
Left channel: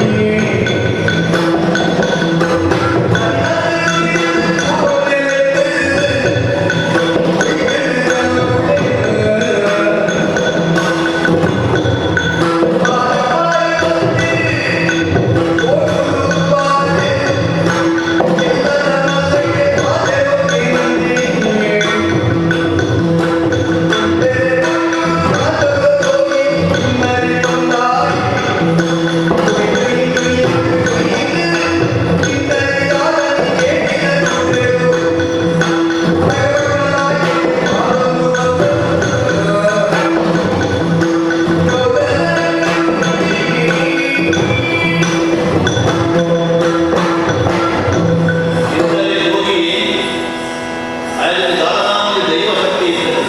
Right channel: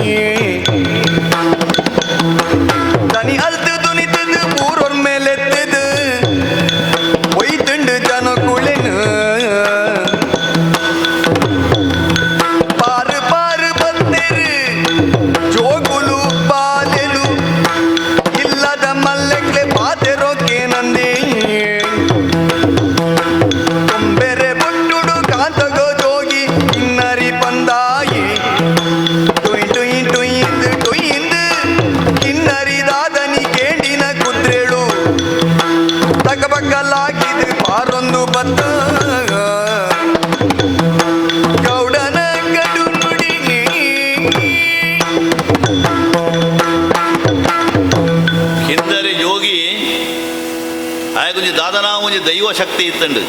ತನಿ ಅರ್ಧ ತುಳಿತದು ಮೂರು ಮೇಲೆತ್ತದು ಒಯ್ತಂಡು ತನು ಕುಳೆನು ಪಾರು ಪಾರು ಬಂದಿರು ಜೋಗುಲು ಪಾಲೆರು ಇಲ್ಲದ ಮಲ್ಲಕ್ಕೆ ಪಾತೆರೋಕೆ ನಂದಿ ಬೇರೆ ಬಟ್ಟುಡು ಕಾತಗೋ ಜೋಗಿ ಇನ್ನರಿ ಬಂದಾಯಿ ದುಯ್ದು ದುಯ್ದು ದುಯ್ದು ಕಿನ್ನರಿ ರಾಧನಿ ಕೇಟಿನ ಕುದ್ರೆಳು ತಗಬಕ್ಕಲಾಗಿದೆ ಮಾರೊಂದು ಬಂದ ಗೌಡನ ಕಡು ನುಡಿ ಕಿಂದರೆ ಯೋಗಿ ಆಯ್ದಲ್ಲಿ ದಾದನಾಮುಜಿ ದೈವ ಶಕ್ತಿ ಇತ್ತಂಡು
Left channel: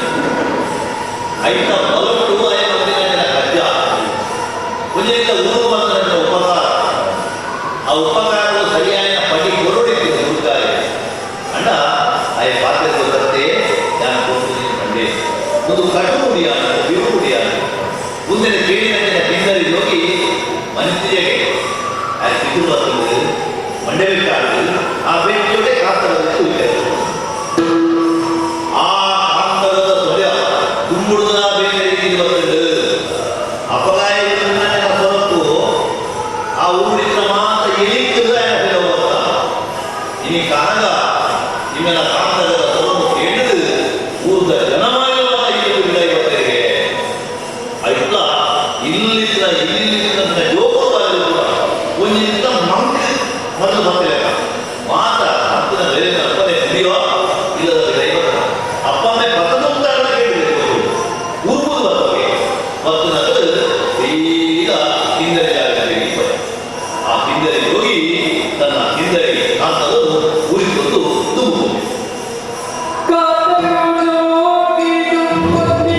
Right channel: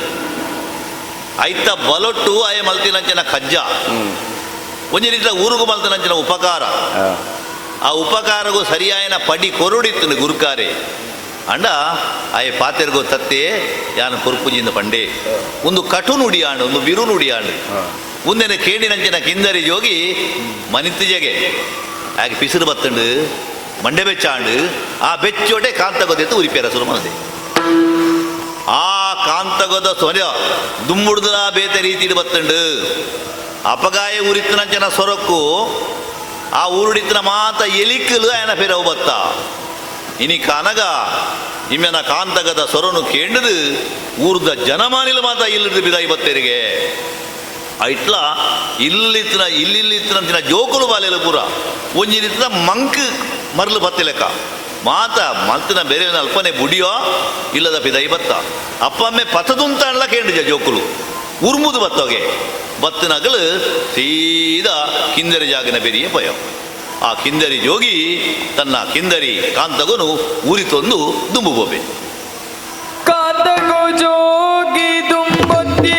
ಐತ ಬಲೊಟ್ಟು ಅಯ ಮಲ್ತಿನಂಚಿನ ಕಜ್ಜ ಒಂಜಿನಿಂದ ಊರುಗು ಮಲ್ತನಂಚಿನ ಉಪಕಾರ ಆ ಉಪಕಾರಗೂ ಸರಿಯಾಯಿನ ಪಡಿ ಕೊರುಡಿತ್ತಿನ ಗುರುಕಾರೆ ಅಂಡ ಆಯ ಪಾತೆರ್ಗೋ ತತ್ತೆ ಯಾನ ಪುರ್ಪುಂಜಿಂದ ಪಂಡೆ ಒಂದು ಕಟು ನುಡಿಯಾನು ಒಂದು ಬಿರು ನುಡಿಯಾನು ಒಂದೇನೆ ಕೇಳಿನಂಚಿನ ಕಿನ್ನರಿ ಜೋಗಿ ಮನಿತಿಜೆಗೆ ಬಿಸಿಲು ಬತ್ತಂಡು ಮಂಡೆ ಬೆಚ್ಚಾಂಡು ಆ ಬೆಚ್ಚೋಡೆ ಕಾಂತಗದ ಉರಿಪೇರ ಸುರು ಆ ಕಾಂತಗದ ಸೊಲೆ ದುಮ್ಮುಡ್ದು ಬೇರೆ ರೀತಿಯಲ್ಲಿ ಬತ್ತಂಡು ಅಪಗಾಯ ಉರಿತ್ರ ಜನ ಸೊರಕು ಆ ಊರಿತ್ರ ಮಾತ ಎಲಿಕ್ಕಲು ఆయన ಬೇರೆ ಬತ್ತ ಇನಿ ಕನಗ ಇಮ್ಮೆನ ಕಾಂತಗದ ಸೊರನು ಕೇಳಿದು ಊರ್ದ ಜನಮಾನಿಲ ಮಾತ ಇಲ್ಲಿದ್ದು ಬಿದ ಇವತ್ತರಿಗೆ ಐಟ್ಲ ಇಲ್ಲಿತ್ರ ಜೋಕುಲು ಬಾಲೆಲು ಪೂರ ಒಂಜಿನಿತ್ರ ಮಂಕ್ ಮರಳು ಮತ್ತೆ ಲೆಕ್ಕ ಮಾತ ಮಂಕನ ಬೇರೆ ಅಲ್ಪನೆ ಗುಡಿಯೋ ಇಲ್ಲದ ಬಿದೈ ಬತ್ತ ಅಪ್ಪಮ್ಮೆ ಪತ್ತದುಂತ ಎಲ್ಲ ಕೇಳಿದೆ ಜೋಕುಲು ಉರ್ಮುದು ಬತ್ತೋಗೆ ಬತ್ತನಗಲು ಸೀದಾ ಕಿಂದರಿ ಜಾಗನ ಬೆರಿ ಪೋಯ ಆ ಕಿಂದರಿ ಜೋಗಿ ತನ್ನ ಕಿಂದರಿ ಕಾಂತಗನು ಊರಿ ತಂದು ದುಂಬುಗೋಬೆ ಕಾತಗೋ ಜೋಗಿ ದುಂಬುತ್ತಿ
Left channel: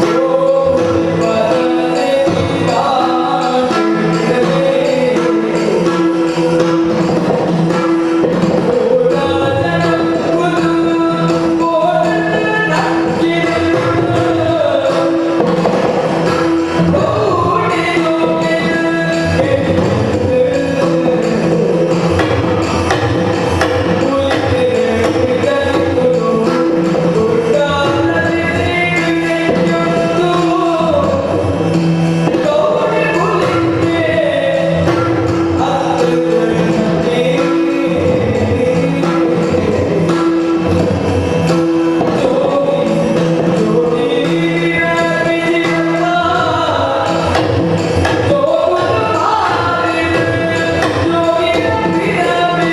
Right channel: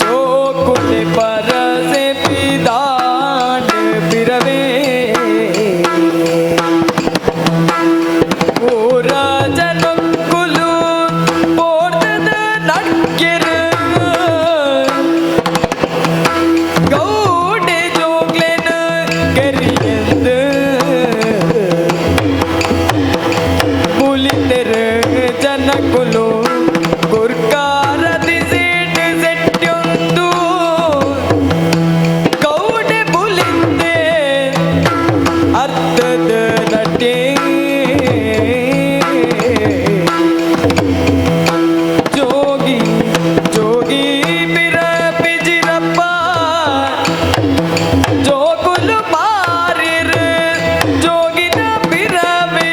ಜೋಕುಲಿ ಪರಸೆ ಪಿದಾನ ಬಿರವೆ ಓರ ಜನಕ್ಕುಲು ಓರ್ದದ ನಕ್ಕೆರ ಗೌಡೆ ಜೋಗ್ಲೆನ ಕೆರಿಯಂದು ಜನಕ್ಕುಲು ಗುರ್ಕಾರದಿ ಸೇಟು ಸೆಟ್ಯೊಂದು ಗೌಡೆ ಬುಲಿಂದೆ ಅತ್ತದ ನಟೆ ಜೋಗಿ ಜೋಗಿ ಬಿರ ಬಿಜಿರಪ್ಪ ಜೋಗುಲು ಮಾರಿರು ಜೋಗಿನ ಬಿರವೇ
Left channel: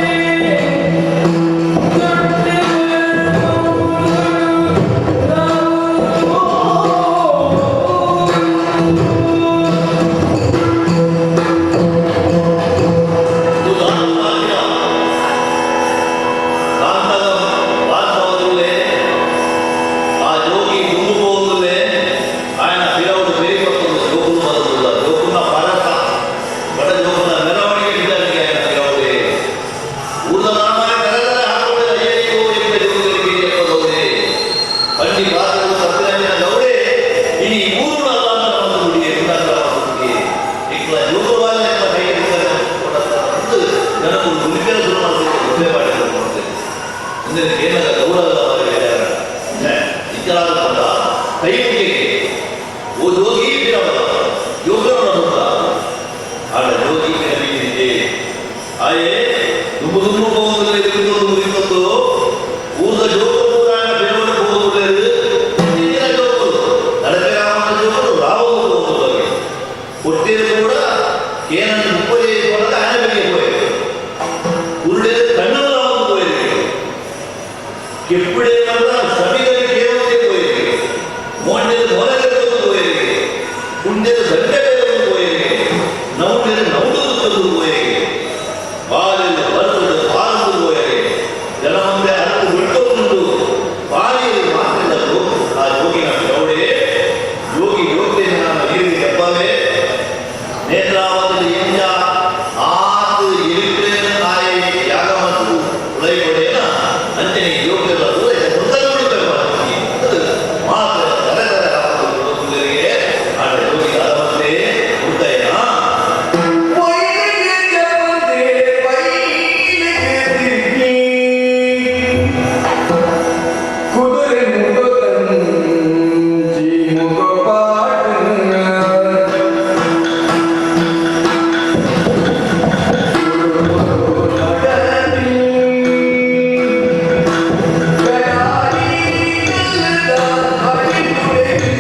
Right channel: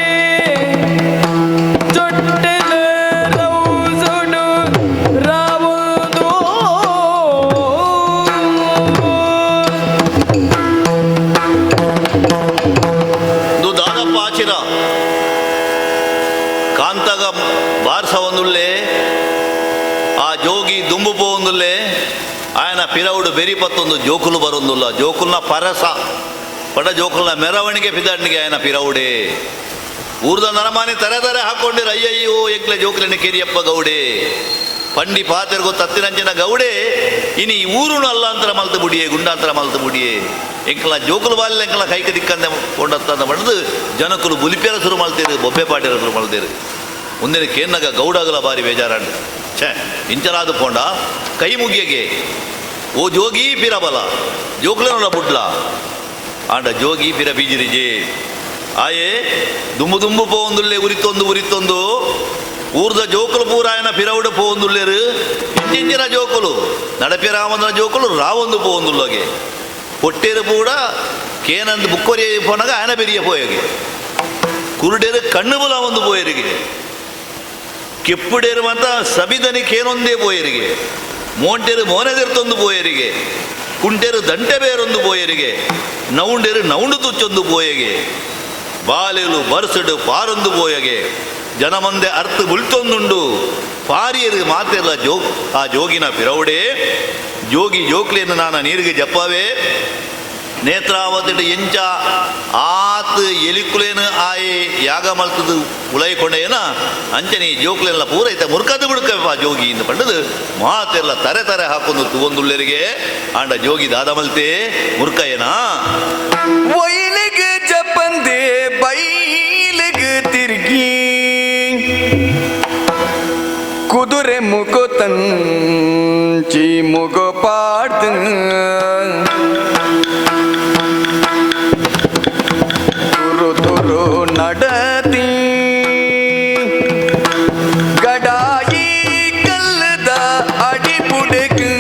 ಜೊಟ್ಟೆಲು ರೌಸುಡು ರಾವುದೋ ದಾನಪಾಚಿನ ಕಾಂತಗ ಬಾರ್ಸ ಒಂದುಳ್ಳೆ ಆ ಜೋಗಿ ದುಮ್ಮು ಪೋಂದುಳ್ಳೆ ఆయన ಪಿರವುಡು ಬೆರಿಪತ್ತೊಂದು ಜೋಕುಲು ಬರೊಂದುಲ್ಲ ಜೋಕುಲ್ನ ಪರಸ ಬಡ ಜೋಕುಲ್ನ ಮೆರವಣಿಗೆ ಬಿದ್ದಟ್ಟಿಗೆ ఆయన ಪಿರವುಡೆ ಊರ್ದ ನರಮಾನೆ ತರ ಹಾಕೊಂಡಿರ ಅಯ್ಯಯ್ಯೋ ಎಕ್ಲೆ ಜೋಕುಲಿನ ಕಿರಿಯಪ್ಪ ಗೌಡೆ ಪಂಡಿ ಪಾತರ್ಗು ತತ್ತಿರಂಜಿನ ಗೌಡೆ ಇನಿ ಊರುಳು ಅಲ್ಲ ಅಂತರ ಮಲ್ತು ಮುಡಿಯೇ ಗುಂಡಾಂತರ ಮಲ್ತು ಮುಡಿಯೇ ಎಂಕಲ ಜೋಕುಲು ಬಾಲಿನ ಎಂಕಲ ಕೈಗೆ ನಿಕ್ಕಂತೆ ಕೊಂಡಂತ ಪಡೆದು ಜನಕರು ಬುಲಿಪೇರ ಶುರು ಮಾಡ್ತಿದ್ರು ಬೊಬ್ಬೆ ಪಾಟೆರ ಶುರು ಮಾಡ್ತಿದ್ರು ಮುಂದೆ ಕೇನ್ನಗ ಗೌಡಗಲ ಬಾರಿ ಬೇಜಾರಾಗ ಛೇ ಇಂಚರಾದ ಕೊಂಡ ಕೈ ಮುಗಿಯಗೆ ಓ ಜೋಗಿ ಬಿರಬಲ ಜೋಕುಲರ ಮುಡ್ಲ ಆಡ ಜೋಗಿ ಬಿರ ಬೀಜಿರಿಜೆ ಆಯೇ ದುಮ್ಮು ದುಮ್ಮು ಪೋಂದುಲ್ಲೆ ಉರಿತೊಂದು ಊರ್ದ ಜೋಕುಲು ಪೂರಾಯಣ ಬಿರವುಡ ಪೋಂದುಲ್ಲೆರು ಇಂಚಿನ ಜೋಕುಲು ನಡಪೆ ರಾಮನ ಜೋಕುಲು ರಾವೊಂದು ಪೋಂದುಲ್ಲಗೆ ಕೊಟ್ಟಿರು ಕೂಡ ಕೇನಂದು ಬುಕ್ಕೊರಿ ಪೋನಗ ಹಣ ಬೆರಿಗೆ ಪೋಯಗೆ ಕುರುಡೇರು ಕಣ್ಣುಗಳ ಒಂದು ಪೋಯರಿಗೆ ಕೆಪ್ಪುಡೇರು ಮತ್ತ ಸಬಿದನಿ ಕೇನೊಂದೇ ಪೋಯರಿಗೆ ಮೋಟೆರು ಮೋರಗತ್ತೊಂದು ಪೋಯರಿಗೆ ಕುಂಟೆರು ದಂಟೆ ಬೇರೊಂದು ಪೋಯರಿಗೆ ನೌಂಡೆರು ನೌಂಡು ತುಚ್ಚೊಂದು ಪೋಯಗೆ ಬಾಲೆರು ಬರ್ಸಡು ಪಾರೊಂದು ಪೋಯಗೆ ಜನಮಂದೆ ಅರ್ಥ ಉಳ್ತೊಂದುಂಡು ಪಾರಿಯರು ಮಾತೆಲ್ಲ ಆ ಜೋಗಿನ ಪಿರವುಡೆ ಜೋಗಿ ಜೋಕ್ಲಿನ ನಾನು ನೀರಿಗೆ ಜಪ್ಪವೇ ನೇತ್ರಾವತಿ ಎಂಚ ಆತ್ ಎಲಿಕುಲೇನ ಆಯೆ ಯಾಗ ಮಲ್ತದು ಉಳೈ ಕೊಡೆಯನ ಅಂಚನೆ ಜೋಕ್ಲೆಲ್ಲ ಪೂರೈತೆ ಮುರ್ಕದ ಹುಡುಕವ ಜೋಗಿ ಅಂತ ಪಂಡದು ಮಾತೆಲ್ಲ ತರೆ ಹಾಕೋದು ಒಂದುಳ್ಳರಿಗೆ ಆಡ ಜೋಗಿ ದಾದ ಮಲ್ತೆ ಮುರ್ಕಯ್ಯನ ಒಯ್ಲಿಗೆ ಚಪ್ಪಂದೆ ಬೈಲಿಗೆ ತಿರುಗಿ ಕುದುರೆ ಮುಗೋ ತಂಜಿ ಮುಗೋ ಪಾಟ ತುರು ತುರು ನಡತಿ ಗಡಾಯಿ ಕಲ್ಲದ ಅಡಿಬುಡೆಗೆ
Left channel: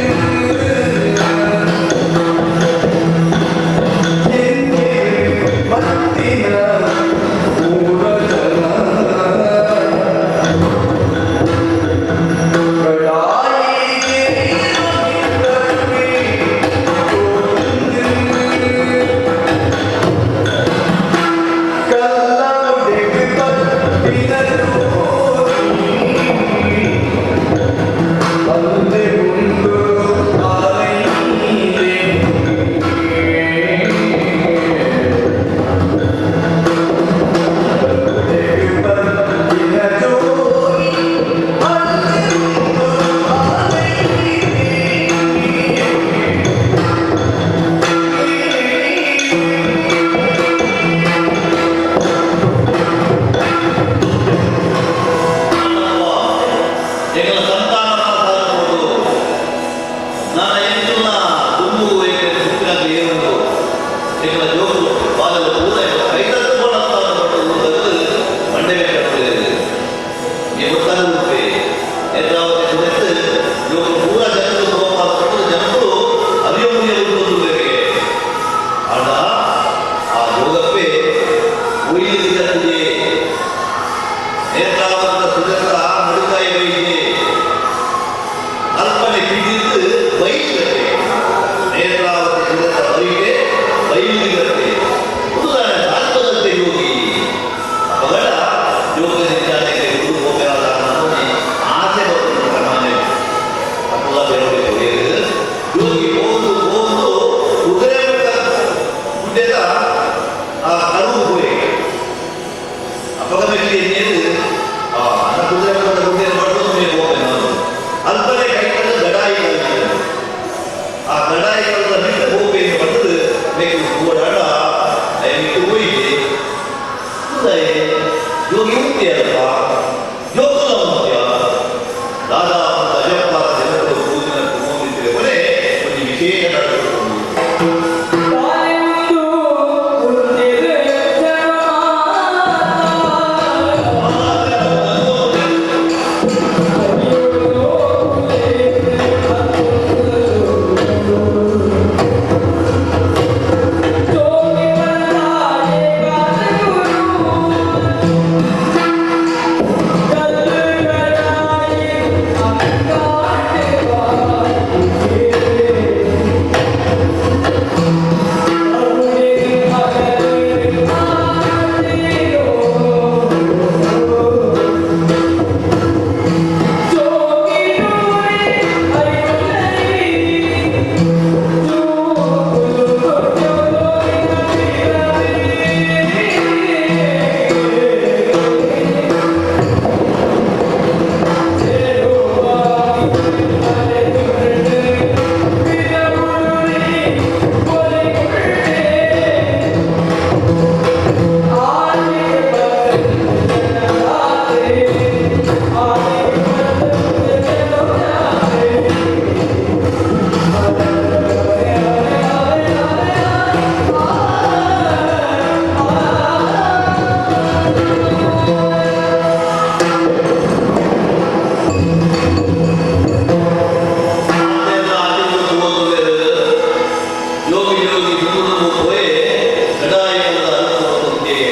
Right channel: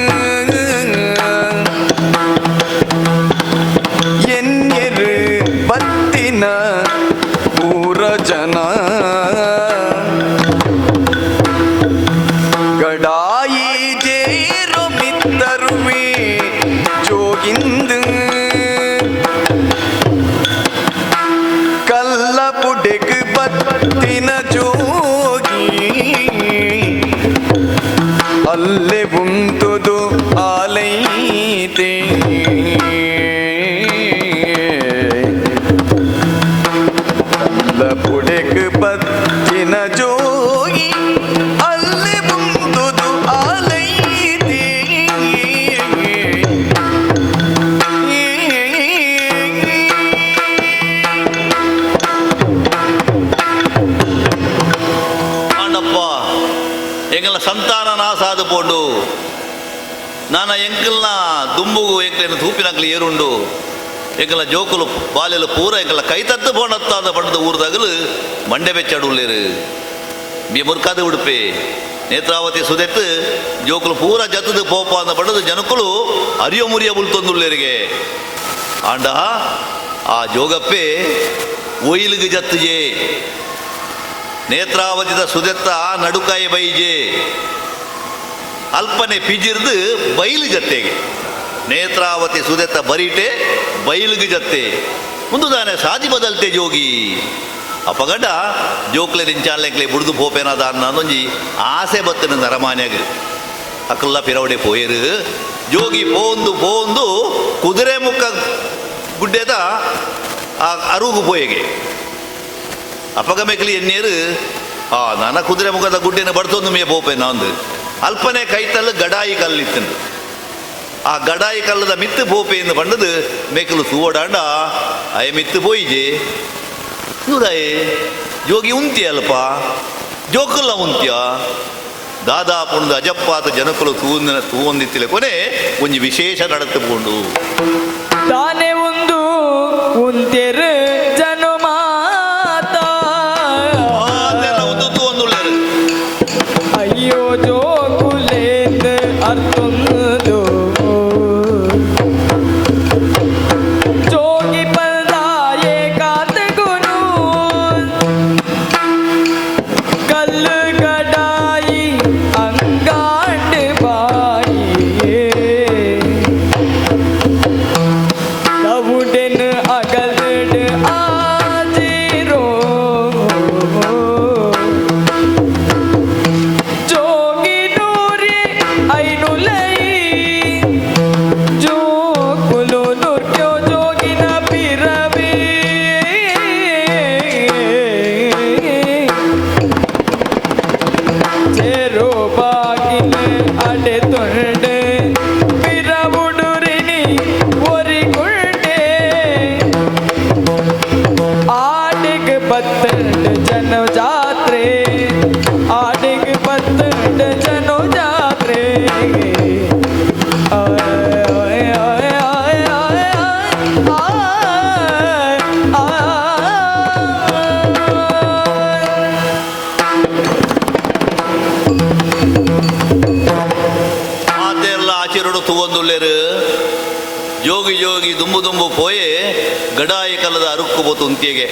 ಗಂಟೆ ಬೆಚ್ಚಾಡುಳ್ಳೇರು ಮೀ ಮುರ್ಕಾದ ಉಡುಪೆ ನೇತ್ರಾವತಿ ಸುದೆತ್ತು ಜೋಕುಲು ಪೂರ ಜಗದ ಬಹುಪಾದ ಪಡೆದು ಜನಕುಲು ಅರಿವು ಮುರಿಯ ಉಳ್ತೊಂದುಳ್ಳೇರಿಗೆ ಆಂಡ ಆ ಜೋಗಪ್ಪೆ ಒಯ್ಲಿಗೆ ಜತ್ತಜೆ ನೇತ್ರಾವತಿದ ಸುದೆತ್ತ ನಡುಕಾಯಿ ಬೈಜೆ ಅಲ್ಪನೆ ಪಿಜಿರ್ದು ಬೈಲು ಜತ್ತೆಗೆ ನೇತ್ರಾವತಿ ಸುದೆತ್ತ ಬರಿಟೆ ಬೈಲಿಗೆ ಜತ್ತೆ ಒಂದು ದಾನೆ ಸಾಧಿ ಬದಂತೆ ಜೋಗಿ ಅಪಗಡ ಜೋಕ್ಲೆ ನಿಂಚಾಲೆಕ್ಕೆ ಹುಡುದು ಹೋಗ್ಬೇರಾದ ಅನ್ನೋಂಜಿ ಆಸೆ ಬತ್ತನ ತರಮಾನೆಗೆ ಅಕ್ಕಲ್ಲ ಪಿರವಡೆ ಪೋಯಿರು ಜೋಗಿ ಪೋಂದು ಪೋಂದು ಕುದುರೆ ಮುಖ ಗುಡ್ಡೆದ ಆ ಅರುಗು ಪೋಯಿಗೆ ಅಪಗ ಮೆಕ್ಲಿ ಎಣ್ಣೀರು ನನ್ನ ಕುದುರೆ ಮುಖದ ಗುಡ್ಡೆನ ಬಡ್ತೊಂದು ಮೇ ಹೋಗ್ಬೇ ನಾನು ಅಲ್ಪನೆ ಕೈತಲ್ಲ ಗಡಾಯಿ ಕಲ್ಲಿತ್ತು ಆ ಗಡಾಯಿ ಕಲ್ಲದ ಮಿತ್ತು ಬೋಪೆಯಿಂದ ಬಂದದು ಮೇಕಲು ಸೂಡಾಡ ಅಯ ಮಿತ್ತು ಹೋಯಿಗೆ ನುರಾಯೆ ಯೋಗಿ ಉಂಟಿಯಲ್ಪ ಜೋಕಲ್ಲ ಉಂಟ್ಯ ದಾದಾ ಒಂದು ಅಜಪ್ಪಾದ ಜನಕಲು ತೂವೊಂದಿತ್ತಿಲೆ ಕೊನೆ ಒಂದು ವಿಶೇಷ ನಡಕುಕೊಂಡು ತಾನೇ ಒಂದು ಉಂತಿರು ಜನಮಾತ ಒಂದು ತೂವೊಂದುಳ್ಳೆ ಅಯ್ಯೋ ಜೋಕುಲೇಂದು ಅತ್ತೊಂದು ಜೋಗಿ ಬಂದಾಯೆ ಕಾತ ಗುರು ಕಲ್ಲು ಗಡಾಯಿ ಅಂಗಾಂಡು ಬಾಯಿ ಕವುಡಿನ ಅಗಲಡು ಆಜಿರೋ ಜೋಗಿ ನೂರಿ ಐನುಲೈ ಜೋಕುಲು ನುಟ್ಯೋ ಜೋಗಿನ ಪಿರವೇ ಚೆರೋ ಬಾಗಿಲು ಅಡೆ ತೊಂಡೆ ಪಿರವುಡುರಿನಿ ಒರಿಗುಳ್ಡೆ ಆಡಿಗೆ ಬತ್ತಂಡು ಜನ ಜಾತ್ರೆ ಆಡಿಗೆ ಬತ್ತಂಡು ಜನ ಜಾತ್ರೆ ಮಾತೆಲ್ಲ ಆಚರಣೆ ತಗೊಂಡುಳ್ಳೇರು ಯೋಗಿ ಯೋಗಿ ದುಂಬು ದುಂಬು ಪೋಯೆ ಗಡಾಯಿ ಕಲ್ಲದ ಅರುಪ್ಪು ಗೊತ್ತುಂತಿಗೆ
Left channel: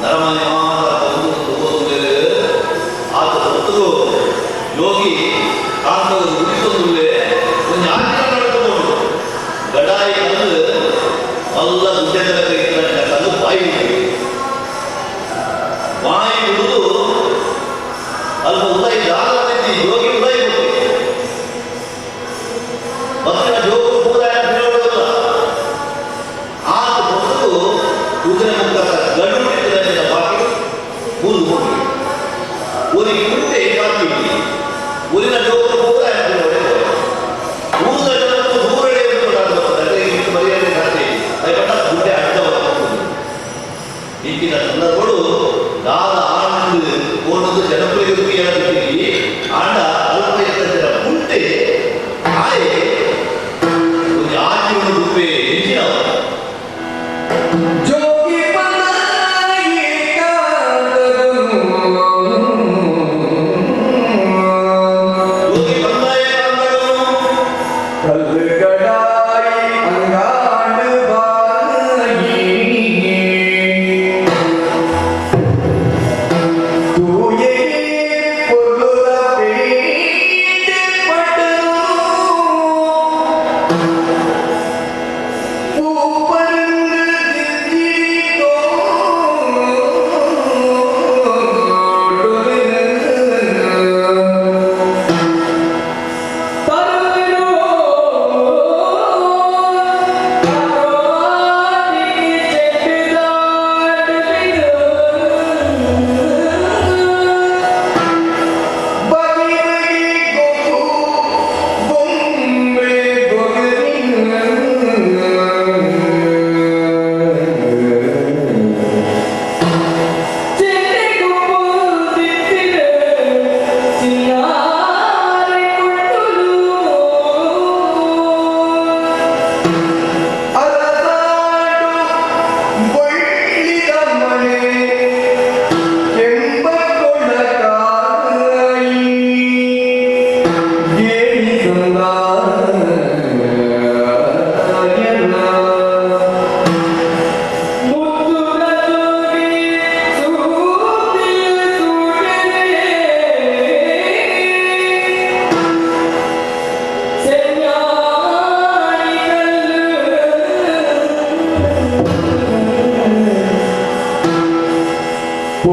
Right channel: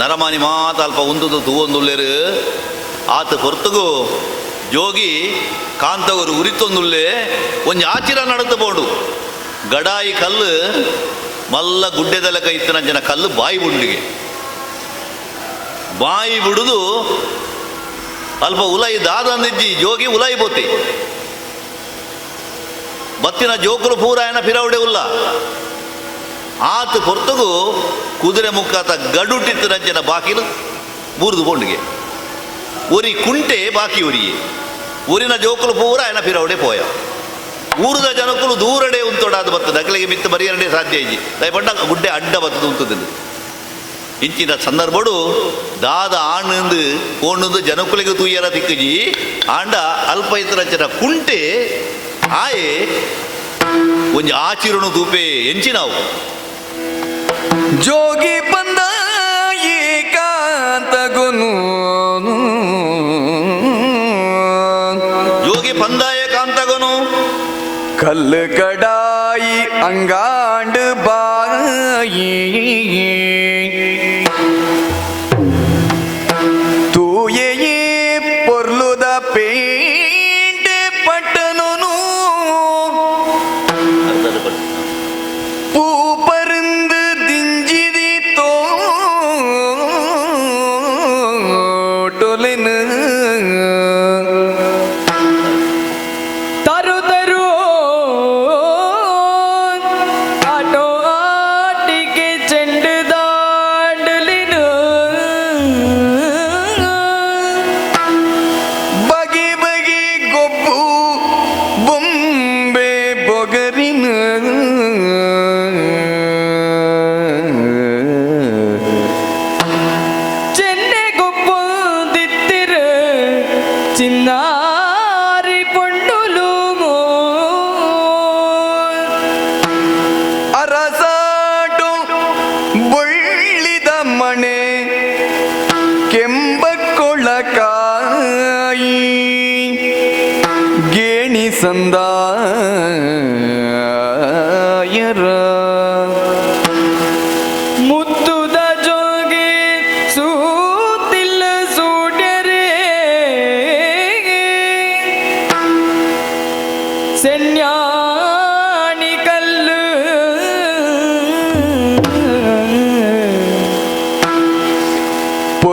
ನರಮನಿ ಮಾತ ಅಲ್ಪ ಒಂದು ತಗೊಂಡುಳ್ಳೇರು ಆತ ಹೊರತುಗು ಯೋಗಿ ಕಾಂತವರು ಉರಿತೊಂದುಳ್ಳೆ ಒಂದು ಆಚರ ನಡೆದಬಹುದು ಗಡಾಯಿ ಕಲ್ಲು ಮಲ್ಲ ಗುಡ್ಡೆದೆಲ್ಲ ಕೈತಿನ ಜನ ಕಲ್ಲು ಬಾಯಿ ಗುಂಡಿಗೆ ಬಾಯಿ ಬಿಡುದು ಅಲ್ಪ ಉಲೈ ದಾನಂದಿ ಯೋಗಿ ಉಲೈ ಬೋತಿ ಮತ್ತಿನ ಜೋಕರು ಪೂರಾಯಣ ಪಿರವಡೆ ಉಲ್ಲ ಆತ ಹೊರತುಗು ಕುದುರೆ ಮುಖದ ಗಡುಟಿತ್ತನ ಜನ ಬಾಗಿಲು ಮುರಿದು ಕೊಂಡಿಗೆ ಒರಿ ಕುಂಟೆ ಬಾಕಿ ಉರಿಯೆ ಊರಿನ ಜೋಕರು ಪೂರಾಯಣ ಪಿರವಡೆ ಪೋಯ ಊರಿನ ಜನಕರು ದೂರಡೆ ಉಂಟೊಡಾದ ಬರ್ತದೆ ಅಕ್ಕಳಿಗೆ ಮಿತ್ತ ಮರಿಯರಡೆ ಸಾಧ್ಯ ಬಣ್ಣ ಗುಡ್ಡೆ ಅಡ್ಡ ಬರ್ತದೆ ಉಂಟದೆ ಇಂಚಿನ ಸಂದರ್ಭಗಳು ದಾದ ಆನಂದ್ ಕೋಣದು ಜನಕುಲಿಗೆ ತುಯ್ಯನ ದಿಕ್ಕಜಿ ಆಂಡ ಅಲ್ಪ ಇತರ ಜನ ಕುಂಟೆ ಆಯೆ ಒಂದು ಆಚಿರಣ ದೂಪೆ ಎಂಚಿನಾವು ಜೋಗಿ ಬಂದಾಯಿ ಕಾಂತಗನು ಯೋಗಿ ಪಂದಾಯ ಕಾಂತಗನು ಕಲ್ಲು ಗಡಾಯಿ ಅಂಗಾಂಡು ಬಾಯಿ ತೂಯೇ ಪೊರ್ಲುದ ಪೇಂಡೆ ಪಟ್ಟನು ಪೂ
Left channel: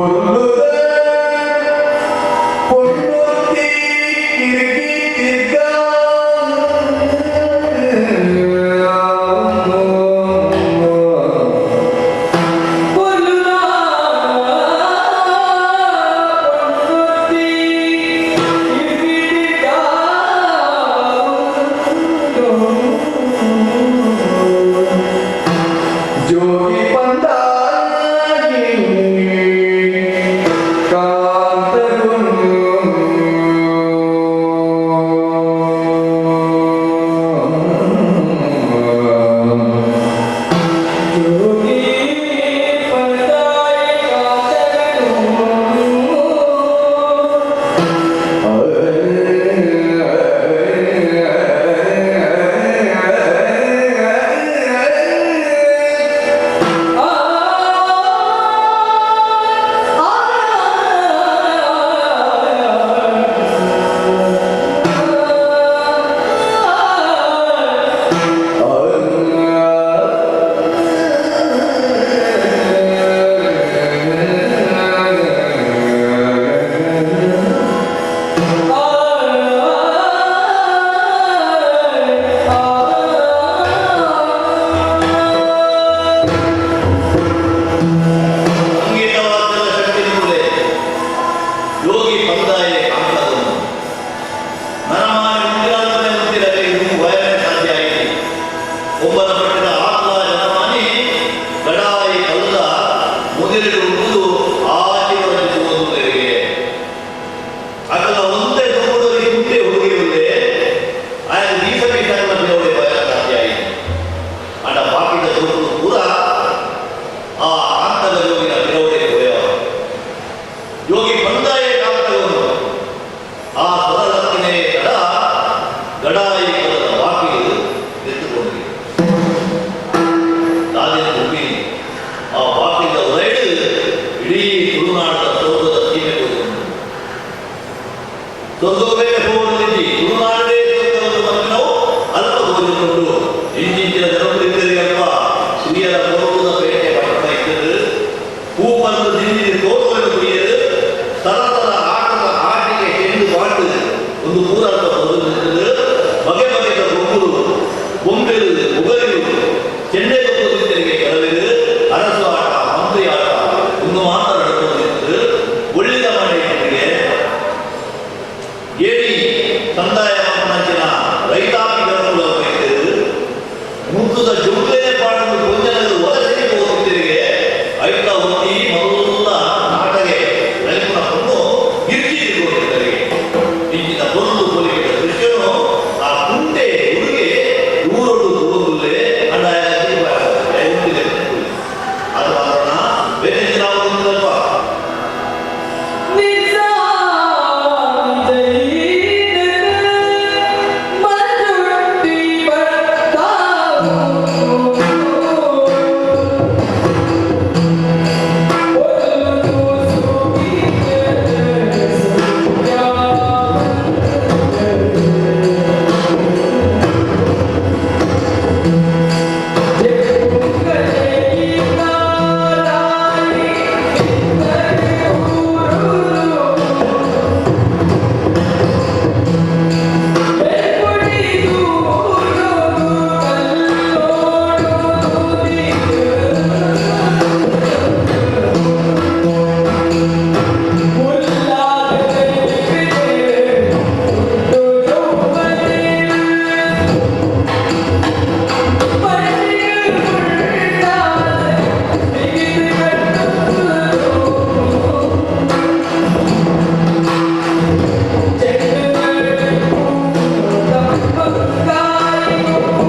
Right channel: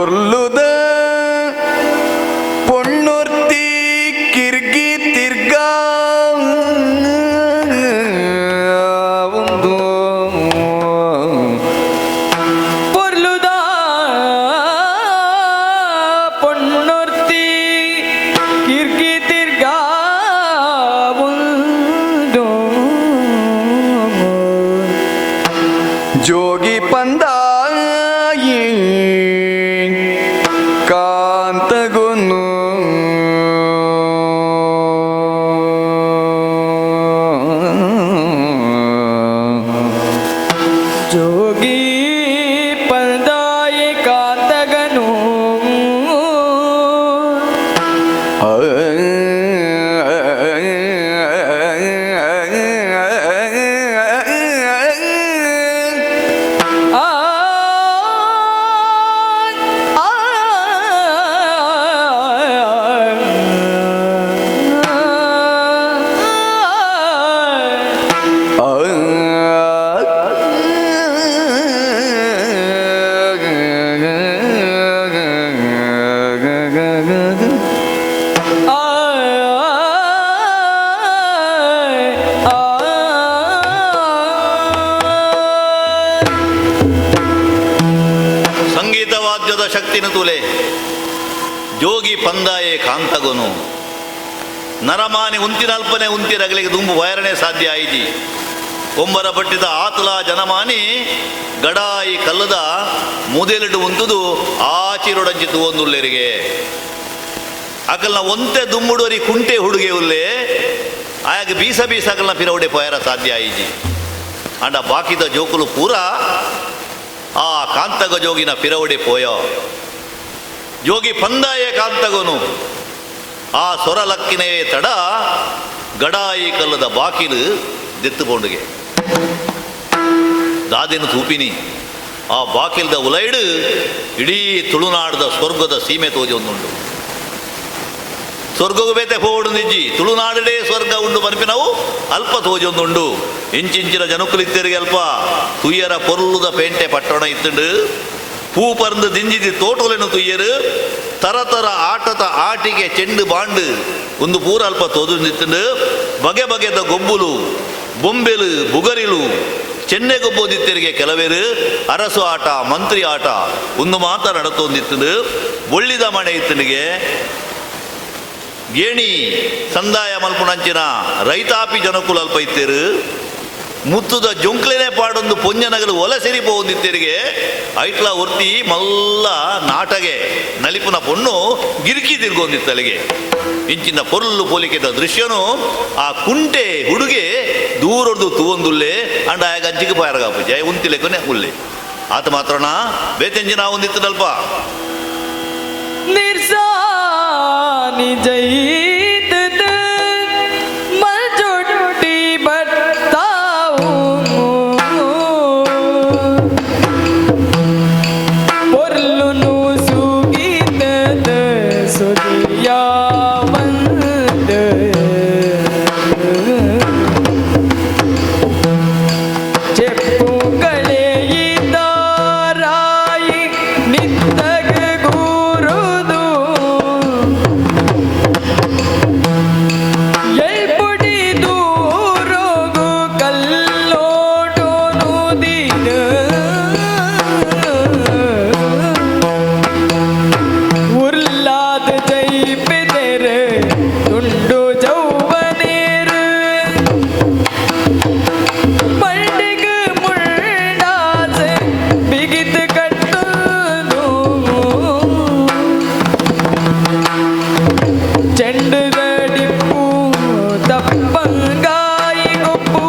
ಪೊರ್ಲುದ ಪೊಣ್ಣೊರ್ತಿ ಕಿರ್ಕಿ ತಿರ್ಗ பொருளுதா பொன்னொருத்தி கிர்கி திர்கா ಜೋಗಿ ಪಂದಾಯಿ ಕಾಂತಗುನು ಜೋಗಿ ಪಂದಾಯ ಕಾತಗನು ಆ ಸಂಗೀತ ವಾದ್ಯದ ಶಕ್ತಿನ ತುಲೆ ಜೋಗಿ ಪಂದಾಯ ಕಾಂತಗನು ನರಮಾನೆ ಉಂತಿರಲ್ಪನೆ ಉಂತಿರಗಳಿಗೆ ದುಂಬು ವೈರನೆ ಸಾಧ್ಯ ಆಯಿತಿ ಕೊಂಬರ ಪಟ್ಟಿದ ಆತಲ ಜನಮಾನಿ ಗಡಾಯಿ ಕಲ್ಲದ ಮುದಿರಿಡು ಒಂದುದು ಆಚಿರೊಡಚಿದ್ದು ಒಂದುಲ್ಲೆರಿಗೆ ಅಕಲ್ಲ ಒಂತೆ ದುಮ್ಮುಡುರಿ ಕುಂಟೆ ಹುಡುಗಿ ಉಲ್ಲೆ ಆಯಾಗ ಬೀಸ ಬೀಸಕಲ್ಲ ಪಿರವಡೆ ಪಯರ ಸಾಧ್ಯ ಆಯಿತಿ ಅಡ ಬಾಕಿದ ಜೋಕುಲು ಪೂರ ಆ ಕಾಂತಗ ಜೋಗಿನ ಪಿರವಡೆ ಪೋಯೋ ಜೋಗಿ ಪಂದಾಯ ಕಾಂತಗನು ಆ ಸೊರಲಕ್ಕಿನೇ ತಡ ಗಡಾಯಿ ಕಲ್ಲದ ಬಾಕಿಲು ದಿತ್ತುಬೋಡುಗೆ ದಾದಿನ ತೂಪಿನಿ ಆ ಬಾಕಿಲ್ದ ಉಲೈಡು ಇಡೀ ತುಳುನಾಡದ ಸ್ವರ್ಗದ ಸೀಮೆ ತೋಜಿ ಉಂಟು ಸ್ವರ್ಗವು ಬೇತೆ ಹೋಗುಡು ನಿಜ್ಜಿ ತುಳುನಾಡಲೇ ಸ್ವರ್ಗ ಉಂಡು ಮನಪಿ ನಾವು ಅಲ್ಪ ತೋಜಿ ಉಂಟುಂಡು ಎಂಚಿಂಚಿನ ಜನಕುಲಿದ್ದರಿಗೆ ಅಲ್ಪ ತುಯ್ಯರ ಪೊರುಳುದ ಪೇಟೆ ಪಟ್ಟಣ ಇತ್ತಂಡು ಪೂ ಪರ್ದು ದಿಂಜಿದಿ ತೋಟುಲೆನು ತುಯ್ಯರು ತರತರ ಆಟದ ಆಟಿಗೆ ಚೆಂಡು ಬಾಂಡು ಒಂದು ಪೂರ ಅಲ್ಪ ತೋದು ನಿಂತಂಡು ಬಗೆ ಬಗೆದ ಗೊಬ್ಬುಲು ಬೊಂಬೆಲು ಬುಗರಿಲು ಚೆನ್ನೆ ಗೊಬ್ಬುದಿತ್ತರಿಗೆ ಕೆಲವೇರು ಅರಸು ಆಟ ಮಂತ್ರಿ ಆಟ ಒಂದು ಮಾತ ನಡತೊಂದಿತ್ತಂಡು ಒಳ್ಳಿದ ಮನೆ ಇತ್ತನಿಗೆ ಏಣಿ ಸಂದಾಯ ಮಲ್ಪುಣಂಚಿನ ರೈತಾಪಿ ಜನಕುಲ ಬೈತೇರು ಮುತ್ತುದ ಜೊಂಕ್ಲೆನೆ ಪಾಡೊಂದು ಪೊಂಜನಗಲು ಒಲಸೆರಿ ಬೋದಿತ್ತಿರಿಗೆ ಐಟ್ಲ ಒತ್ತಿ ಮಲ್ಲ ನಾಟಗೆ ನಲಿಪುನ ಪೊಣ್ಣು ಗಿರ್ಕಿ ತಿರ್ಗೋದಿತ್ತಲಿಗೆ ಇಂಚಿನ ಪೊರ್ಲು ಪೋಲಿಕೆಟ ದೃಶ್ಯನು ಆ ಕುಂಟೆ ಹುಡುಗಿ ದೂರೊಂದು ತೂವೊಂದುಲ್ಲೆ ಅಂಡ ಗಂಜಿಗೆ ಪಾಯರಾಗ ಜಯ ಉಂತಿಲೆ ಕೊನೆ ಮುಲ್ಲೆ ಅದು ಮಾತ್ರನ ಬೇತೆಂಜಿನ ಒಂದಿತ್ತಲ್ಪ ನಿರ್ಸಾನಿ ಜೈತದ ಮಜುಟ್ಟಿ ಬತ್ತಾವು ಪೊರ್ಲುನು ಸುಗೀತದ ಸುರ್ಯಾವಂದ ಚೆಪ್ಪು ಕಳೆಯಿದಾರಾಯಿ ನಿತ್ತಗ ಗುರುದು ಎಲ್ಪುಡಿ ದೂರುಗು ಕಲ್ಲೋಡು ನುದಿದು ಉರ್ಲಾದ ಜೈಪಿದರು ತುಂಡು ಜೌವನೇರು ಪಂಡಿಗ ಮುಳ್ಳಾದ ಬಿಗಿದು ಕಟ್ಟುದು ಚೆಂಡುದ ಡಿಪ್ಪು ದಪ್ಪಂಗಾಯಿ ಗೊಪ್ಪು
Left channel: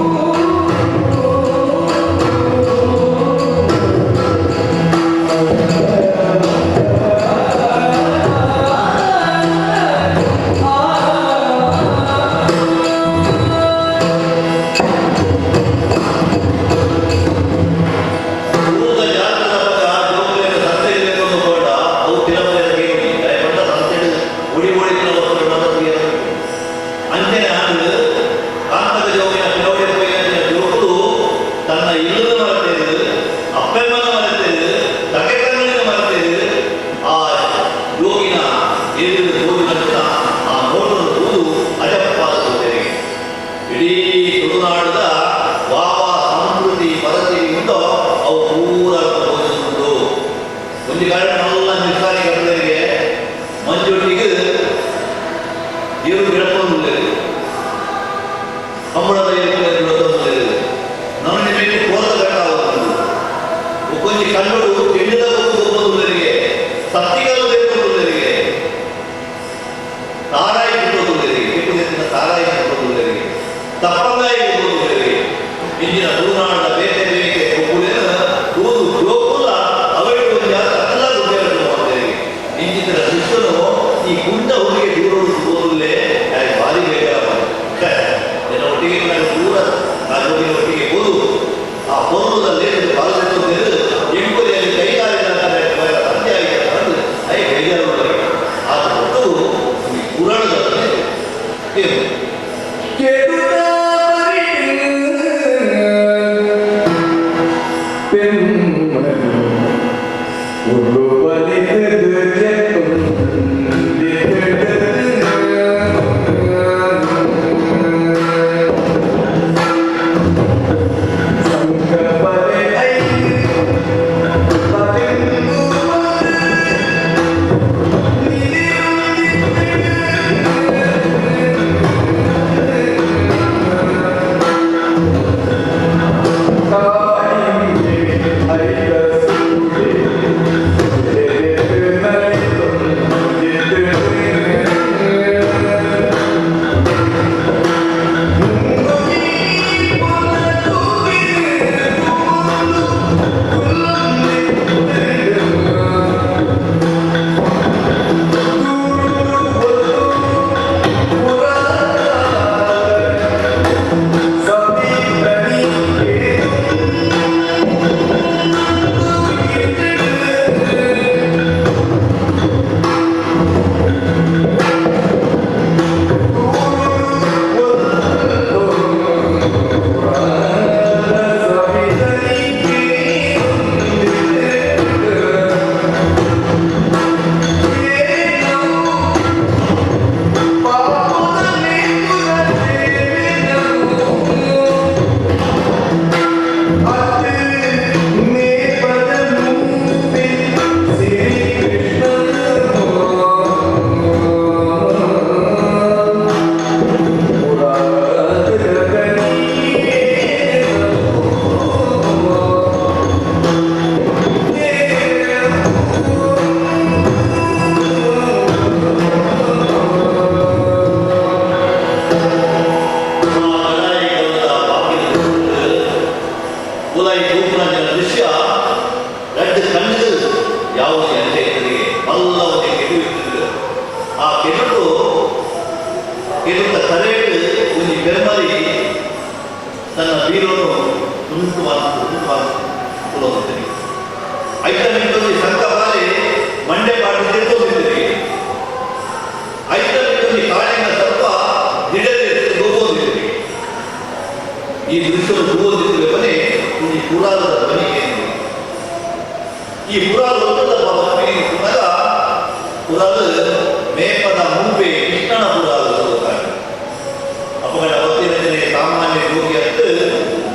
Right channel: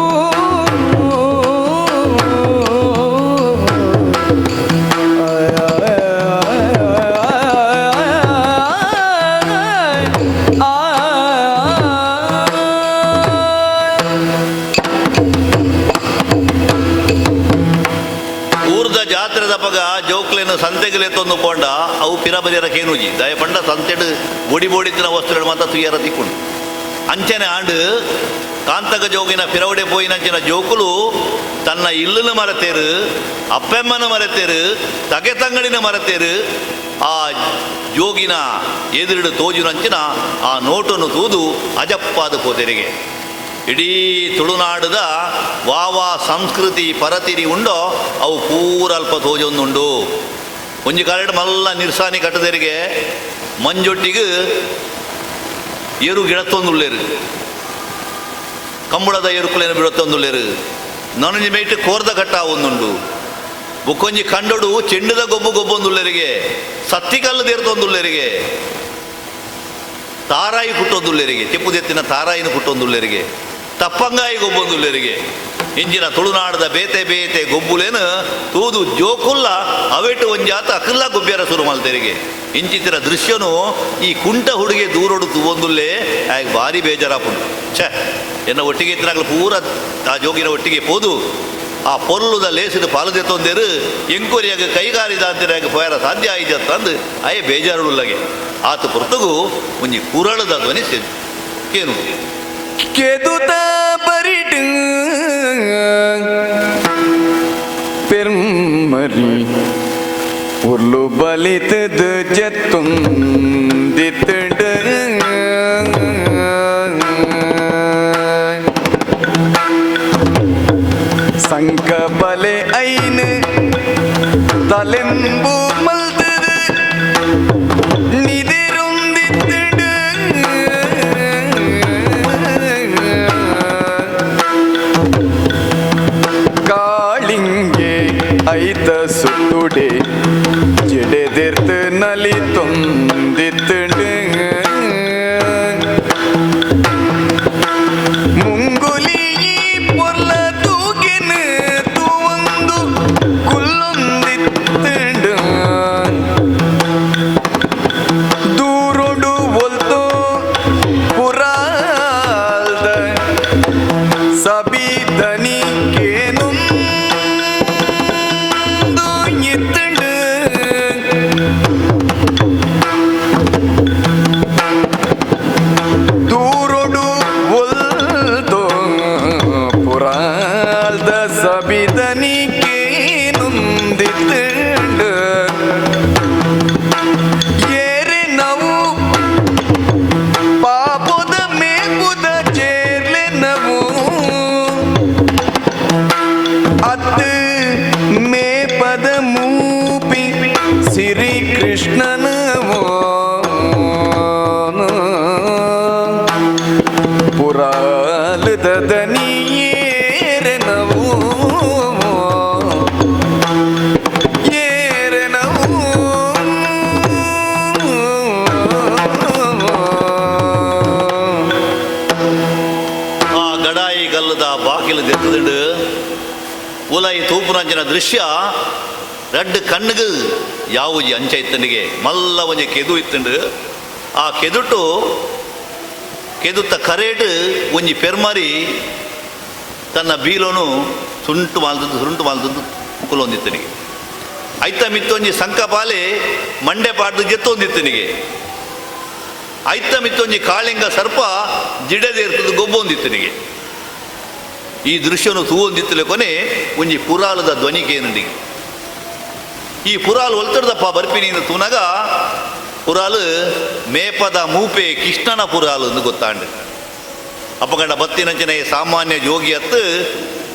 ಊರ್ದ ಜಾತ್ರೆದ ಬಗ ಜೋಕ್ಲೆನ ಸಂತೆಗಲೆ ತಂದುಕೊಂಡ ಅವು ಪಿರಬರಿಯರ ಕೇನುಜಿ ದಯ ಪಂಡ ಸಂತೆಡು ಒಡಿ ಬೋಡಿದ್ರ ವಸ್ತ್ರ ಮಾತ ತುಯ್ಯರ ತಿಕ್ಕುಡು ಅಂಚನೆ ಆಂಡು ಕಾಂತಗ ಜೋಗಿನ ಪಿರವಡೆ ಪೋಯಿನಂಚಿನ ಜೋಕುಲು ತನ್ನ ಇಲ್ಲದ ಮರತೇರು ಅಪ್ಪೆಮ್ಮನ ಮರತೇರು ತಗೆ ತಂಗಳಿನ ಮರತೇರು ಆ ಯೋಗಿನ ಎದುರಿಡು ತೋಜುನಂಚಿನ ಆ ನೋಟನ್ನು ತೂದು ಅಜಪ್ಪಾದ ಕೋತೆರೆಗೆ ಇಡೀ ತುಳುನಾಡದ ವಾವ ಸಂಸ್ಕೃತಿ ಪರತಿರಿ ಉಂಡೋ ಅವು ಪೂರ ಅಲ್ಪ ತೋಜೊಂದುಂಡು ಒಂಜಿ ಗಾರ್ಡ್ ಮಲ್ಲ ನಿರ್ಸಾನಿ ಕಟ್ಟದರಿಗೆ ಮಂಜೊಟ್ಟಿಗೆ ಏರು ಗಿಡತ್ತೊಂದುಳ್ಳೇರು ಕಮ್ಮಳದ ಏರುಕುಲೇರು ಗಿಡತ್ತೊಂದುಳ್ಳೇರು ನನಗೆ ಮೆಟ್ಟೆ ಕೋರ್ದ ಕಟ್ಟ ಒಂದುಂಡು ಬುಕ್ಕೊಂಜಿ ಕಂಡುಡು ಚೆಂಡಿದ ಗೊಬ್ಬೊಂದುಳ್ಳರಿಗೆ ಸತ್ತಿಕಲ್ಲು ದೇರ್ತೊಂದುಳ್ಳರಿಗೆ ತಾರಾಯಿ ಪುಟ್ಟೊಂದುಳ್ಳರಿಗೆ ಕೆಪ್ಪುದೆತ್ತಿನ ತಾರಾಯಿದ ಪುಟ್ಟೊಂದುಳ್ಳರಿಗೆ ತಪ್ಪಂಗಾಯಿ ಗೊಬ್ಬೊಂದುಳ್ಳರಿಗೆ ಇಂಜಿನ ತುಳುನಾಡದ ಬೇತೆ ಬೇತೆ ಗೊಬ್ಬುಲೇನು ತೂದು ಜೋಕುಲ್ಲ ಅವೆಟ್ಟು ಒಂಜಿ ಆತ ಅಕ್ಕಲ್ಲ ಗೊಬ್ಬೆರ ಶುರು ಮಾಡ್ತೇರಿಗೆ ಇಂಜಿನ ದೃಶ್ಯನು ಈ ಕುಂಟ ಹುಡುಗಿ ದೂರೊಡು ತೂವೊಂದುಲ್ಲೇ ಭಾರಿ ಬೇಜಾರಪ್ಪ ಛ ಎನ್ನ ಒಟ್ಟಿಗೆ ಇದ್ರಾಗ ದೂರ ಆ ಜೋಗಿನ ಒಟ್ಟಿಗೆ ಹೋದು ಆ ಪೊರ್ಲುದ ಲೇಸಿದ ಪಾಲದೆ ತೊಂದೇರು ಎಂಕುರಿಯಾಗ ಕೈಗಾರಿದ ಅಂತಾರೆ ಹೋಯರ ಸಾಧ್ಯ ಆಯ್ತು ಅಂತಂದು ಅಯ್ಯ ಬೇಜಾರುಳ್ಳಗೆ ಆತ ಕೊಟ್ಟಗೂ ಒಂಜಿ ಪುರಾಣದ ಧ್ವನಿ ಕೇಳು ಕೆದುತ ಬರಿಡು ಪೆರುಮರಿ ಉರ್ಲು ಬಲಿತದು ಜತ್ತುಂದಿತ್ತಡು ಸಂಕ ಬಲೆ ಐನು ತಲೆಂಬು ಮಲ್ದರು ನಿದಿರುಂದಿತ್ತಡು ಕಾಳಿಂಗೆ ಐತ ಸುತ್ತುಡೆ ಜಿಡೆದೆತ್ತು ನಲಿ ತೊಂದಿತ್ತಡು ಮುಂಗುಲಿ ಪೊಲ್ಲ ತೂಗಿನ ತೂವಂದು ಕುಲ್ಲೊಂದಿತ್ತಡು ದೂರುಡು ಒಲ್ದು ಪುರಾದ ಸಬೀದನಿ ಕೇನುಂದು ಇತ್ತಡು ದೂರುಡು ಒಲ್ದು ಪುರಾದ ಸಬೀದನಿ ಕೇನುಂದಿತ್ತಡು ಏರೆ ನಾವು ಪಾಪದ ಮೇಪುದ ಜೇಲೆ ನಾವು ಅತ್ತೆ ಮೇಪದ ಮೂಪಿ ಸಿರಿ ಕೃಷ್ಣನವೋ ಪುರಾದ ದನಿ ಏರೆ ನಾವು ಏರೆ ಆ ಗಡಾಯಿ ಗಲ್ಲದ ಬಾಗಿಲು ನಿಂತುಕೊಂಡು ಉಲಾಯಿ ತೋಪುರಂಜನ ದೃಶ್ಯ ರಡ್ಡು ಕಣ್ಣುಗಳು ಯಾವ ಅಂಚೆ ಇತ್ತನಿಗೆ ಮಲ್ಲ ಒಂಜಿ ಕೆದು ಇತ್ತುಂಡು ಆ ಕೆದುಟ್ಟು ಕೆದುತ್ತ ಕರೇಟ್ ಒಂಜಿ ಪೆರ್ಮರಿ ತನ್ನ ಬೀಲೋನು ಸುಂಟು ಮಾಲ್ತದ್ದು ಕುಲೊಂದಿತ್ತನಿಗೆ ಐತ ಮಿತ್ತೊಂಜಿ ಸಂಕ ಬಾಲೆ ಮಂಡೆ ಪಾಡ್ದು ಗೆತ್ತೊಂದಿತ್ತನಿಗೆ ಐತ ಮಿತ್ತೊಂಜಿ ಕಾಳಿಂಗ ಸರ್ಪ ಜಿಡದೆ ಇರ್ತದೆ ಗೊಬ್ಬೊಂದಿತ್ತನಿಗೆ ಈ ದೃಶ್ಯವನ್ನು ತೂವೊಂದಿತ್ತಲೆ ಕೊನೆ ಒಂಜಿ ಪುರಾಲದ ಧ್ವನಿಗೇನಿದೆ ಈ ಪುರಾಲು ಒತ್ತಡದಪ್ಪ ಬರ್ಪಿನಿ ತೂನಾಗ ಪುರಾಲು ಮೇಪದ ಮೂಪೆ ಕೃಷ್ಣನ ಪುರಾಲು ಎಂದು ಗೊತ್ತಾಂಡು ಅಪ್ಪಗಂಡ ಬತ್ತಿರಂಜನೆ ಸಾಮಾನ್ಯ ಜೋಗಿ ಅತ್ತು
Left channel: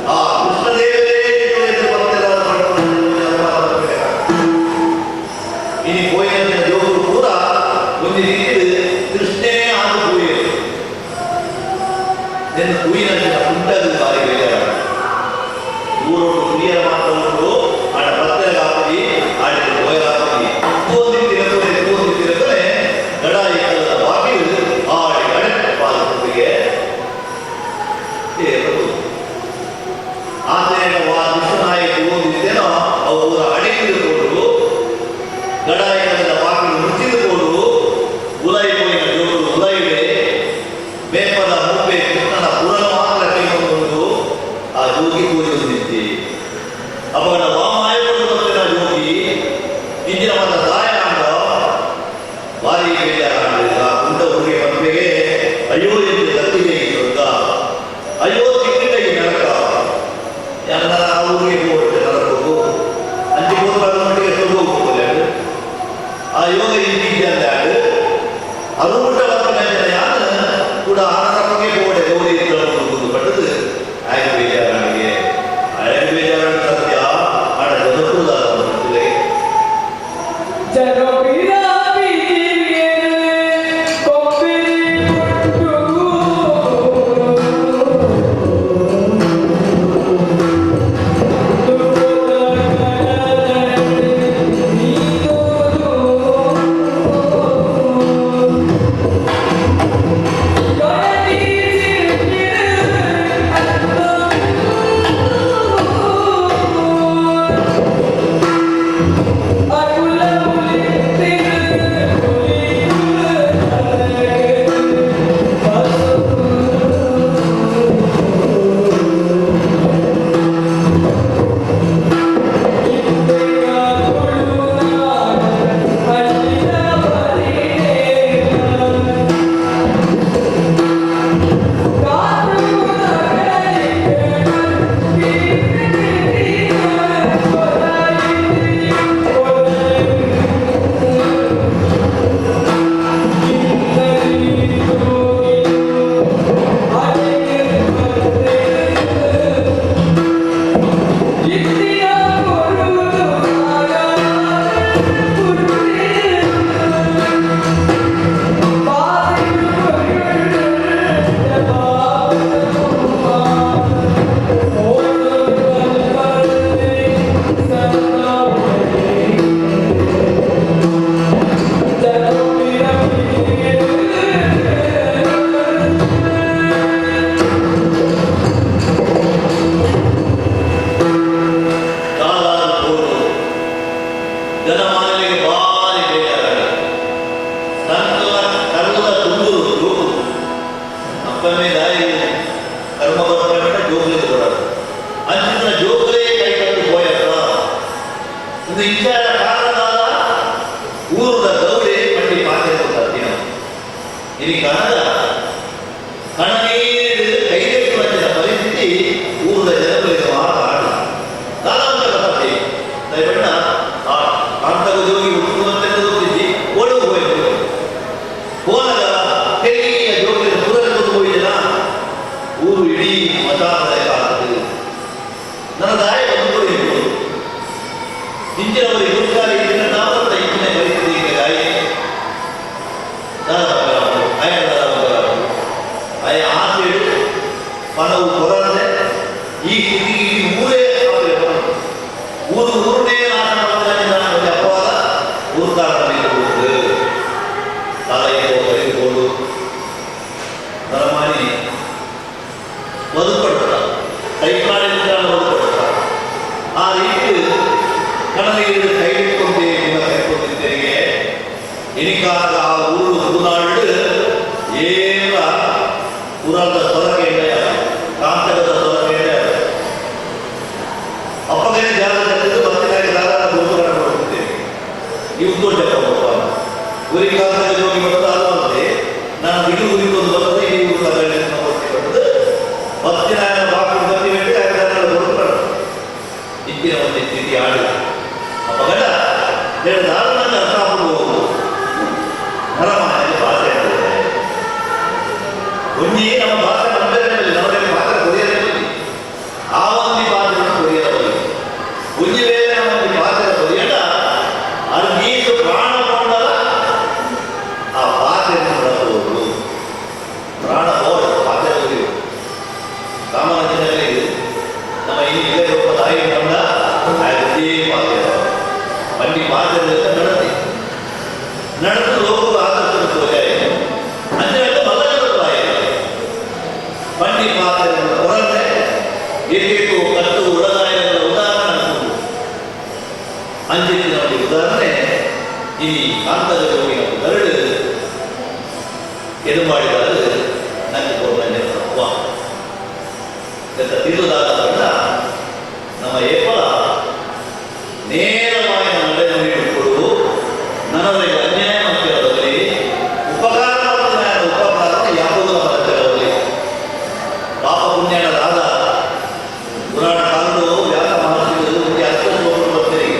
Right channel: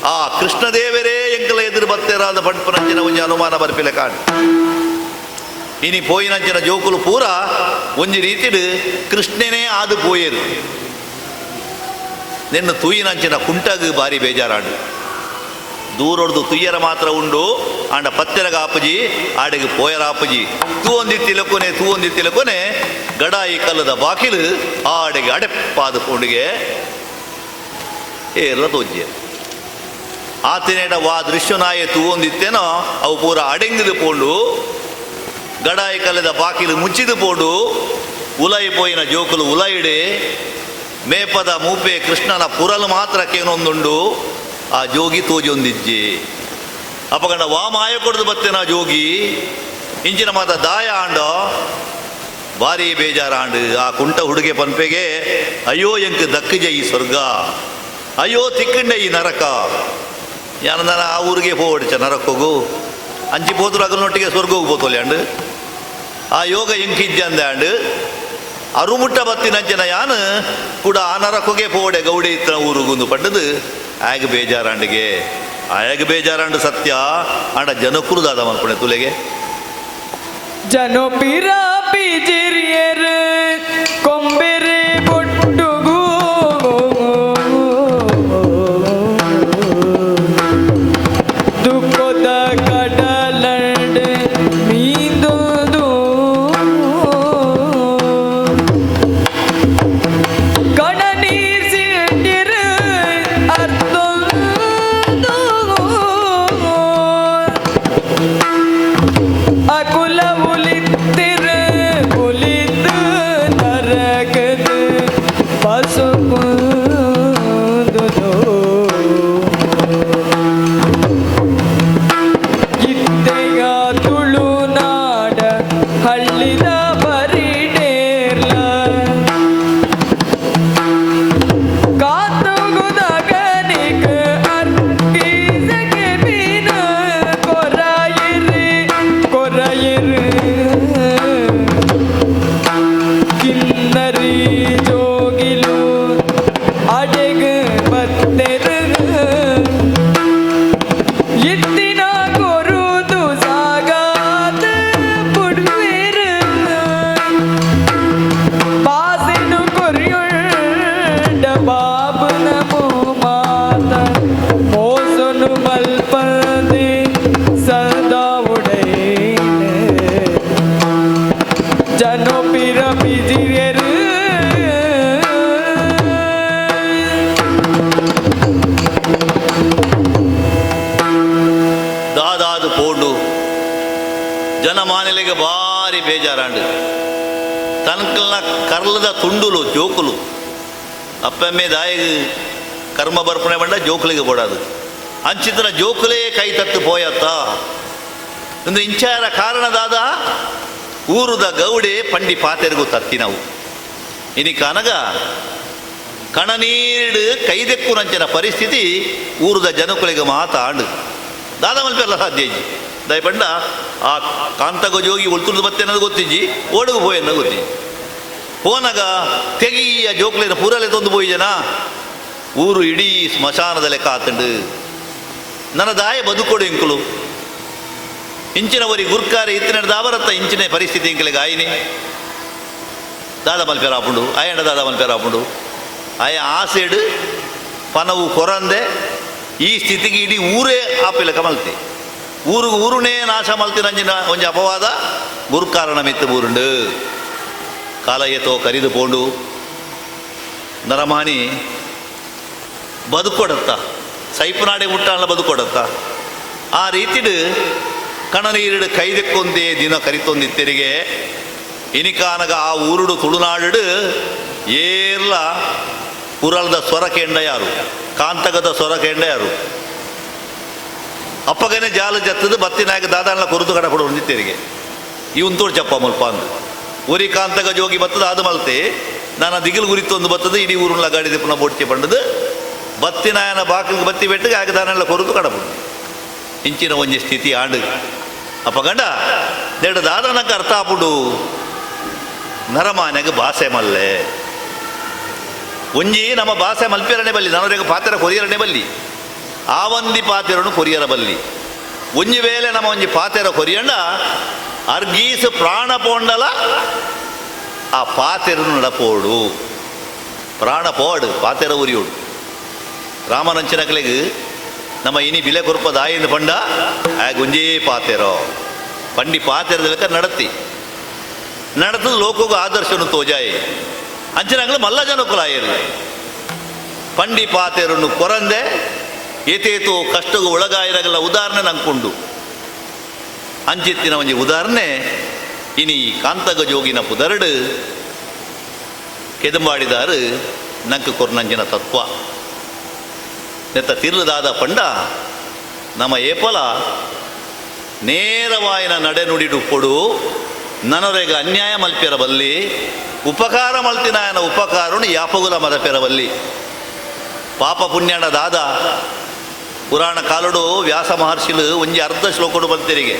ಆ ಕೃಷ್ಣದೇವರೇ ಎಂಕಲ ಎದುರು ಬತ್ತಿರಾದ ಪಂಪರಂಜನ ಒಂಜಿ ಅನುಮಾನ ಬರ್ಪಿಲೆ ಕಾಣು ಇನಿ ಪೋಯಿನಂಜನ ಜೋಕುಲು ಪೂರ ಒಂಜಿ ರೀತಿಡ್ ಕೃಷ್ಣನೇ ಆದು ಪೋಯಿರು ನಿನ್ನ ತುಯ್ಯಿನಂಚಿನ ಕುಂಟಾಗ ಬಾರಿ ಬೇಜಾರಾಡು ದೂರೊಡ್ದು ತುಯ್ಯರ ಮಾತ್ರ ಉಂಡು ಆಡ ಪತ್ತೆರಗ ಆಪಜಿ ಆಡಿಗೆ ಪೋಯರ ಆಪಜಿ ತೂವೊಂದಿತ್ತಿನ ಕೊನೆ ಗಡಾಯಿ ಕಲ್ಲದ ಬಾಕಿಲು ಆಡಿಗೆ ಅಡೆಪ್ಪಾದ ಕೊಂಡಿಗೆ ಏರದೊಂಜೆ ಆತನೇನ ವಾ ದೃಶ್ಯನಾಯ ತೂವೊಂದಿತ್ತೇನೋ ಅವು ಪೂರ ಅಡೆಂಗಿದು ಪೋಡು ಗಡಾಯಿ ಕಲ್ಲದ ಬಾಕಿಲು ಮುಚ್ಚಿದು ಪೋಡು ಉಲಾಯಿ ಪೋಯಿನ ಜೋಕುಲು ಉಲಾಯಿಡೆ ಮೇಪದ ಮೂಪೆ ಕೃಷ್ಣನ ಪುರಲು ಮಾತ್ರ ಕೇನೊಂದುಂಡು ಆ ಜೋಗಿ ತೂಜೊಂದಿಜ್ಜಿ ಅಪಗಡ ವಾಮಾಯ ಕೊಡ್ದು ಬರ್ತೇನ ಜೋಗಿ ಇಂಚಿನ ಮಾತ ದಾಯ ಆಂಡ ಭಾರಿ ಬೇಜಾರಾಂಡು ಆ ಕುಂಟ ಹುಡುಗೆ ಪನ್ಪೆಗೆ ಅಯ್ಯೋ ಎಂಕ್ ದಕ್ಕಜೆ ಈ ಸ್ವರ್ಗ ಅಯ್ಯೋ ತಿಕ್ಕಂಡೆ ಈ ನರಕ ಯಾರದಾರ ಆ ಊರಿಗೆ ಹೋಗ್ಬಿಡ್ಚ ನರಕ ಹೋಗು ಅಂಚಿ ಪೋತ್ರ ಅಗಲೊಟ್ಟಿಗೆ ಸ್ವರ್ಗ ಹೋಗ್ಬೋಕಲ್ಯಾಂಡು ಆ ಯೋಗ ಇಂಕಿಂಜಂದಾಡು ಅರುಮುಟ್ಟ ಬತ್ತಿನಂಚನ ಯಾನು ಕೂಡ ಅನರಕೊಗೆ ಬೋಡೆ ಗೌಡೆ ಇತ್ರ ಊರುಗುಂದು ಪಟ್ಟದು ಆಗ ಬೇಜಾರಂಡಿಗೆ ಆಗ ಬೇಜಾರಂಡು ಸತ್ಯ ಆಡ ಜನಪುರದಾಗ ಒಂದು ತುಲೆಗೆ ಜನಪಿರ ಪಿಜಿರಿಯರು ಕೊಂಬಿರಿ ಕೊಟ್ಟುಗು ದುಃಖದ ಕಡಲಡೆ ನೀದುದು ಕಡನೀಸಿಟ್ಟಿರು ಅರ್ಥೊಂದು ಅಕುಲ ಉಲಿತ್ತಿರು ಉಲಿದು ನರಕದ ಪಸುಪುದುದು ಗಿದ್ದೆಯ ತುಳುನಾಡ ಹಳ್ಳಿದ ಬರಿಡೇರ್ಲ ಕಾತುಗುದಗನಿಗ ಅನ್ಕೀಸಗೆ ಬೀನ ಕೊರಾಯಿರಿ ಕೊರಾಯಿರಿ ಕಿನ್ನರಿ ಜೋಗಿಲು ಅಡೆಗ ಬತ್ತೆರು ಇತ್ತಿನ ಕೊರುದು ಸಾಗಾದ ಪುಡ್ತಿರು ಬಾಸಿನು ಕೊರಿಯುಳ್ಳ ಬಾಬನ ಭೂಮಾತ ಮೋಸನು ಬಲ್ಪದೆ ಸದಾ ಉಡೈನೆ ಜನಪಿರ ಪಿಜಿರೆರು ದಾದಾದು ಪೋಂಡು ಜನಮಾನಲಿಗೆ ಭಾರಿ ಬೇಜಾರಾಡಿ ತನಕಲ್ಲ ಕರ್ಲದ ತುಂಡುಲು ಜೋಕುಲು ಅಪ್ಪಮ್ಮೆ ದಾಯಿ ಕರ್ಮ ಬರ್ಪಣೆ ಬಂಡ ಜೋಕುಲಿಗೆ ಕೊಡೋದು ಅಂಚಿತರ ಜೋಕುಲೇ ಕೈ ತಟ್ಟು ಪೋಯತ್ತ ಅಂದ್ರೆ ಇಚ್ಚಾರ ಕಾರಣದಾದ ಊರುದ ಗೌಡೆ ಪಂಡಿ ಪಾತೆರಿಗೂ ತತ್ತಿನವು ಇನಿ ಕನಗ ಕಣನೀಡು ಕೈದೆಕ್ಕುರಂಚಿನ ಪರಿಸ್ಥಿತಿ ಊರುದ ಜನಕುಲಿಗೆ ಮಾತಾಡು ದಾದಾವಂತಲ್ಲ ಸಾಧ್ಯ ದಯಪಣ್ಣ ಆ ಕಾಂತಗ ಜೋಗಿ ಒತ್ತುಡು ಮತ್ತೆ ಗೊತ್ತಿಜ್ಜಿ ಓಡುವ ಹೋಯನ್ನ ಗೊತ್ತಿ ಹೋನಾಗ ತೆಲಿಯ ಜೋಕ್ಲಿನ ಪೂರಲೆ ತಂದು ಹೋಯ್ಜನ ಊರು ಇಡೀ ಸ್ಮಶಾನದ ಲೆಕ್ಕ ಹಾಕಂಡು ನನ್ನ ದಾಯ ಬದುಕೋಡು ಇಂಕುಲು ಇಂಚಿನವರಿ ಗುರ್ಕಾರಿ ಇತ್ತಿನ ಅವರತ್ತ ಇಂಚಿನ ಪರಿಸ್ಥಿತಿ ಇಂಕಲಿಗೆ ಆಯ್ನೆ ದಾನ ಬಂಕರ ಹಾಕೊಂಡು ಆಯಣ ದಾದ ಬಂಕರ ಹಾಕೊಂಡು ಆಯ ಆಸೆಡು ಪನವು ಕೊರಂದೆ ಈ ಸ್ಥಿತಿಗೆ ಇಡೀ ಊರೇ ಆಪಿಲ್ಲ ಕಮಲ್ತಿ ಊರುನೇ ನಾಶ ಮಾಡ್ತೀರಂಜಿನ ಕೊಂಚ ಅಪವಾದ ಗುರುಕಾರಣ ಮೆತ್ತ ಊರುಂಡು ಕಾಲ ಎತ್ತೋ ಕರಿದು ಬೋಡು ನರಮಾನಿ ಬದುಕೊಡುತ್ತ ಸೈಪನಾಡಿ ಮುಟ್ಟಾಳ ಬದುಕೊಡುತ್ತ ಆ ರೀತಿಡು ಕಣನೀರಿಡು ಕೈದೆಕ್ಕೊಂದೇ ದಿನ ಕರಿತೊಂದಿತ್ತಿರಿಗೆ ಇನಿಕಾಲಗ ಆ ಊರುಡು ತುಳುನಾಡು ಏಲ್ಲ ಪುರಾಣದ ಸ್ವರ ಕೆಂಡಯಾರು ಕಾಂತಕದ ಸ್ವರ ಕೆಂಡಯಾರು ಅಪ್ಪಗನೆ ಜಾಲ ಜತ್ತದು ಬತ್ತಿನಾಗ ದಾದಾಲ ಕೊರದು ಕಣ ಕೊಡು ನಿಂತಿರಿಗೆ ಇವನ್ ತೋಡ್ಚಪ್ಪ ಮುಲ್ಪ ಅಂತ ಊರಿ ಕಾಂತಕ ಜೋಗಿ ಬರ್ತದ ಅದು ಮಲ್ತೆ ನಾನು ದಿಗಿಲು ಗುರಿತು ಒಂದು ಬರ್ತದೆ ಇಡೀ ಊರುಗಳ ಗಾಡಿದೆ ಪುನಃ ಪೊಟ್ಟೆ ಪಂಡದು ಬತ್ತಿನಾಯನ ಬಾಕು ಬತ್ತಿ ಬೆಟ್ಟಿಗೆ ಆಗ ದಾನೆಲ್ಲ ಕೊರತು ಕಡದು ಇಂಚಿನ ಒಂಜಿ ಸ್ಥಿತಿ ಆಡು ಅಪ್ಪ ಗಂಡ ದೇಡ ದಾದನಕ ಅರ್ಥ ಆಗ್ಬಿಡು ನರಮಾನ್ಯಾಗ ಭಾಷೆ ಮಲ್ಲೆ ಒಂಜಿ ನಮ್ಮ ಭಾಷೆ ಮಲ್ಪಿರನೆ ಬಲ್ಲಿ ನವರಿಗೆ ಪಾತ್ರ ಕೊರಿಯರನೆ ಬಲ್ಲಿ ಆ ಒಂದಿ ಪಾತ್ರನು ಕೊರಿಯರ ಬಲ್ಲಿ ಒಂಜಿ ವೇಳೆ ನಮ್ಮ ಒಂಜಿ ಪಾತ್ರ ಕೊರಿಯಂಡ ಅರ್ಗೀಸು ಪ್ರಾಣ ಬೋಂಡಲ ಆ ಪಾತ್ರನು ನಡಪೋಡು ಪ್ರಾಣ ಬೋಡು ಪಾತ್ರ ಉರಿಯೋಡು ರಾಮನಂಚನಗಳಿಗೆ ನಮ್ಮ ಇನಿ ಬಿಲೆ ಕೊರಪದ ಆಯ್ದು ಬಂಡ ಒಂಜೇ ಪಾತೆರೋ ಬಂಡಿ ಪಾತೆರದಕ್ಕೆ ನಡತಿ ನಡೆದು ಲೋಕಗೂ ಆದರ್ಶನು ತೋಜಾಯ ಅಂಚನಾಗಲೇ ಮಲ್ಲ ಜನಪುರಾಯಲ್ಲಿ ಪಂಡಿ ಪಾತೆರನ್ನು ಕೊರಂದೆ ಏತೇತು ಕಟ್ಟವು ಒಳಗಾಯನಗಳ ಉದಾಹರಣೆ ನಂಕೊಂಡು ಅಂಚಿತ್ತಿನ ಒಂಜಿ ಉದಾಹರಣೆ ಇನಿ ಕಾಂತಗ ಜೋಗಿನ ಪುದರಡು ಕೆದು ಮಾಡಿದಾರು ನಕ್ಕ ಕೊರ್ನಂಜಿನ ತತ್ವ ನೆತ್ತ ತಿರುದಾದ ಪಂಡ ನಮ್ಮ ಏಪಲ ನೇರವಾಯಿನ ನಡೆನುಡಿಡು ಕೊಡು ನನಗೆ ಅನ್ಯಾಯ ಮಲ್ಪೆರವಲ್ಲಿ ಉಪಕಾರ ಮಲ್ತಿನಾಯನ ಉಪಕಾರನು ಯಾಪಗುಲ ಮದಪೆರವಲ್ಲಿ ಪಾಪ ಪುಣ್ಯನ ದಾದ ಪುರಾಣ ಕಾರಡು ವ್ಯಾಸ ಮಹರ್ಷಿಲು ಒಂಜಿ ಅರ್ಥ ಶ್ಲೋಕಡು ಬರ್ತಿರಿಗೆ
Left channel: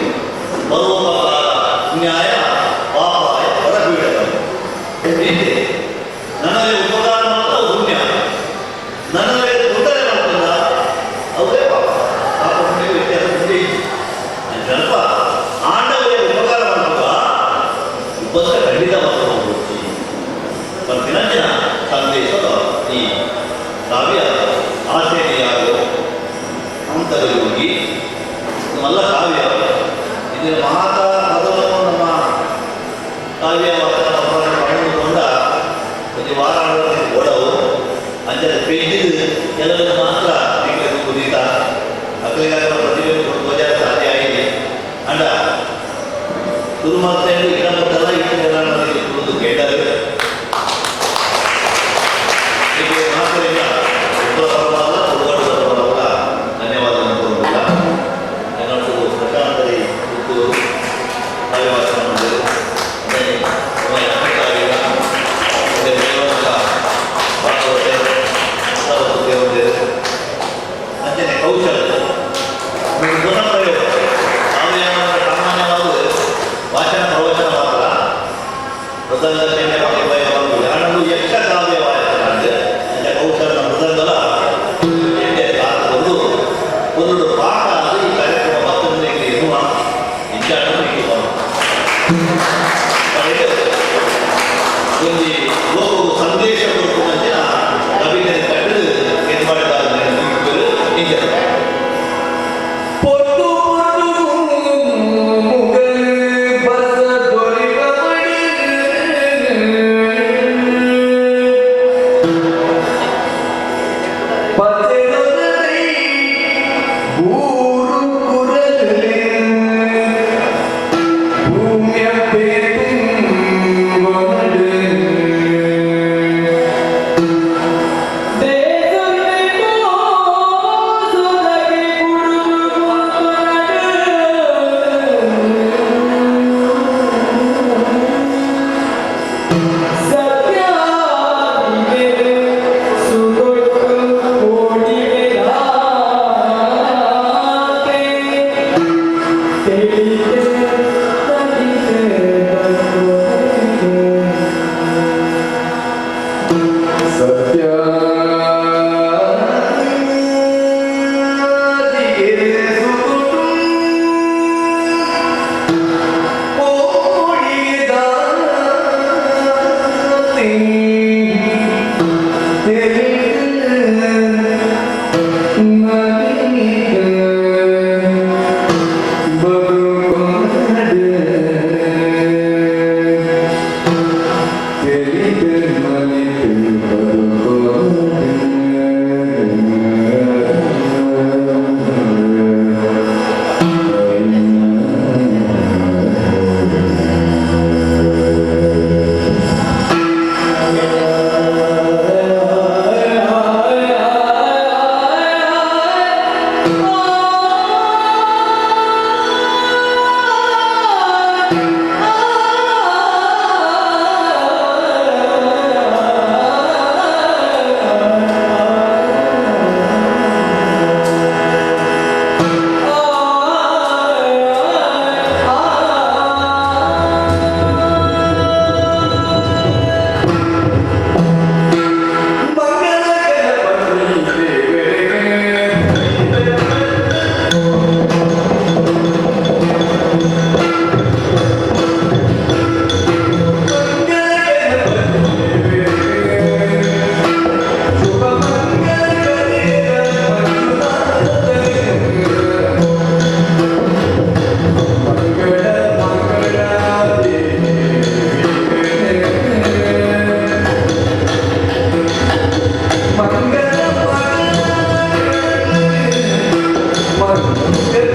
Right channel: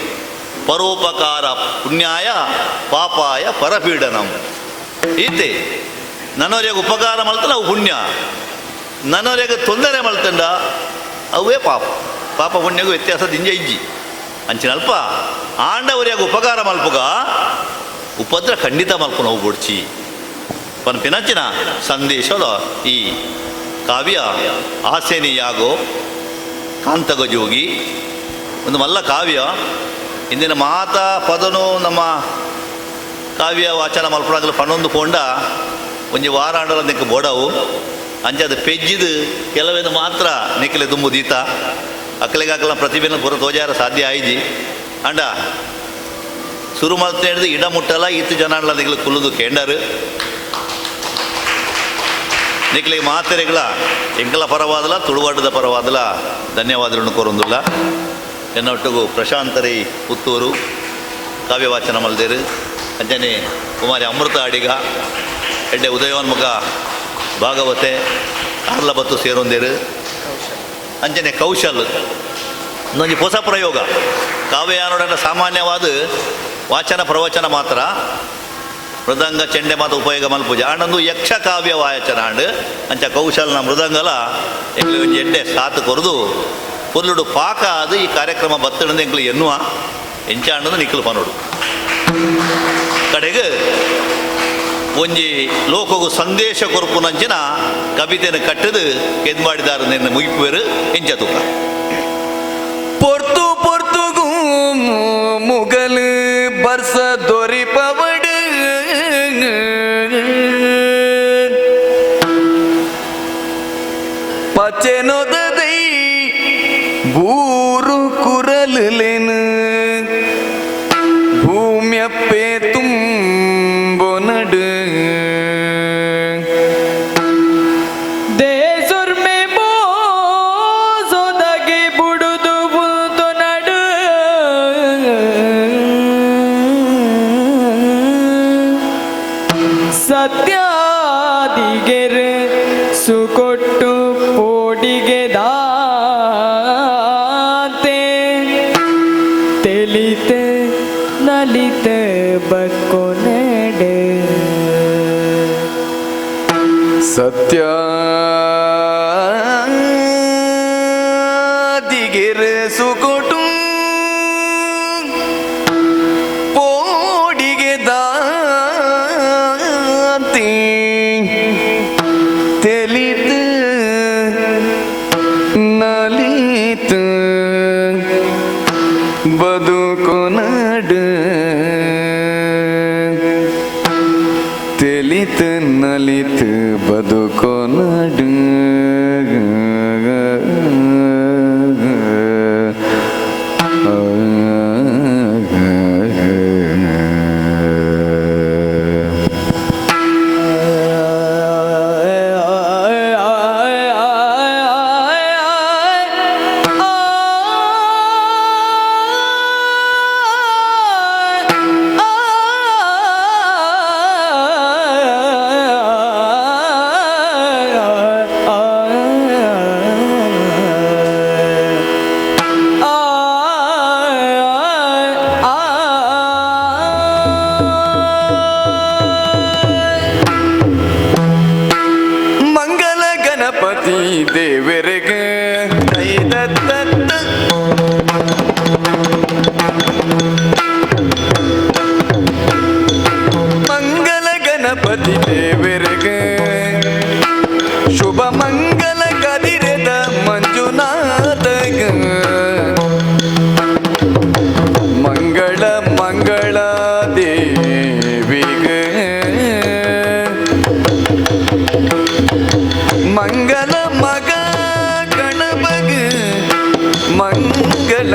ಪರೋಪಕಾರ ಪುಣ್ಯಾಯ ಪಾಪ ಏತೆ ನನ್ನವರಿಗೆ ಉಪಕಾರ ಮಾಡ್ತಾರೆ ಅವು ಪುಣ್ಯ, ನನ್ನವರಿಗೆ ತೊಂದರೆ ಮಾಡ್ತಂಡ ಅವೇ ಪಾಪ. ಪಾಪ ಪುಣ್ಯಗೂ ವ್ಯತ್ಯಾಸ ದಿಂಜ ಇಜ್ಜಿ ಅಂಚಿನಲ್ಪ ಆಂಡವರಿಗೆ ಉಪಕಾರ ಮಾಡ್ಪಗ ಉಪದ್ರ ಖಂಡಿತ ಮಾಡ್ಕೊಂಡು ಹೋಗ್ಬಿಡ್ಚಿ ಪಂಪಿನಂಚಿನ ಸಂದೇಶದ ಈ ಕಾವ್ಯ ಆಸೆನೆಯಾಗೋ ಕಾಂತಕ ಜೋಗಿ ಒಂದು ಮಲ್ಲ ಕಾವ್ಯ ಇಂದಿನ ಮಾತಾ ಪದನು ನಮ್ಮ ಕಾವ್ಯ ವಾಚನ ಮಲ್ಪಡ ಪನ್ನೊಂದು ಕೊಂಡ ಒಂಜಿ ವಾರಾಡಲು ನಿಕ್ಕು ಬೋಡವು ಅಂಚದ ಪೆಜ್ಜಿದು ಕೆಲವೆಲ್ಲ ಮಾತ್ರ ನಿಕ್ಕಲೆ ತುಂಬುದೀತ ಅಕ್ಕಲಿಗಾಕಲ ಪ್ರತಿಭೆಯನ್ನು ಬರೋ ಗೋಜಾರ ಸಾಧ್ಯ ಆಯ್ಜಿ ಅಂಡ ಶುರು ಮಾಡ್ತಾ ಹೇಳಿದ್ರೆ ಇಡ ಮುಟ್ಟಲ್ಲ ಇತ್ತು ಜನ ನಿಗ್ಲು ಕುಲ್ಲುದು ಕೇಂಡರು ನಿಗ್ಲಿ ಮಾತರಿಗಳ ಎಂಕಲ ಪರವಾದಲ್ಲ ತುಳುವಾಟದ ಪರವಾದಲ್ಲ ಧನ್ಯವಾದಗಳನ್ನು ಕೋರುವುದಿಲ್ಲ. ಎನ್ನೊಟ್ಟಿಗೂ ಪ್ರಶಾಂತರಿ ಪುತ್ತೂರು ಕಾವ್ಯ ವಾಚನ ಮಲ್ದೇರು ಅಂಚನೆ ಕುಮಾರಿ ಅಮೃತ ಅಡಿಗ ಎಡ್ಡೆ ಉದಯೋನ್ಮುಖ ಭಾಗವತೆ ಅಮಲ್ಲ ಮತ್ತು ಸೇರೊಂದೇರು ಅಂಚನೆ ಕೌಶಲ್ ನನಗೆ ಹೊಸ ಪ್ರಯೋಗ ಕಾವ್ಯಾನೊಳಗ ಸಾಮಾನ್ಯವಾದ ವಾಚನ ಪ್ರವಚನ ಮಾತ್ರ ಮೃದಂಗ ಚೆಂಡೆ ಮತ್ತು ಉಪಯೋಗ ಮನ್ಪೂಜ ಅಣ್ಣದು ಯಕ್ಷ ಕಾವ್ಯ ವಾಚನ ಅಂಡು ಅಂಚ ಕೌಶಲ್ನ ಮೃದಂಗಲ ಎಡ್ಡೆ ಸಾತು ಕೊರದು ಕೊಲ್ಲುಡು ಪಾಕ ಅದು ಈ ಕಾರ್ಯಕ್ರಮ ಬತ್ತಡ ನಿಕ್ಲು ಎನ್ನುವ ಎಂಚ ಅನ್ನೋದು ನಿಕ್ಲು ಬರೋದು ಕಡೆಗೆ ಒಂಜಿ ಲೋಕವು ಸಂದೇಶ ಕೊರಪು ನಂಚಿನ ಕವಿತೆಯನ್ನು ಕಟ್ಟದು ಏನ್ ಮಾಡಿದಾರು ನಿನ್ನ ಮುಗಿಪೇರು ಎಂಚದ பொர்த்து பொர்த்துகும் முகலு பர்ச தொரிபவடு பச்செனொததை ஊரு குரலிலின் பூமியப்பே தும்பொனடு ದೇಸುರ್ಮಿ ಮೋಸುದಗಿ ಬುಡುದು ಬಂತು ನಡು ಸತ್ಯಾದಿಗೆರೆ ಸುಗೊಟ್ಟು ಪೋಡಿಗೆ ದಾತೆ ತಿಳಿತೆ ನಲಿತೆ ಬಕ್ಕೊನೆಡೆ ಸತ್ಯಾದಿಗೆರೆ ಸುಗೊಟ್ಟು ಪೋಡಿಗೆ ದಾತಿ ತಿಳಿದು ನಲಿತು ಬದುಕೊನಡು ತಿಳಿತು ನಲಿತು ಬದುಕೊನಡು ಮಂಗಳ ಗಣಪತಿ ದೇವರಿಗೆ ಮಂಗಳ ಗಣಪತಿ ದೇವರಿಗೆ ಶುಭ ಮಂಗಲ ಕದಿರದ ಮಂಜುನಾಥ ಮಂಗಳ ಮಂಗಳ ದೇವಿಗೆ ಮಂಗಲ ಮಗ ಗಣಪಗೆ ಮಂಗಲ